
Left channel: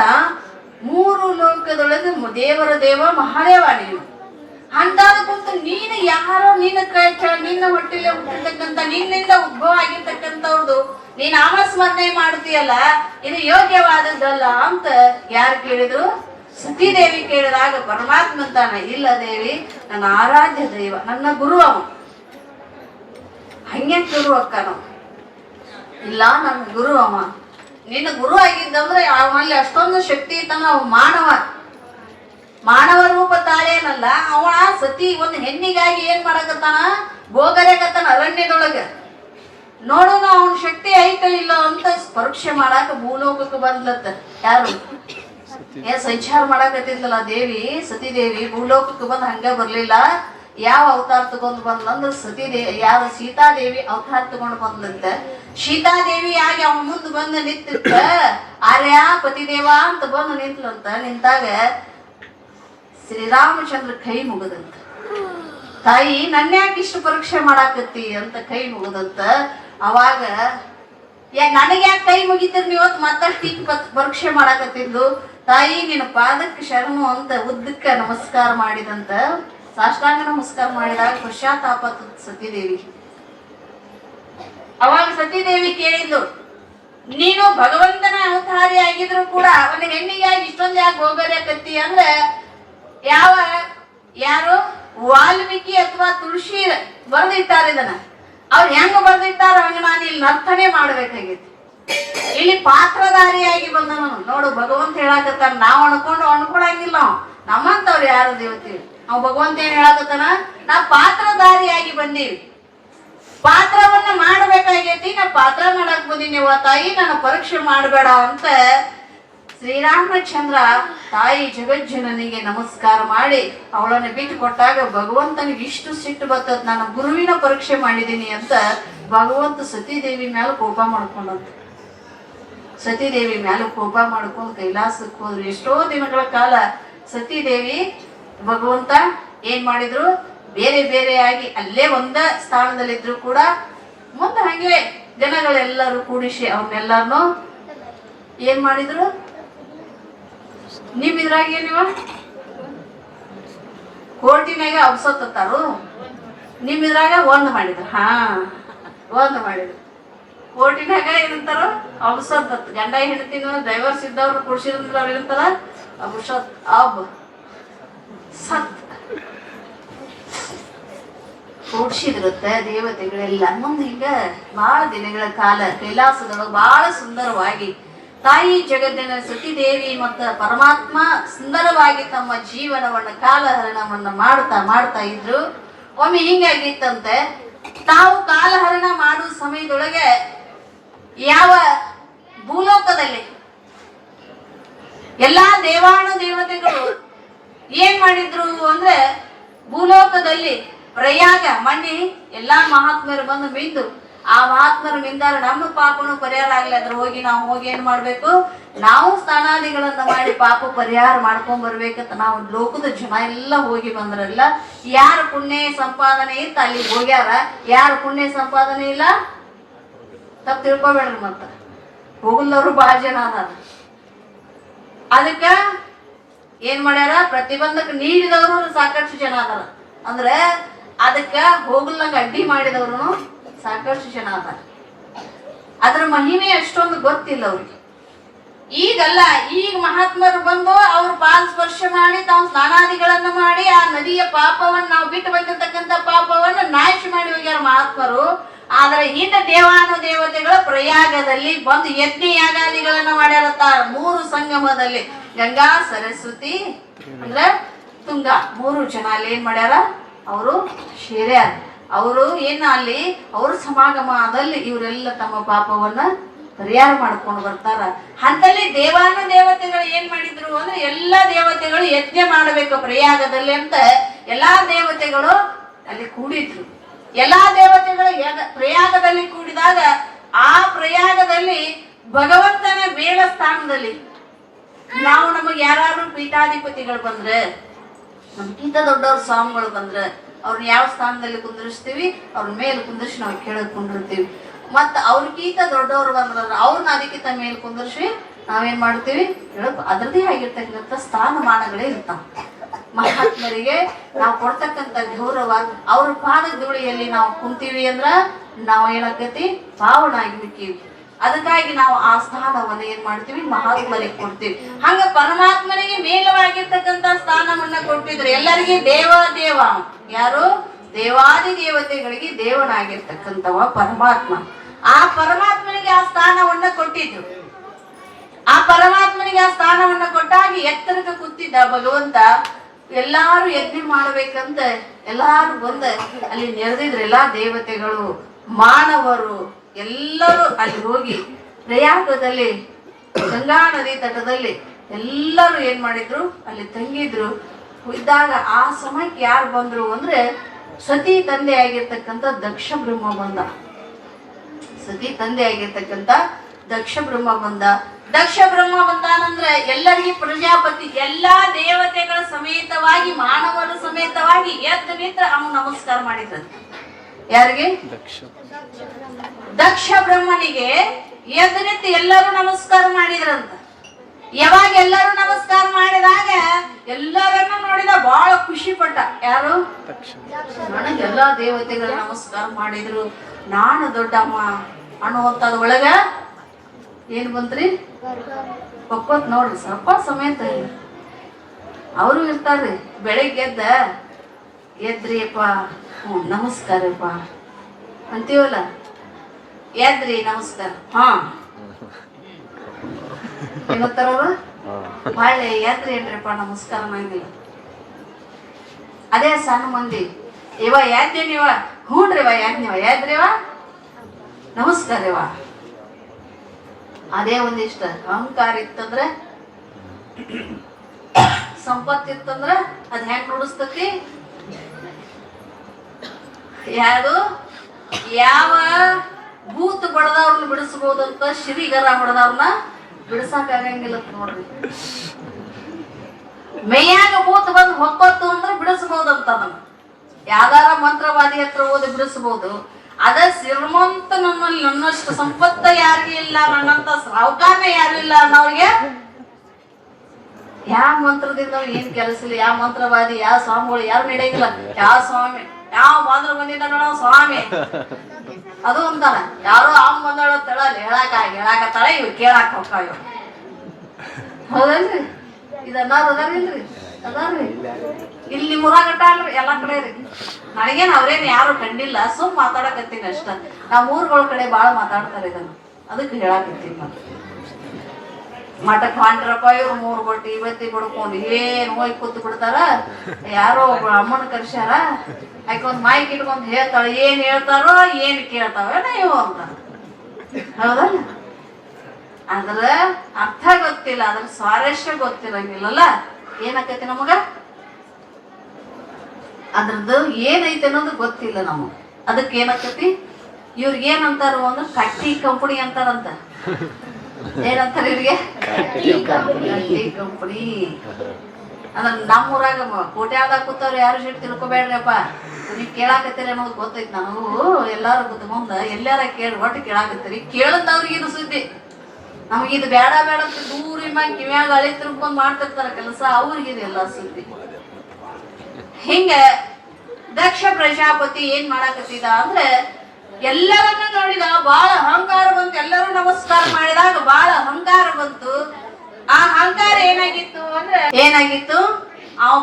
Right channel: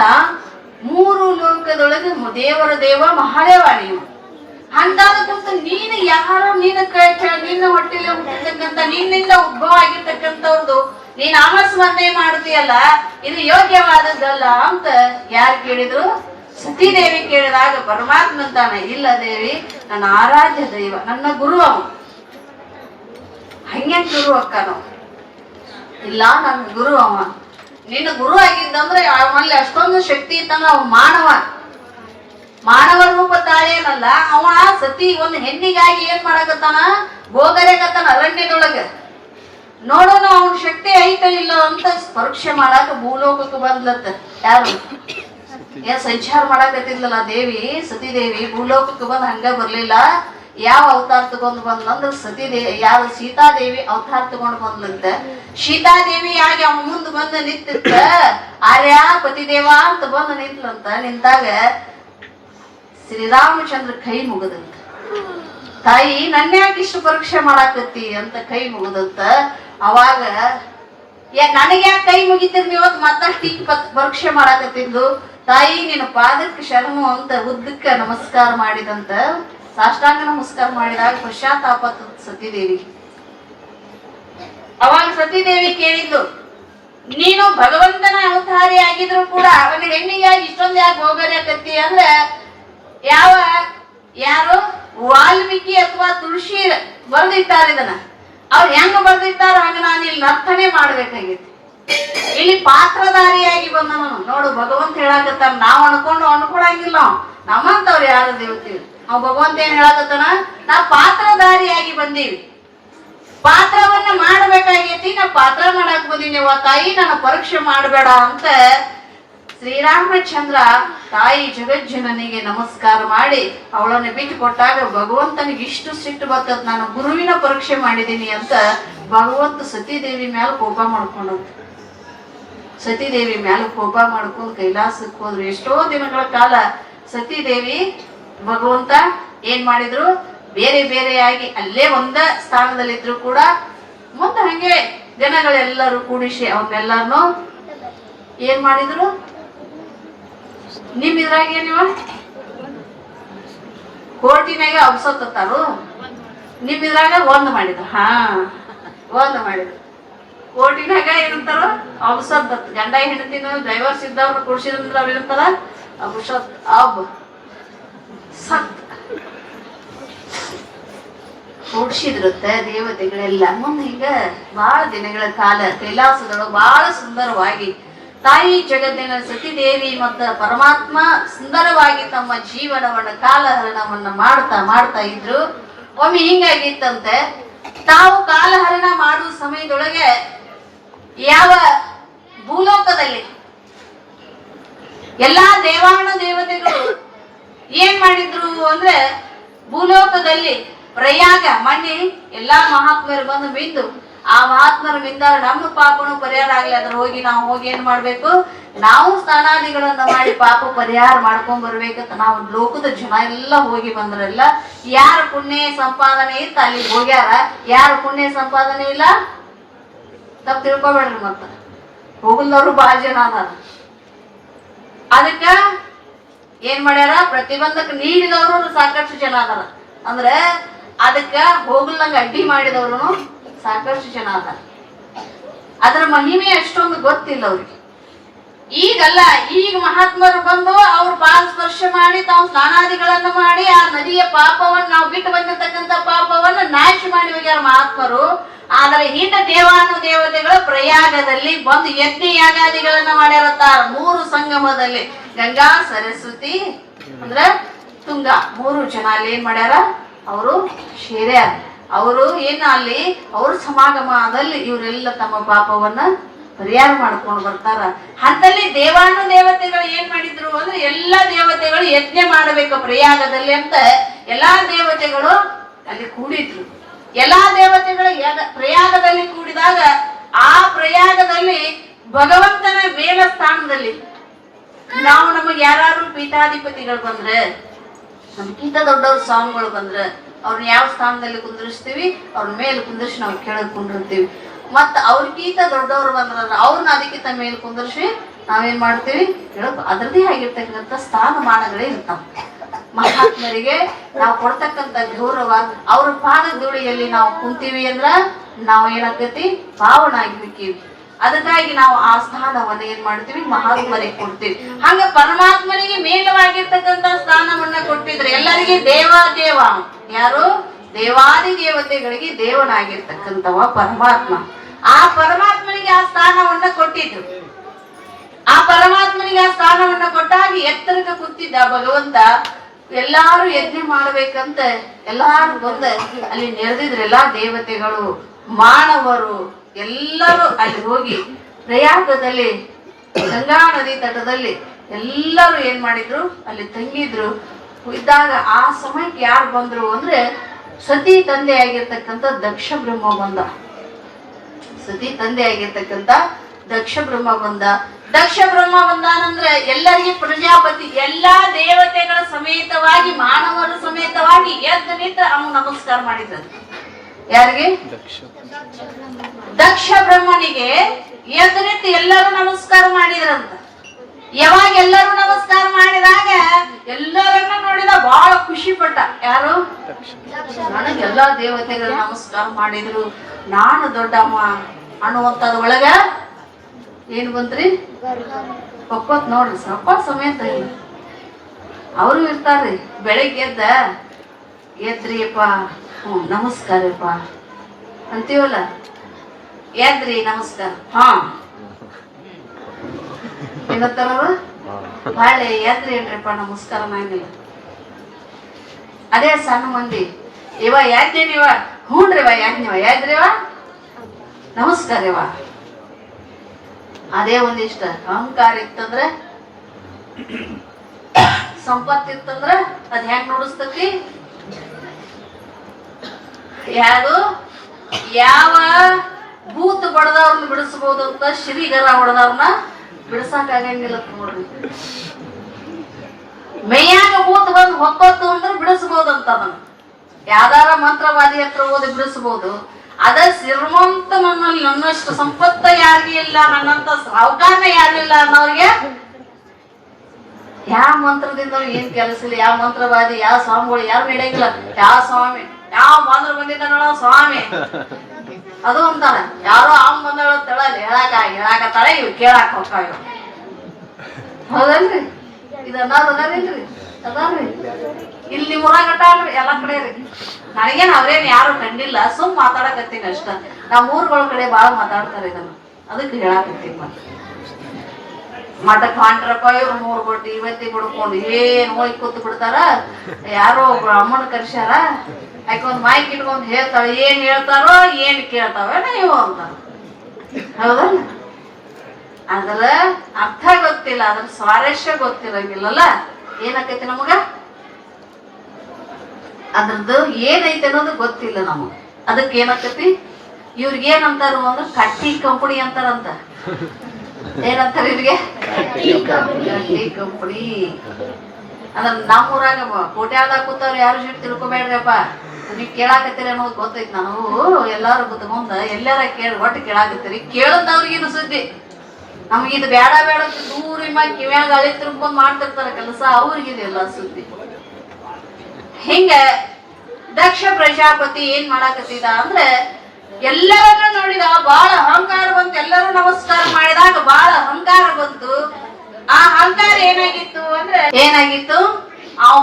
ಮೂರು ಲೋಕದೊಳಗೆ ದೇವರ ದೇವ ಮಹಾದೇವ ನೀನು ಅಂತಾದ ಕುಂತು ನೀನು ಯಾರೋ ನಿನ್ನ ಹೊಟ್ಟೆಲೆ ಹುಟ್ಟಿರ್ತಕ್ಕಂಥ ನಿನ್ನಿಂದ ಉದ್ಭವ ಆಗಿರ್ತಕ್ಕಂಥವ್ರದು ನೀನ್ ನಾಮಸ್ಮರಣೆ ಮಾಡ್ತೀಯಲ್ಲ, ಇದು ಯೋಗ್ಯವಾದದ್ದಲ್ಲ ಅಂತ ಯಾರು ಕೇಳಿದ್ರು? ಸತೀದೇವಿ ಕೇಳಿದಾಗ ಪರಮಾತ್ಮ ಅಂತಾನೆ, ಇಲ್ಲ ದೇವಿ, ನನ್ನ ಆರಾಧ್ಯ ದೈವ, ನನ್ನ ಗುರು ಅವ. ಹಂಗೆ ಗುರು ಅಕ್ಕ ನಾವು? ಇಲ್ಲ, ನನ್ನ ಗುರು ಅವ. ನಿನ್ನ ಗುರು ಆಗಿದ್ದಂದ್ರೆ ಅವನಲ್ಲಿ ಅಷ್ಟೊಂದು ಶಕ್ತಿ ಇತ್ತಾನ. ಅವ ಮಾನವ ರೂಪ ತಾಳೇನಲ್ಲ ಅವ. ಸತಿ ಒಂದು ಹೆಣ್ಣಿಗಾಗಿ ಏನ್ ಮಾಡಕತ್ತಾನ, ಗೋಗರೆಗತ್ತಾನ ಅರಣ್ಯದೊಳಗ. ನೋಡೋಣ ಅವನ ಶಕ್ತಿ ಐತ ಇಲ್ಲ ಅಂತ ಪರೀಕ್ಷೆ ಮಾಡಾಕ ಭೂಲೋಕಕ್ಕೆ ಬಂದ್ಲತ್ತ. ಯಾರು? ಸಂಚಾರ ಮಾಡಾಕತ್ತಿದ್ಲಲ್ಲ ದೇವಿ, ಸತೀದೇವಿ ಭೂಲೋಕಕ್ಕೆ ಬಂದ್ ಹಂಗ ಬರ್ಲಿಲ್ಲ. ಯಾವ ಅವತಾರ ತಗೊಂಡ್ ಬಂದ್ಲಂದ್ರ ಯಾವ ಸೀತಾದೇವಿ ಅವತಾರ ತಗೊಂಡ್ ಬಂದ್ಲಂತ. ಸೀತಾದೇವಿ ಆಗಿ ಅವನ ಮುಂದ್ ಬಂದು ನಿಂತಿತ್ತ. ಆರ್ಯ ಪತಿದೇವ ಅಂತ ಬಂದು ನಿಂತ್ಲಂತ. ನಿಂತಾಗ ಶ್ರೀರಾಮಚಂದ್ರ ಕೈ ಮುಗದಂತ. ತಾಯಿ ನನ್ಯಾಕೆ ಇಷ್ಟು ಪರೀಕ್ಷೆ ಮಾಡಾಕತ್ತಿ ಅಂತ ಕೈ ಮುಗದಂತ. ಅವಾಗ ನನಗೆ ಯಾಕೆ ಕೈ ಮುಗಿತೀರಿ ನೀವು ಮತ್ತಷ್ಟು ಈಗ ಪರೀಕ್ಷೆ ಮಾಡಾಕತ್ತಿದ್ದು. ತಾಯಿ ನಿನ್ನ ಪಾದಕ್ಕೆ ಶರಣು ಅಂತ ಉದ್ದಕ್ಕ ನಮಸ್ಕಾರ ಮಾಡಿದಂತ. ಸಾಷ್ಟಾಂಗ ನಮಸ್ಕಾರ ಮಾಡಿದಾಗ ಪಶ್ಚಾತ್ತಾಪ ಸತೀದೇವಿ. ಅವಾಗ ಸತೀದೇವಿ ಕೇಳಿದ್ದು, ನೀನು ಭಗವಂತನ ಅವತಾರಿ ಆಗಿದ್ರು ಕೂಡ ಅವನ ಹೆಣ್ಣಿಗಾಗಿ ಇಷ್ಟೊಂದು ಯಾಕೆ ಹೋಗಲಿಕತ್ತಿ ಅಂದ್ರೆ, ಯಾರು ವಾಲ್ಮೀಕಿ ಅಥವಾ ತುಳಸಿ ಬರ್ದಿಟ್ಟಾರ ಇದನ್ನ. ಅವ್ರು ಹೆಂಗ ಬರ್ದಿಟ್ಟಾರ ಹಂಗ ನಾನು ಇಲ್ಲಿ ನರ್ತನೆ ಮಾಡ್ಬೇಕಾಗಿತ್ತು. ಇಲ್ಲಿ ಪಾತ್ರಧಾರಿಯಾಗಿ ಬಂದನು ನೋಡು. ಭಗವಂತ ಹೇಳಾಕತ್ತಾನ, ನಾವ್ ಅನ್ಕೊಳಂಗಿಲ್ಲ. ನಮ್ಮಂತವ್ರು ಯಾರು ದೇವತೀವಿ. ಅವ್ ಭಗವಂತ ಏನ್ ಹೇಳಾಕತ್ತಾನ, ನಾ ಪಾತ್ರಧಾರಿಯಾಗಿ ಬಂದೀವಿ, ಪಾತ್ರವನ್ನ ಮಾಡ್ಬೇಕಾಗೈತಿ, ನಾ ಪಾತ್ರ ಮಾಡಾಕ್ ಬಂದೀನಿ. ತಾಯಿ ನನ್ನ ಪರೀಕ್ಷೆ ಮಾಡಬೇಡ ಅಂತ ಶ್ರೀರಾಮಚಂದ್ರ ತಾಯಿ ಜಗಜ್ಜನನಿಗೆ ನಮಸ್ಕಾರ ಮಾಡಿ ಅವಳನ್ನು ಬಿಟ್ಟು ಕೊಟ್ಟಾಗ ಭಗವಂತನಿಗೆ ಇಷ್ಟು ಸಿಟ್ಟು ಬರ್ತದ, ನಾನು ಗುರುವಿನ ಪರೀಕ್ಷೆ ಮಾಡಿದೀನಿ ಅಂತ ಭಗವಂತ ಸತೀದೇವಿ ಮ್ಯಾಲ ಕೋಪ ಮಾಡ್ಕೊಂಡಂತ. ಸತೀದೇವಿ ಮ್ಯಾಲ ಕೋಪ ಮಾಡ್ಕೊಂಡು ಕೈಲಾಸಕ್ಕೆ ಹೋದ್ರು. ಎಷ್ಟೋ ದಿನಗಳ ಕಾಲ ಸತೀದೇವಿ ಭಗವಂತ ಏನ್ ಮಾಡಿದ್ರು, ಬೇರೆ ಬೇರೆಯಾಗಿ ಅಲ್ಲೇ ಒಂದ ಸ್ಥಾನದಲ್ಲಿದ್ರು ಕೂಡ ಮುಂದೆ ಹಂಗೆ ಜನಗಳೆಲ್ಲರೂ ಕೂಡಿಸಿ ಅವನ್ನೆಲ್ಲರನ್ನು ಏನ್ ಮಾಡಿದ್ರು, ನಿಮ್ ಇದ್ರಾಗ ಏನಿವ ಕೋರ್ಟಿನಾಗ ಅವಸತ್ತಾರು, ನಿಮ್ ಇದ್ರಾಗ ಒಂದ್ ಮಾಡಿದ್ರು. ಒಂದ್ ಮಾಡಿದ್ರು. ಕೋರ್ಟಿನಾಗ ಏನಂತಾರ ಅವಸತ್. ಗಂಡ ಹೆಂಡತಿನ ಡ್ರೈವರ್ಸ್ ಇದ್ದವ್ರು ಕುಡ್ಸಿದ್ರ ಅವ್ರು ಏನಂತಾರ ಅವಸತ್. ಸತ್ ಕೂಡ್ಸಿದ್ರತ್ತ ದೇವತೆಗಳೆಲ್ಲ. ಮುಂದೆ ಹಿಂಗ ಬಹಳ ದಿನಗಳ ಕಾಲ ಕೈಲಾಸದೊಳಗೆ ಬಹಳ ಸುಂದರವಾಗಿ ತಾಯಿ ಜಗತ್ತಿನ ಸತೀದೇವಿ ಮತ್ತು ಪರಮಾತ್ಮ ಸುಂದರವಾಗಿ ತಮ್ಮ ಜೀವನವನ್ನ ಕಾಲಹರಣವನ್ನ ಮಾಡ್ತಾ ಇದ್ರು. ಒಮ್ಮೆ ಹಿಂಗಾಗಿತ್ತಂತೆ, ತಾವು ಕಾಲಹರಣ ಮಾಡುವ ಸಮಯದೊಳಗೆ ಯಾವ ಭೂಲೋಕದಲ್ಲಿ ಎಲ್ಲಾ ದೇವಾನು ದೇವತೆಗಳು ಏನ್ ಮಾಡಿದ್ರು ಅಂದ್ರೆ, ಭೂಲೋಕದಲ್ಲಿ ಪ್ರಯಾಗ ಮಣ್ಣಿ ಎಲ್ಲಾ ಮಹಾತ್ಮರು ಬಂದು ಬಿದ್ದು, ಆ ಮಹಾತ್ಮರು ಬಿದ್ದಾಗ ನಮ್ಮ ಪಾಪನು ಪರಿಹಾರ ಆಗ್ಲಿ, ಅದ್ರ ನಾವು ಹೋಗಿ ಏನ್ ಮಾಡ್ಬೇಕು, ನಾವು ಸ್ನಾನಾದಿಗಳನ್ನ ಮಾಡಿ ಪಾಪ ಪರಿಹಾರ ಮಾಡ್ಕೊಂಡ್ ಬರ್ಬೇಕಂತ ನಾವು ಲೋಕದ ಜನ ಎಲ್ಲ ಹೋಗಿ ಬಂದ್ರಲ್ಲ. ಯಾರ ಪುಣ್ಯ ಸಂಪಾದನೆ ಇತ್ತು ಅಲ್ಲಿ ಹೋಗ್ಯಾರ, ಯಾರ ಪುಣ್ಯ ಸಂಪಾದನೆ ಇಲ್ಲ ತಪ್ಪು ತಿಳ್ಕೊಬೇಡ್ರಿ. ಮತ್ತ ಹೋಗಲ್ದವ್ರು ಬಾಳ ಜನ ಅದಾರ. ಅದಕ್ಕ ಏನ್ ಮಾಡ್ಯಾರ, ಪ್ರತಿಬಂಧಕ ನೀಡಿದವರು ಸಾಕಷ್ಟು ಜನ ಅದಾರ. ಅಂದ್ರೆ ಅದಕ್ಕ ಹೋಗ್ಲಂಗ ಅಡ್ಡಿ ಮಾಡಿದವ್ರು ಸಾಕಷ್ಟು ಜನ ಅದ. ಅದ್ರ ಮಹಿಮೆ ಅಷ್ಟೊಂದು ಗೊತ್ತಿಲ್ಲ ಅವ್ರಿಗೆ. ಈಗಲ್ಲ, ಈಗ ಮಹಾತ್ಮರು ಬಂದು ಅವ್ರು ಪಾದ ಸ್ಪರ್ಶ ಮಾಡಿ ತಾವು ಸ್ನಾನಾದಿಗಳನ್ನ ಮಾಡಿ ಆ ನದಿಯ ಪಾಪವನ್ನು, ನಾವು ಬಿಟ್ಟು ಬಂದಿರತಕ್ಕಂಥ ಪಾಪವನ್ನು ನಾಶ ಮಾಡಿ ಹೋಗ್ಯಾರ ಮಹಾತ್ಮರು. ಆದರೆ ಹಿಂದೆ ದೇವಾನುದೇವತೆಗಳ ಪ್ರಯಾಗದಲ್ಲಿ ಬಂದು ಯಜ್ಞ ಯಾಗಾದಿಗಳನ್ನ ಮಾಡ್ಯಾರತ್ತ. 3 ಸಂಗಮದಲ್ಲಿ ಗಂಗಾ, ಸರಸ್ವತಿ ಅಂದ್ರ ತುಂಗಾ 3 ಜನ ಅಲ್ಲಿ ಏನ್ ಮಾಡ್ಯಾರ, ಅವರು ಸೇರ್ಯಾರ. ಅವರು ಏನ ಅಲ್ಲಿ ಅವ್ರ ಸಮಾಗಮದಲ್ಲಿ ಇವರೆಲ್ಲ ತಮ್ಮ ಪಾಪವನ್ನ ಪರಿಹಾರ ಮಾಡ್ಕೊಂಡು ಬರ್ತಾರ. ಅಂತಲ್ಲಿ ದೇವಾನುದೇವತೆಗಳು ಏನ್ ಮಾಡಿದ್ರು ಅಂದ್ರೆ, ಎಲ್ಲಾ ದೇವತೆಗಳು ಯಜ್ಞ ಮಾಡಬೇಕು ಪ್ರಯಾಗದಲ್ಲಿ ಅಂತ ಎಲ್ಲಾ ದೇವತೆಗಳು ಅಲ್ಲಿ ಕೂಡಿದ್ರು. ಎಲ್ಲಾ ದೇವತೆಗಳು ಪ್ರಯಾಗದಲ್ಲಿ ಕೂಡಿದಾಗ ಆ ಪ್ರಯಾಗದಲ್ಲಿ ಭಗವಂತನ ಮೇಲ ಸ್ಥಾನದಲ್ಲಿ ನಾವು, ನಮಗೆ ಯಾರು ಪೀಠಾಧಿಪತಿಗಳು ಬಂದ್ರೆ, ನಮ್ಗಿಂತ ದೊಡ್ಡವ್ರ ಸ್ವಾಮಿಗಳು ಬಂದ್ರೆ ಅವ್ರನ್ನ ಯಾವ ಸ್ಥಾನದಲ್ಲಿ ಕುಂದಿರಿಸ್ತೀವಿ, ಅವ್ರ ಮೇಲೆ ಕುಂದಿರ್ಸಿ ನಾವು ಕೆಳಗೆ ಕುಂದಿರ್ತೀವಿ. ಮತ್ತ ಅವ್ರಿಗಿಂತ ದೊಡ್ಡವ್ರು ಬಂದ್ರ ಅವ್ರನ್ನ ಅದಕ್ಕಿಂತ ಮೇಲೆ ಕುಂದಿರ್ಸಿ ನಾವೇನ್ ಮಾಡ್ತೀವಿ, ಅದರದೇ ಆಗಿರ್ತಕ್ಕಂಥ ಸ್ಥಾನಮಾನಗಳೇ ಇರ್ತಾವ. ಮಹಾತ್ಮರಿಗೆ ನಾವು ಕೊಡ್ತಕ್ಕಂಥ ಗೌರವ, ಅವ್ರ ಪಾದಧೂಳಿಯಲ್ಲಿ ನಾವು ಕುಂತೀವಿ ಅಂದ್ರ ನಾವು ಏನಾಗತಿ, ಪಾವನ ಆಗಿರ್ತೀವಿ. ಅದಕ್ಕಾಗಿ ನಾವು ಆ ಸ್ಥಾನವನ್ನ ಏನ್ ಮಾಡ್ತೀವಿ, ಮಹಾತ್ಮರಿಗೆ ಕೊಡ್ತೀವಿ. ಹಂಗ ಪರಮಾತ್ಮನಿಗೆ ಮೇಲವಾಗಿರ್ತಕ್ಕಂಥ ಸ್ಥಾನವನ್ನ ಕೊಟ್ಟಿದ್ರೆ ಎಲ್ಲರಿಗೆ ದೇವ ಯಾರು, ದೇವಾದಿ ದೇವತೆಗಳಿಗೆ ದೇವನಾಗಿರ್ತಕ್ಕಂಥವ ಪರಮಾತ್ಮ. ಆ ಪರಮಾತ್ಮನಿಗೆ ಆ ಸ್ಥಾನವನ್ನ ಕೊಟ್ಟಿದ್ರು. ಆ ಪರಮಾತ್ಮನಿಗೆ ಆ ಸ್ಥಾನವನ್ನ ಕೊಟ್ಟಾಗ ಎತ್ತರಕ್ಕೆ ಕೂತಿದ್ದ ಭಗವಂತ. ಎಲ್ಲಾರು ಯಜ್ಞ ಮಾಡ್ಬೇಕಂತ ಎಲ್ಲಾರು ಬಂದ ಅಲ್ಲಿ ನೆರೆದಿದ್ರೆಲ್ಲ ದೇವತೆಗಳು, ಮಾನವರು ಎಲ್ಲರೂ ಅಲ್ಲಿ ಹೋಗಿ ಪ್ರಯಾಗದಲ್ಲಿ ಗಂಗಾ ನದಿ ತಟದಲ್ಲಿ ಎಲ್ಲರೂ ಏನ್ ಮಾಡಿದ್ರು, ಅಲ್ಲಿ ತಂಗಿದ್ರು. ಇದ್ದಾಗ ಆ ಸಮಯಕ್ಕೆ ಯಾರು ಬಂದ್ರು ಅಂದ್ರೆ, ಸತಿ ತಂದೆ ಆಗಿರ್ತಕ್ಕಂಥ ದಕ್ಷ ಬ್ರಹ್ಮ ಬಂದ. ಸತಿ ತಂದೆ ಆಗಿರ್ತಕ್ಕಂಥ ದಕ್ಷ ಬ್ರಹ್ಮ ಬಂದ. ದಕ್ಷ ಬ್ರಹ್ಮ ಬಂದಾನಂದ್ರೆ ಎಲ್ಲರಿಗೆ ಪ್ರಜಾಪತಿ, ಎಲ್ಲಾ ದೇವತೆಗಳ ಸಮೇತವಾಗಿ, ಮಾನವರ ಸಮೇತವಾಗಿ ಎದ್ದು ನಿಂತ ಅವನು ನಮಸ್ಕಾರ ಮಾಡಿದ್ರು. ಯಾರಿಗೆ? ದಕ್ಷ ಬ್ರಹ್ಮನಿಗೆ ಎದ್ದು ನಿಂತು ಎಲ್ಲರೂ ನಮಸ್ಕಾರ ಮಾಡಿದ್ರಂತ. ಯಾವಾಗ ಎಲ್ಲರೂ ನಮಸ್ಕಾರ ಮಾಡಿದಾಗ ಎಲ್ಲರನ್ನ ನೋಡಿದ ಬಹಳ ಖುಷಿ ಪಟ್ಟ. ಯಾರು? ನನಗೆ ಎಲ್ಲಾ ದೇವತೆಗಳು ನಮಸ್ಕಾರ ಮಾಡಿದ್ರು, ನಾನು ದೊಡ್ಡಮ್ಮ ಅನ್ನುವಂಥದ್ ಒಳಗ ಏನ್ ಬಂತ್ರಿ, ಒಪ್ಪತ್ ನೋಡ್ರಿ, ಸ್ವಲ್ಪ ಸಮೇತ ಇಲ್ಲ. ಅವರು ಇರ್ತಾರ್ರಿ. ಬೆಳಿಗ್ಗೆ ಎದ್ರಿಯಪ್ಪ, ನಮಸ್ಕಾರಪ್ಪ ಅಂತೀವಲ್ಲ, ಎದ್ರಿ ನಮಸ್ಕಾರ, ಹಾ ಏನಂತಾರವ್ರು, ಬಾಳೆ ಎದ್ರಿ ಏನ್ರಿಪ್ಪ ನಮಸ್ಕಾರ ನಂಗಿಲ್ಲ. ಅದೇ ಸಣ್ಣ ಮಂದಿ, ಇವ ಯಾಜ್ಞೇನಿವ, ಹೂನ್ರಿವ ಯಾಜ್ಞವ, ಯಾದ್ರಿವ ನಮಸ್ಕಾರವ. ಅದೇ ಒಂದಿಷ್ಟ ಅಹಂಕಾರ ಇತ್ತಂದ್ರೆ, ಸಂಪತ್ತಿತ್ತಂದ್ರ ಅದ್ ಹೆಂಗ್ ನುಡಿಸ್ತತಿ, ಯಾರು ಯಾವ ಬೂತ್ ಬಡದವ್ರನ್ನ ಬಿಡಿಸಬಹುದು ಅಂತ ಶ್ರೀಗರ ಹೊಡೆದವ್ರನ್ನ ಬಿಡಿಸಕ್ ಆಗಂಗಿಲ್ಲ ನೋಡ್ರಿ. ಮೈಯಾಗ ಬೂತ್ ಬಂದ್ ಹೊಕ್ಕೊತ್ತು ಅಂದ್ರೆ ಬಿಡಿಸಬಹುದು ಅಂತ, ಅದನ್ನ ಯಾವ್ದಾರ ಮಂತ್ರವಾದಿ ಹತ್ರ ಓದಿ ಬಿಡಿಸಬಹುದು. ಅದ ಶ್ರೀಮಂತ ನನ್ನಲ್ಲಿ ನನ್ನಷ್ಟು ಸಂಪತ್ತ ಯಾರಿಗೂ ಇಲ್ಲ, ನನ್ನಂತ ಸಾವುಕಾರ ಯಾರು ಇಲ್ಲ ಅನ್ನೋರಿಗೆ ಯಾವ ಮಂತ್ರದಿಂದ ಏನ್ ಕೆಲಸ ಇಲ್ಲ. ಯಾವ ಮಂತ್ರವಾದಿ, ಯಾವ ಸ್ವಾಮಿಗಳು ಯಾರು ನಡೆಯಂಗಿಲ್ಲ. ಯಾವ ಸ್ವಾಮಿ ಯಾವ ಬಂದ್ರು ಬಂದಿದ್ದಾಳ ಸ್ವಾಮಿ ಅದು ಅಂತಾನೆ. ಯಾರೋ ಅಮ್ಮ ಬಂದಳ ತಳ ಹೇಳಾಕತ್ತಾಳ, ಇವ್ ಕೇಳಾಕ ಹೋಗ್ತಾವ. ಹೌದಲ್ರಿ? ಇದಲ್ರಿ ಅದಾರ್ರಿ ಇಲ್ಲಿ ಮುರಾಗಟ್ಟ ಅಲ್ರಿ ಎಲ್ಲಾ ಕಡೆ ರೀ. ನನಗೇನ್ ಅವ್ರೇನ್ ಯಾರು ಕಂಡಿಲ್ಲ, ಸುಮ್ ಮಾತಾಡಕತ್ತೀನಿ ಅಷ್ಟ. ನಾವ್ ಊರ್ಗಳ ಕಡೆ ಬಾಳ ಮಾತಾಡ್ತಾರೆ ಇದನ್ನ, ಅದಕ್ಕೆ ಹೇಳಾಕತ್ತೀನಿ. ಮಠಕ್ಕೆ ಹೊಂಟ್ರಪ್ಪ ಇವ್ರು 3 ಬಟ್ಟಿ ಇವತ್ತಿ ಬಿಡ್ಕೊಂಡು ಏನ್ ಹೋಗಿ ಕೂತ್ ಬಿಡ್ತಾರ. ಯಾರೋ ಒಬ್ರು ಅಮ್ಮನ ಕರ್ಸ್ಯಾರ, ಯಾಕೊಂದ್ ಮೈಕ್ ಇಟ್ಕೊಂಡ್ ಹೇಳ್ತಾಳ, ಏನ್ ಹೇಳ್ತಾರೋ ಏನ್ ಕೇಳ್ತಾವೇನ ಇವು ಅಂತ. ಹೌದಲ್ಲ? ಅದ್ರ ಅರ್ಥ ಗೊತ್ತಿಲ್ಲ, ಅದ್ರ ಸ್ವಾರಸ್ಯ ಗೊತ್ತಿರಂಗಿಲ್ಲಲ್ಲ. ಏನಾಕೈತಿ ನಮಗ, ಅದ್ರದ್ದು ಏನೈತೆ ಅನ್ನೋದು ಗೊತ್ತಿಲ್ಲ ನಮಗ. ಅದಕ್ಕೆ ಏನಾಕತಿ, ಇವ್ರಿಗೆ ಏನಂತಾರ ಅಂದ್ರೆ ಕಟ್ಟಿ ಕಂಪನಿ ಅಂತಾರಂತ. ಏನಂತಾರ ಇವ್ರಿಗೆ? ಕಟ್ಟಿ ಕಂಪನಿ. ಅದ್ರ ನಮ್ಮೂರಾಗ ಕೋಟ್ಯಾಳ್ದಾಗ ಕೂತವ್ರು ಯಾರು ಸಿಟ್ಟು ತಿಳ್ಕೊಬೇಡ್ರಪ್ಪ, ನೀವ್ ಕೇಳಾಕತ್ತೀರಿ ಅನ್ನೋದು ಗೊತ್ತೈತಿ. ನಾವು ಎಲ್ಲಾರು ಗೊತ್ತ ಮುಂದ ಎಲ್ಲಾರ ಕೇಳಿ ಒಟ್ಟು ಕೇಳಾಕತ್ತೀರಿ. ಕೇಳದವ್ರಿಗಿದು ಸುದ್ದಿ, ನಮಗಿದು ಬೇಡ ಬೇಡ ಅಂತ ದೂರ ಕಿವ್ಯಾಗ ಅಳಿ ತಿರ್ಕೊಂಡ್ ಮಾಡ್ತಿರ್ತಾರ ಕೆಲಸ, ಅವ್ರಿಗಿದು ಎಲ್ಲ ಸುದ್ದಿ. ಹಿಂಗ ದಕ್ಷ ಪ್ರಜಾಪತಿ ಏನ್ ಮಾಡಾಕತ್ತಿದ ಅಂದ್ರೆ ಎಲ್ಲರನ್ನು ನೋಡಿದ ಬಹಳ ಅಹಂಕಾರ ಬಂತು. ಎಲ್ಲರೂ ನಮಸ್ಕಾರ ಮಾಡಿದಾಗ ಬಹಳ ಅಹಂಕಾರ ಬಂತು. ಆ ಅಹಂಕಾರ ಏನಾಗಿತ್ತು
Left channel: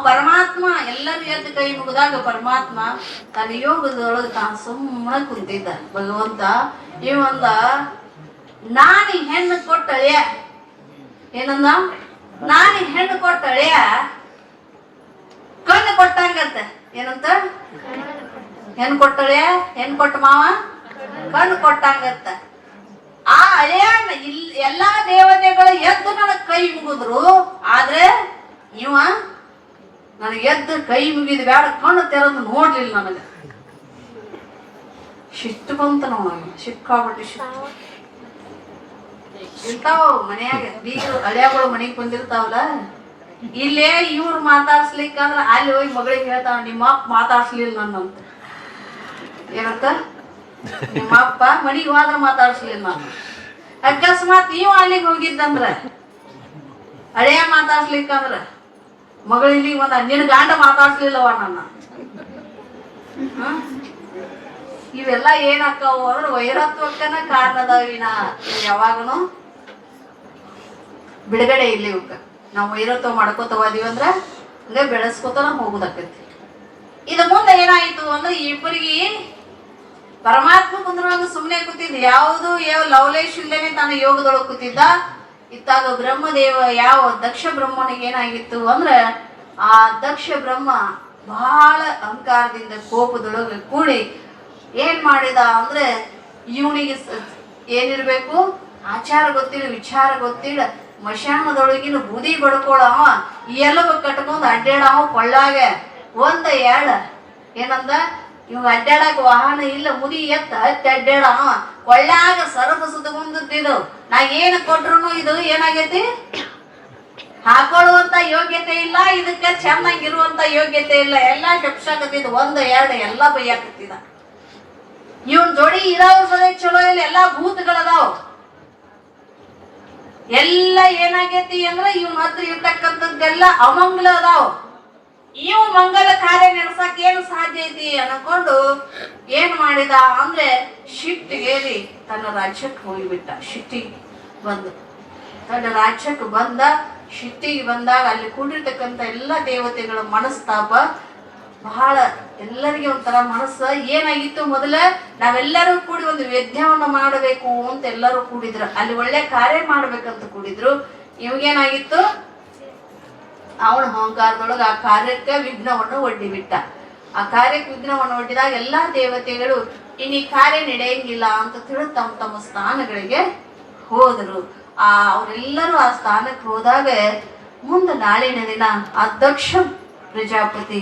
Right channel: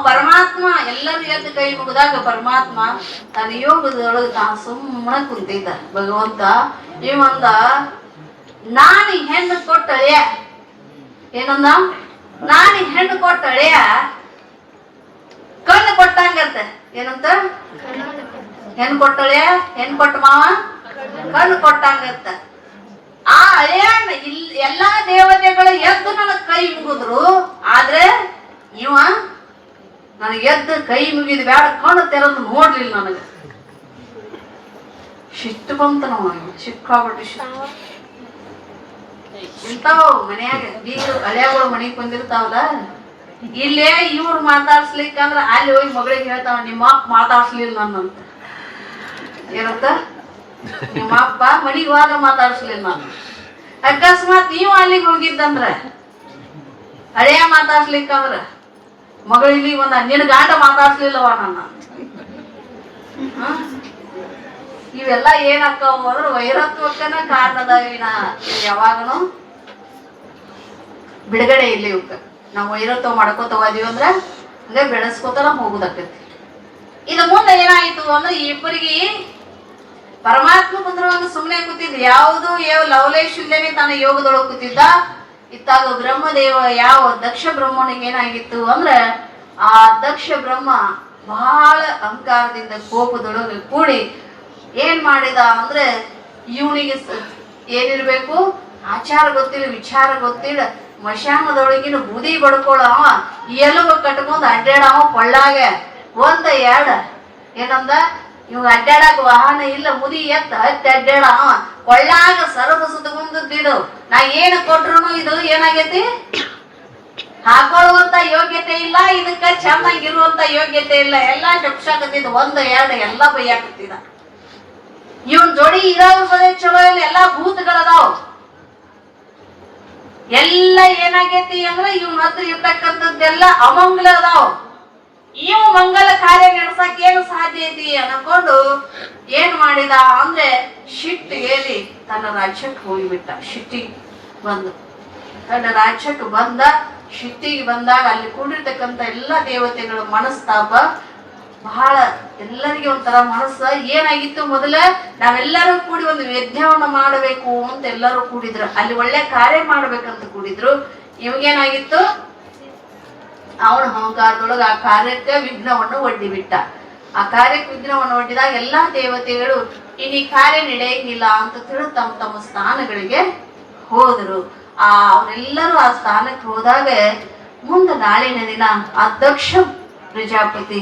ಪರಮಾತ್ಮ ಎಲ್ಲರೂ ಎದ್ದು ಕೈ ಮುಗಿದಾಗ ಪರಮಾತ್ಮ ತನ್ನ ಯೋಗದೊಳಗೆ ತಾನು ಸುಮ್ಮನೆ ಕುಂತಿದ್ದ. ಭಗವಂತ ಇವಂದ ನಾನು ಹೆಣ್ಣು ಕೊಟ್ಟಳೆಯ ಏನಂದ, ನಾನು ಹೆಣ್ಣು ಕೊಟ್ಟಳೆಯ ಕಣ್ಣು ಕೊಟ್ಟಂಗಂತ. ಏನಂತ? ಹೆಣ್ಣು ಕೊಟ್ಟಳೆ, ಹೆಣ್ಣು ಕೊಟ್ಟ ಮಾವ ಕಣ್ಣು ಕೊಟ್ಟಂಗಂತ. ಆ ಅಳಿಯಣ್ಣ ಎಲ್ಲಾ ದೇವತೆಗಳು ಎದ್ದು ನನಗ್ ಕೈ ಮುಗಿದ್ರು. ಆದ್ರೆ ಇವ ನನಗೆ ಎದ್ದು ಕೈ ಮುಗಿದ ಬೇಡ, ಕಣ್ಣು ತೆರೆದು ನೋಡ್ಲಿಲ್ಲ. ನನಗೆ ಶಿಟ್ಟು ಬಂತ. ನಾವು ಸಿಕ್ಕಾಬಿಟ್ಟು ಶಿಟ್ಟು ಇಂತಾವ ಮನ್ಯಾಗ ಬೀಗರು ಹಳ್ಯಾಗಳು ಮನೆಗೆ ಬಂದಿರ್ತಾವಲ್ಲ, ಇಲ್ಲೇ ಇವ್ರು ಮಾತಾಡ್ಸ್ಲಿಕ್ಕಂದ್ರ ಅಲ್ಲಿ ಹೋಗಿ ಮಗಳಿಗೆ ಹೇಳ್ತಾವ, ನಿಮ್ಮ ಅಪ್ಪ ಮಾತಾಡ್ಸ್ಲಿಲ್ಲ ನನ್ನಂತ. ಏನಂತ? ನಿಮ್ಮ ಅಪ್ಪ ಮನಿಗೆ ಹೋದ ಮಾತಾಡ್ಸ್ಲಿಲ್ಲ ನಾನು. ಅಕಸ್ಮಾತ್ ನೀವು ಅಲ್ಲಿಗೆ ಹೋಗಿದ್ದಂದ್ರ ಹಳೆಯ ಮಾತಾಡ್ಸ್ಲಿಕ್ಕಂದ್ರ ಮಗಳಲ್ಲಿ ನಿನ್ನ ಗಾಂಡ ಮಾತಾಡ್ಸ್ಲಿಲ್ಲವ ನನ್ನ. ಇವೆಲ್ಲ ಏನಾಕ್ಕವ ಅಂದ್ರೆ ವೈರತ್ವಕ್ಕನ ಕಾರಣದಾಗಿನ ಯಾವಾಗನು ಬಿಡುಗಡೆ ಇಲ್ಲಿ ಇವಕ್ಕ. ನಾವು ವೈರತ್ವ ಮಾಡ್ಕೋತ ಹೋದಿವಿ ಅಂದ್ರ ಹಂಗ ಬೆಳೆಸ್ಕೋತಾನ ಹೋಗುದಾಕತಿ. ಇದು ಮುಂದೆ ಏನಾಯ್ತು ಅಂದ್ರೆ ಇಬ್ಬರಿಗೆ ಪರಮಾತ್ಮ ಮುಂದ್ರವಾಗ ಸುಮ್ಮನೆ ಕೂತಿದ್ದ. ಯಾವುದು ಲವಲೇಶ್ ಇಲ್ಲೇನೆ ತನ್ನ ಯೋಗದೊಳಗೆ ಕೂತಿದ್ದ. ಇತ್ತಾಗ ಬ್ರಹ್ಮದೇವ ದಕ್ಷ ಬ್ರಹ್ಮನಿಗೆ ಏನಾಗಿತ್ತು ಅಂದ್ರೆ ಆ ದಕ್ಷ ಬ್ರಹ್ಮ ಬಹಳ ಅಹಂಕಾರದಿಂದ ಕೋಪದೊಳಗೆ ಕೂಡಿ ಏನ್ ಮಾಡಿದ ಅಂದ್ರೆ ಇವನಿಗೆ ಏನಿರ್ಬೇಕು, ಆಚಾರ ಗೊತ್ತಿಲ್ಲ, ವಿಚಾರ ಗೊತ್ತಿಲ್ಲ, ಮಶಾನದೊಳಗಿನ ಬುದಿ ಬಡ್ಕೊಳವ, ಎಲುಬ ಕಟ್ಕೊಂಡ್ ಅಡ್ಡಾಡವ ಕೊಳ್ಳಾಗ ಒಂದ ಎರಡ. ಏನಂದ? ಇವ್ ಅಡ್ಡಾಡಕ್ ವಾಹನ ಇಲ್ಲ, ಮುದಿ ಎತ್ತ ಹತ್ತಿ ಅಡ್ಡಾಡವ ಕೊಳ್ಳಾಗ ಸರಬ ಸುತ್ತಗೊಂಡಿದ್ದು. ನಾ ಏನ್ ಕೊಟ್ರು ಇದು ಏನಾಗೈತಿ, ಹಾಕೊಳ್ಳುವಂತ ಯೋಗ್ಯತೆ ಇಲ್ಲ, ಇದಕ್ಕ ಚೆನ್ನಾಗಿರುವಂತ ಯೋಗ್ಯತೆ ಇಲ್ಲ. ಎಲ್ಲಾ ಜಪ್ಸಾಕತ್ತಿದ್ ಒಂದ ಎರಡು ಎಲ್ಲಾ ಬೈಯಾಕತ್ತಿದ. ಇವನ್ ಜೋಡಿ ಇರೋರು ಸದೇ ಚಲೋ ಇಲ್ಲ, ಎಲ್ಲಾ ಭೂತಗಳದಾವ್. ಎಲ್ಲ ಏನಾಗೈತಿ ಅಂದ್ರೆ ಇವನ್ ಹತ್ರ ಇರ್ತಕ್ಕಂಥದ್ದೆಲ್ಲ ಅಮಂಗಲ ಅದಾವ್. ಇವು ಮಂಗಲ ಕಾರ್ಯ ನಡೆಸಕ್ ಏನು ಸಾಧ್ಯ ಐತಿ ಅನ್ಕೊಂಡು ಏನ್ ಮಾಡಿದ ಅಂದ್ರೆ ಶಿಟ್ಟಿಗೇರಿ ತನ್ನ ರಾಜ್ಯಕ್ಕೆ ಹೋಗಿಬಿಟ್ಟ. ಶಿಟ್ಟಿಗೆ ಬಂದು ತನ್ನ ರಾಜ್ಯಕ್ಕೆ ಬಂದ. ಶಿಟ್ಟಿಗೆ ಬಂದಾಗ ಅಲ್ಲಿ ಕೂಡಿರ್ತಕ್ಕಂಥ ಎಲ್ಲಾ ದೇವತೆಗಳ ಮನಸ್ತಾಪ ಬಹಳ, ಎಲ್ಲರಿಗೆ ಒಂಥರ ಮನಸ್ಸ ಏನಾಗಿತ್ತು. ಮೊದಲ ನಾವೆಲ್ಲರೂ ಕೂಡಿ ಒಂದು ಯಜ್ಞವನ್ನ ಮಾಡಬೇಕು ಅಂತ ಎಲ್ಲರೂ ಕೂಡಿದ್ರು. ಅಲ್ಲಿ ಒಳ್ಳೆ ಕಾರ್ಯ ಮಾಡ್ಬೇಕಂತ ಕೂಡಿದ್ರು. ಇವಾಗೇನಾಗಿತ್ತು, ಅವನ ಅಹಂಕಾರದೊಳಗ ಆ ಕಾರ್ಯಕ್ಕೆ ವಿಘ್ನವನ್ನು ಒಡ್ಡಿಬಿಟ್ಟ. ಆ ಕಾರ್ಯಕ್ಕೆ ವಿಘ್ನವನ್ನು ಒಡ್ಡಿದಾಗ ಎಲ್ಲಾ ದೇವತೆಗಳು ಇನ್ನು ಈ ಕಾರ್ಯ ನಡೆಯಂಗಿಲ್ಲ ಅಂತ ತಿಳಿ ತಮ್ಮ ತಮ್ಮ ಸ್ಥಾನಗಳಿಗೆ ಹೋದರು. ಅವರೆಲ್ಲರೂ ಆ ಸ್ಥಾನಕ್ಕೆ ಹೋದಾಗ ಮುಂದೆ ನಾಳಿನ ದಿನ ಆ ದಕ್ಷ ಪ್ರಜಾಪತಿ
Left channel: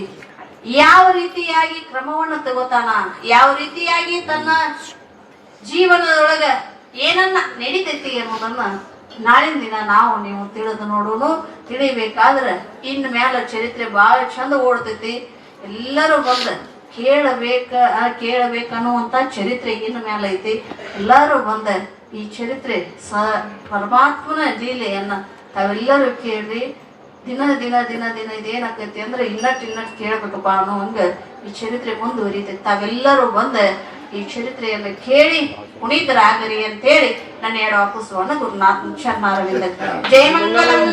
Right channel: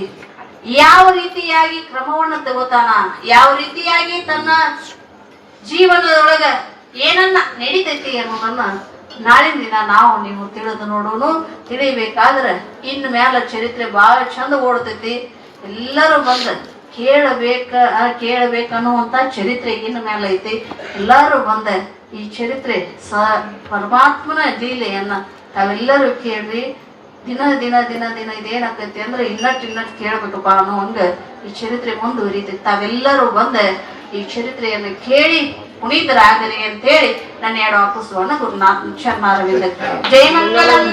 ಯಾವ ರೀತಿಯಾಗಿ ಕ್ರಮವನ್ನು ತಗೋತಾನ, ಯಾವ ರೀತಿಯಾಗಿ ತನ್ನ ಜೀವನದೊಳಗ ಏನನ್ನ ನಡೀತೈತಿ ಅನ್ನೋದನ್ನ ನಾಳಿನ ದಿನ ನಾವು ನೀವು ತಿಳಿದು ನೋಡೋನು. ತಿಳಿಬೇಕಾದ್ರೆ ಇನ್ ಮ್ಯಾಲ ಚರಿತ್ರೆ ಬಹಳ ಚಂದ ಓಡ್ತೈತಿ. ಎಲ್ಲರೂ ಬಂದ ಕೇಳಬೇಕನ್ನುವಂತ ಚರಿತ್ರೆ ಇನ್ ಮ್ಯಾಲ ಐತಿ. ಎಲ್ಲರೂ ಬಂದ ಈ ಚರಿತ್ರೆ ಪರಮಾತ್ಮನ ಲೀಲೆಯನ್ನ ತಾವೆಲ್ಲರೂ ಕೇಳ್ರಿ. ದಿನ ದಿನ ದಿನ ದಿನ ಇದೇನಾಕೈತಿ ಅಂದ್ರೆ ಇನ್ನಟ್ ಕೇಳ್ಬೇಕಪ್ಪ ಅನ್ನೋ ಹಂಗ ಈ ಚರಿತ್ರೆ ಮುಂದುವರಿತೈತಿ. ತಾವೆಲ್ಲರೂ ಬಂದ ಈ ಚರಿತ್ರೆಯನ್ನು ಕೇಳಿ ಪುನೀತರಾಗರಿ ಅಂತೇಳಿ ನನ್ನ ಎರಡು ವಾಪಸ್ಸು ಗುರುನಾಥ ಶರಣಾರವಿಂದ. ಜಯ ಮಂಗಲಂ.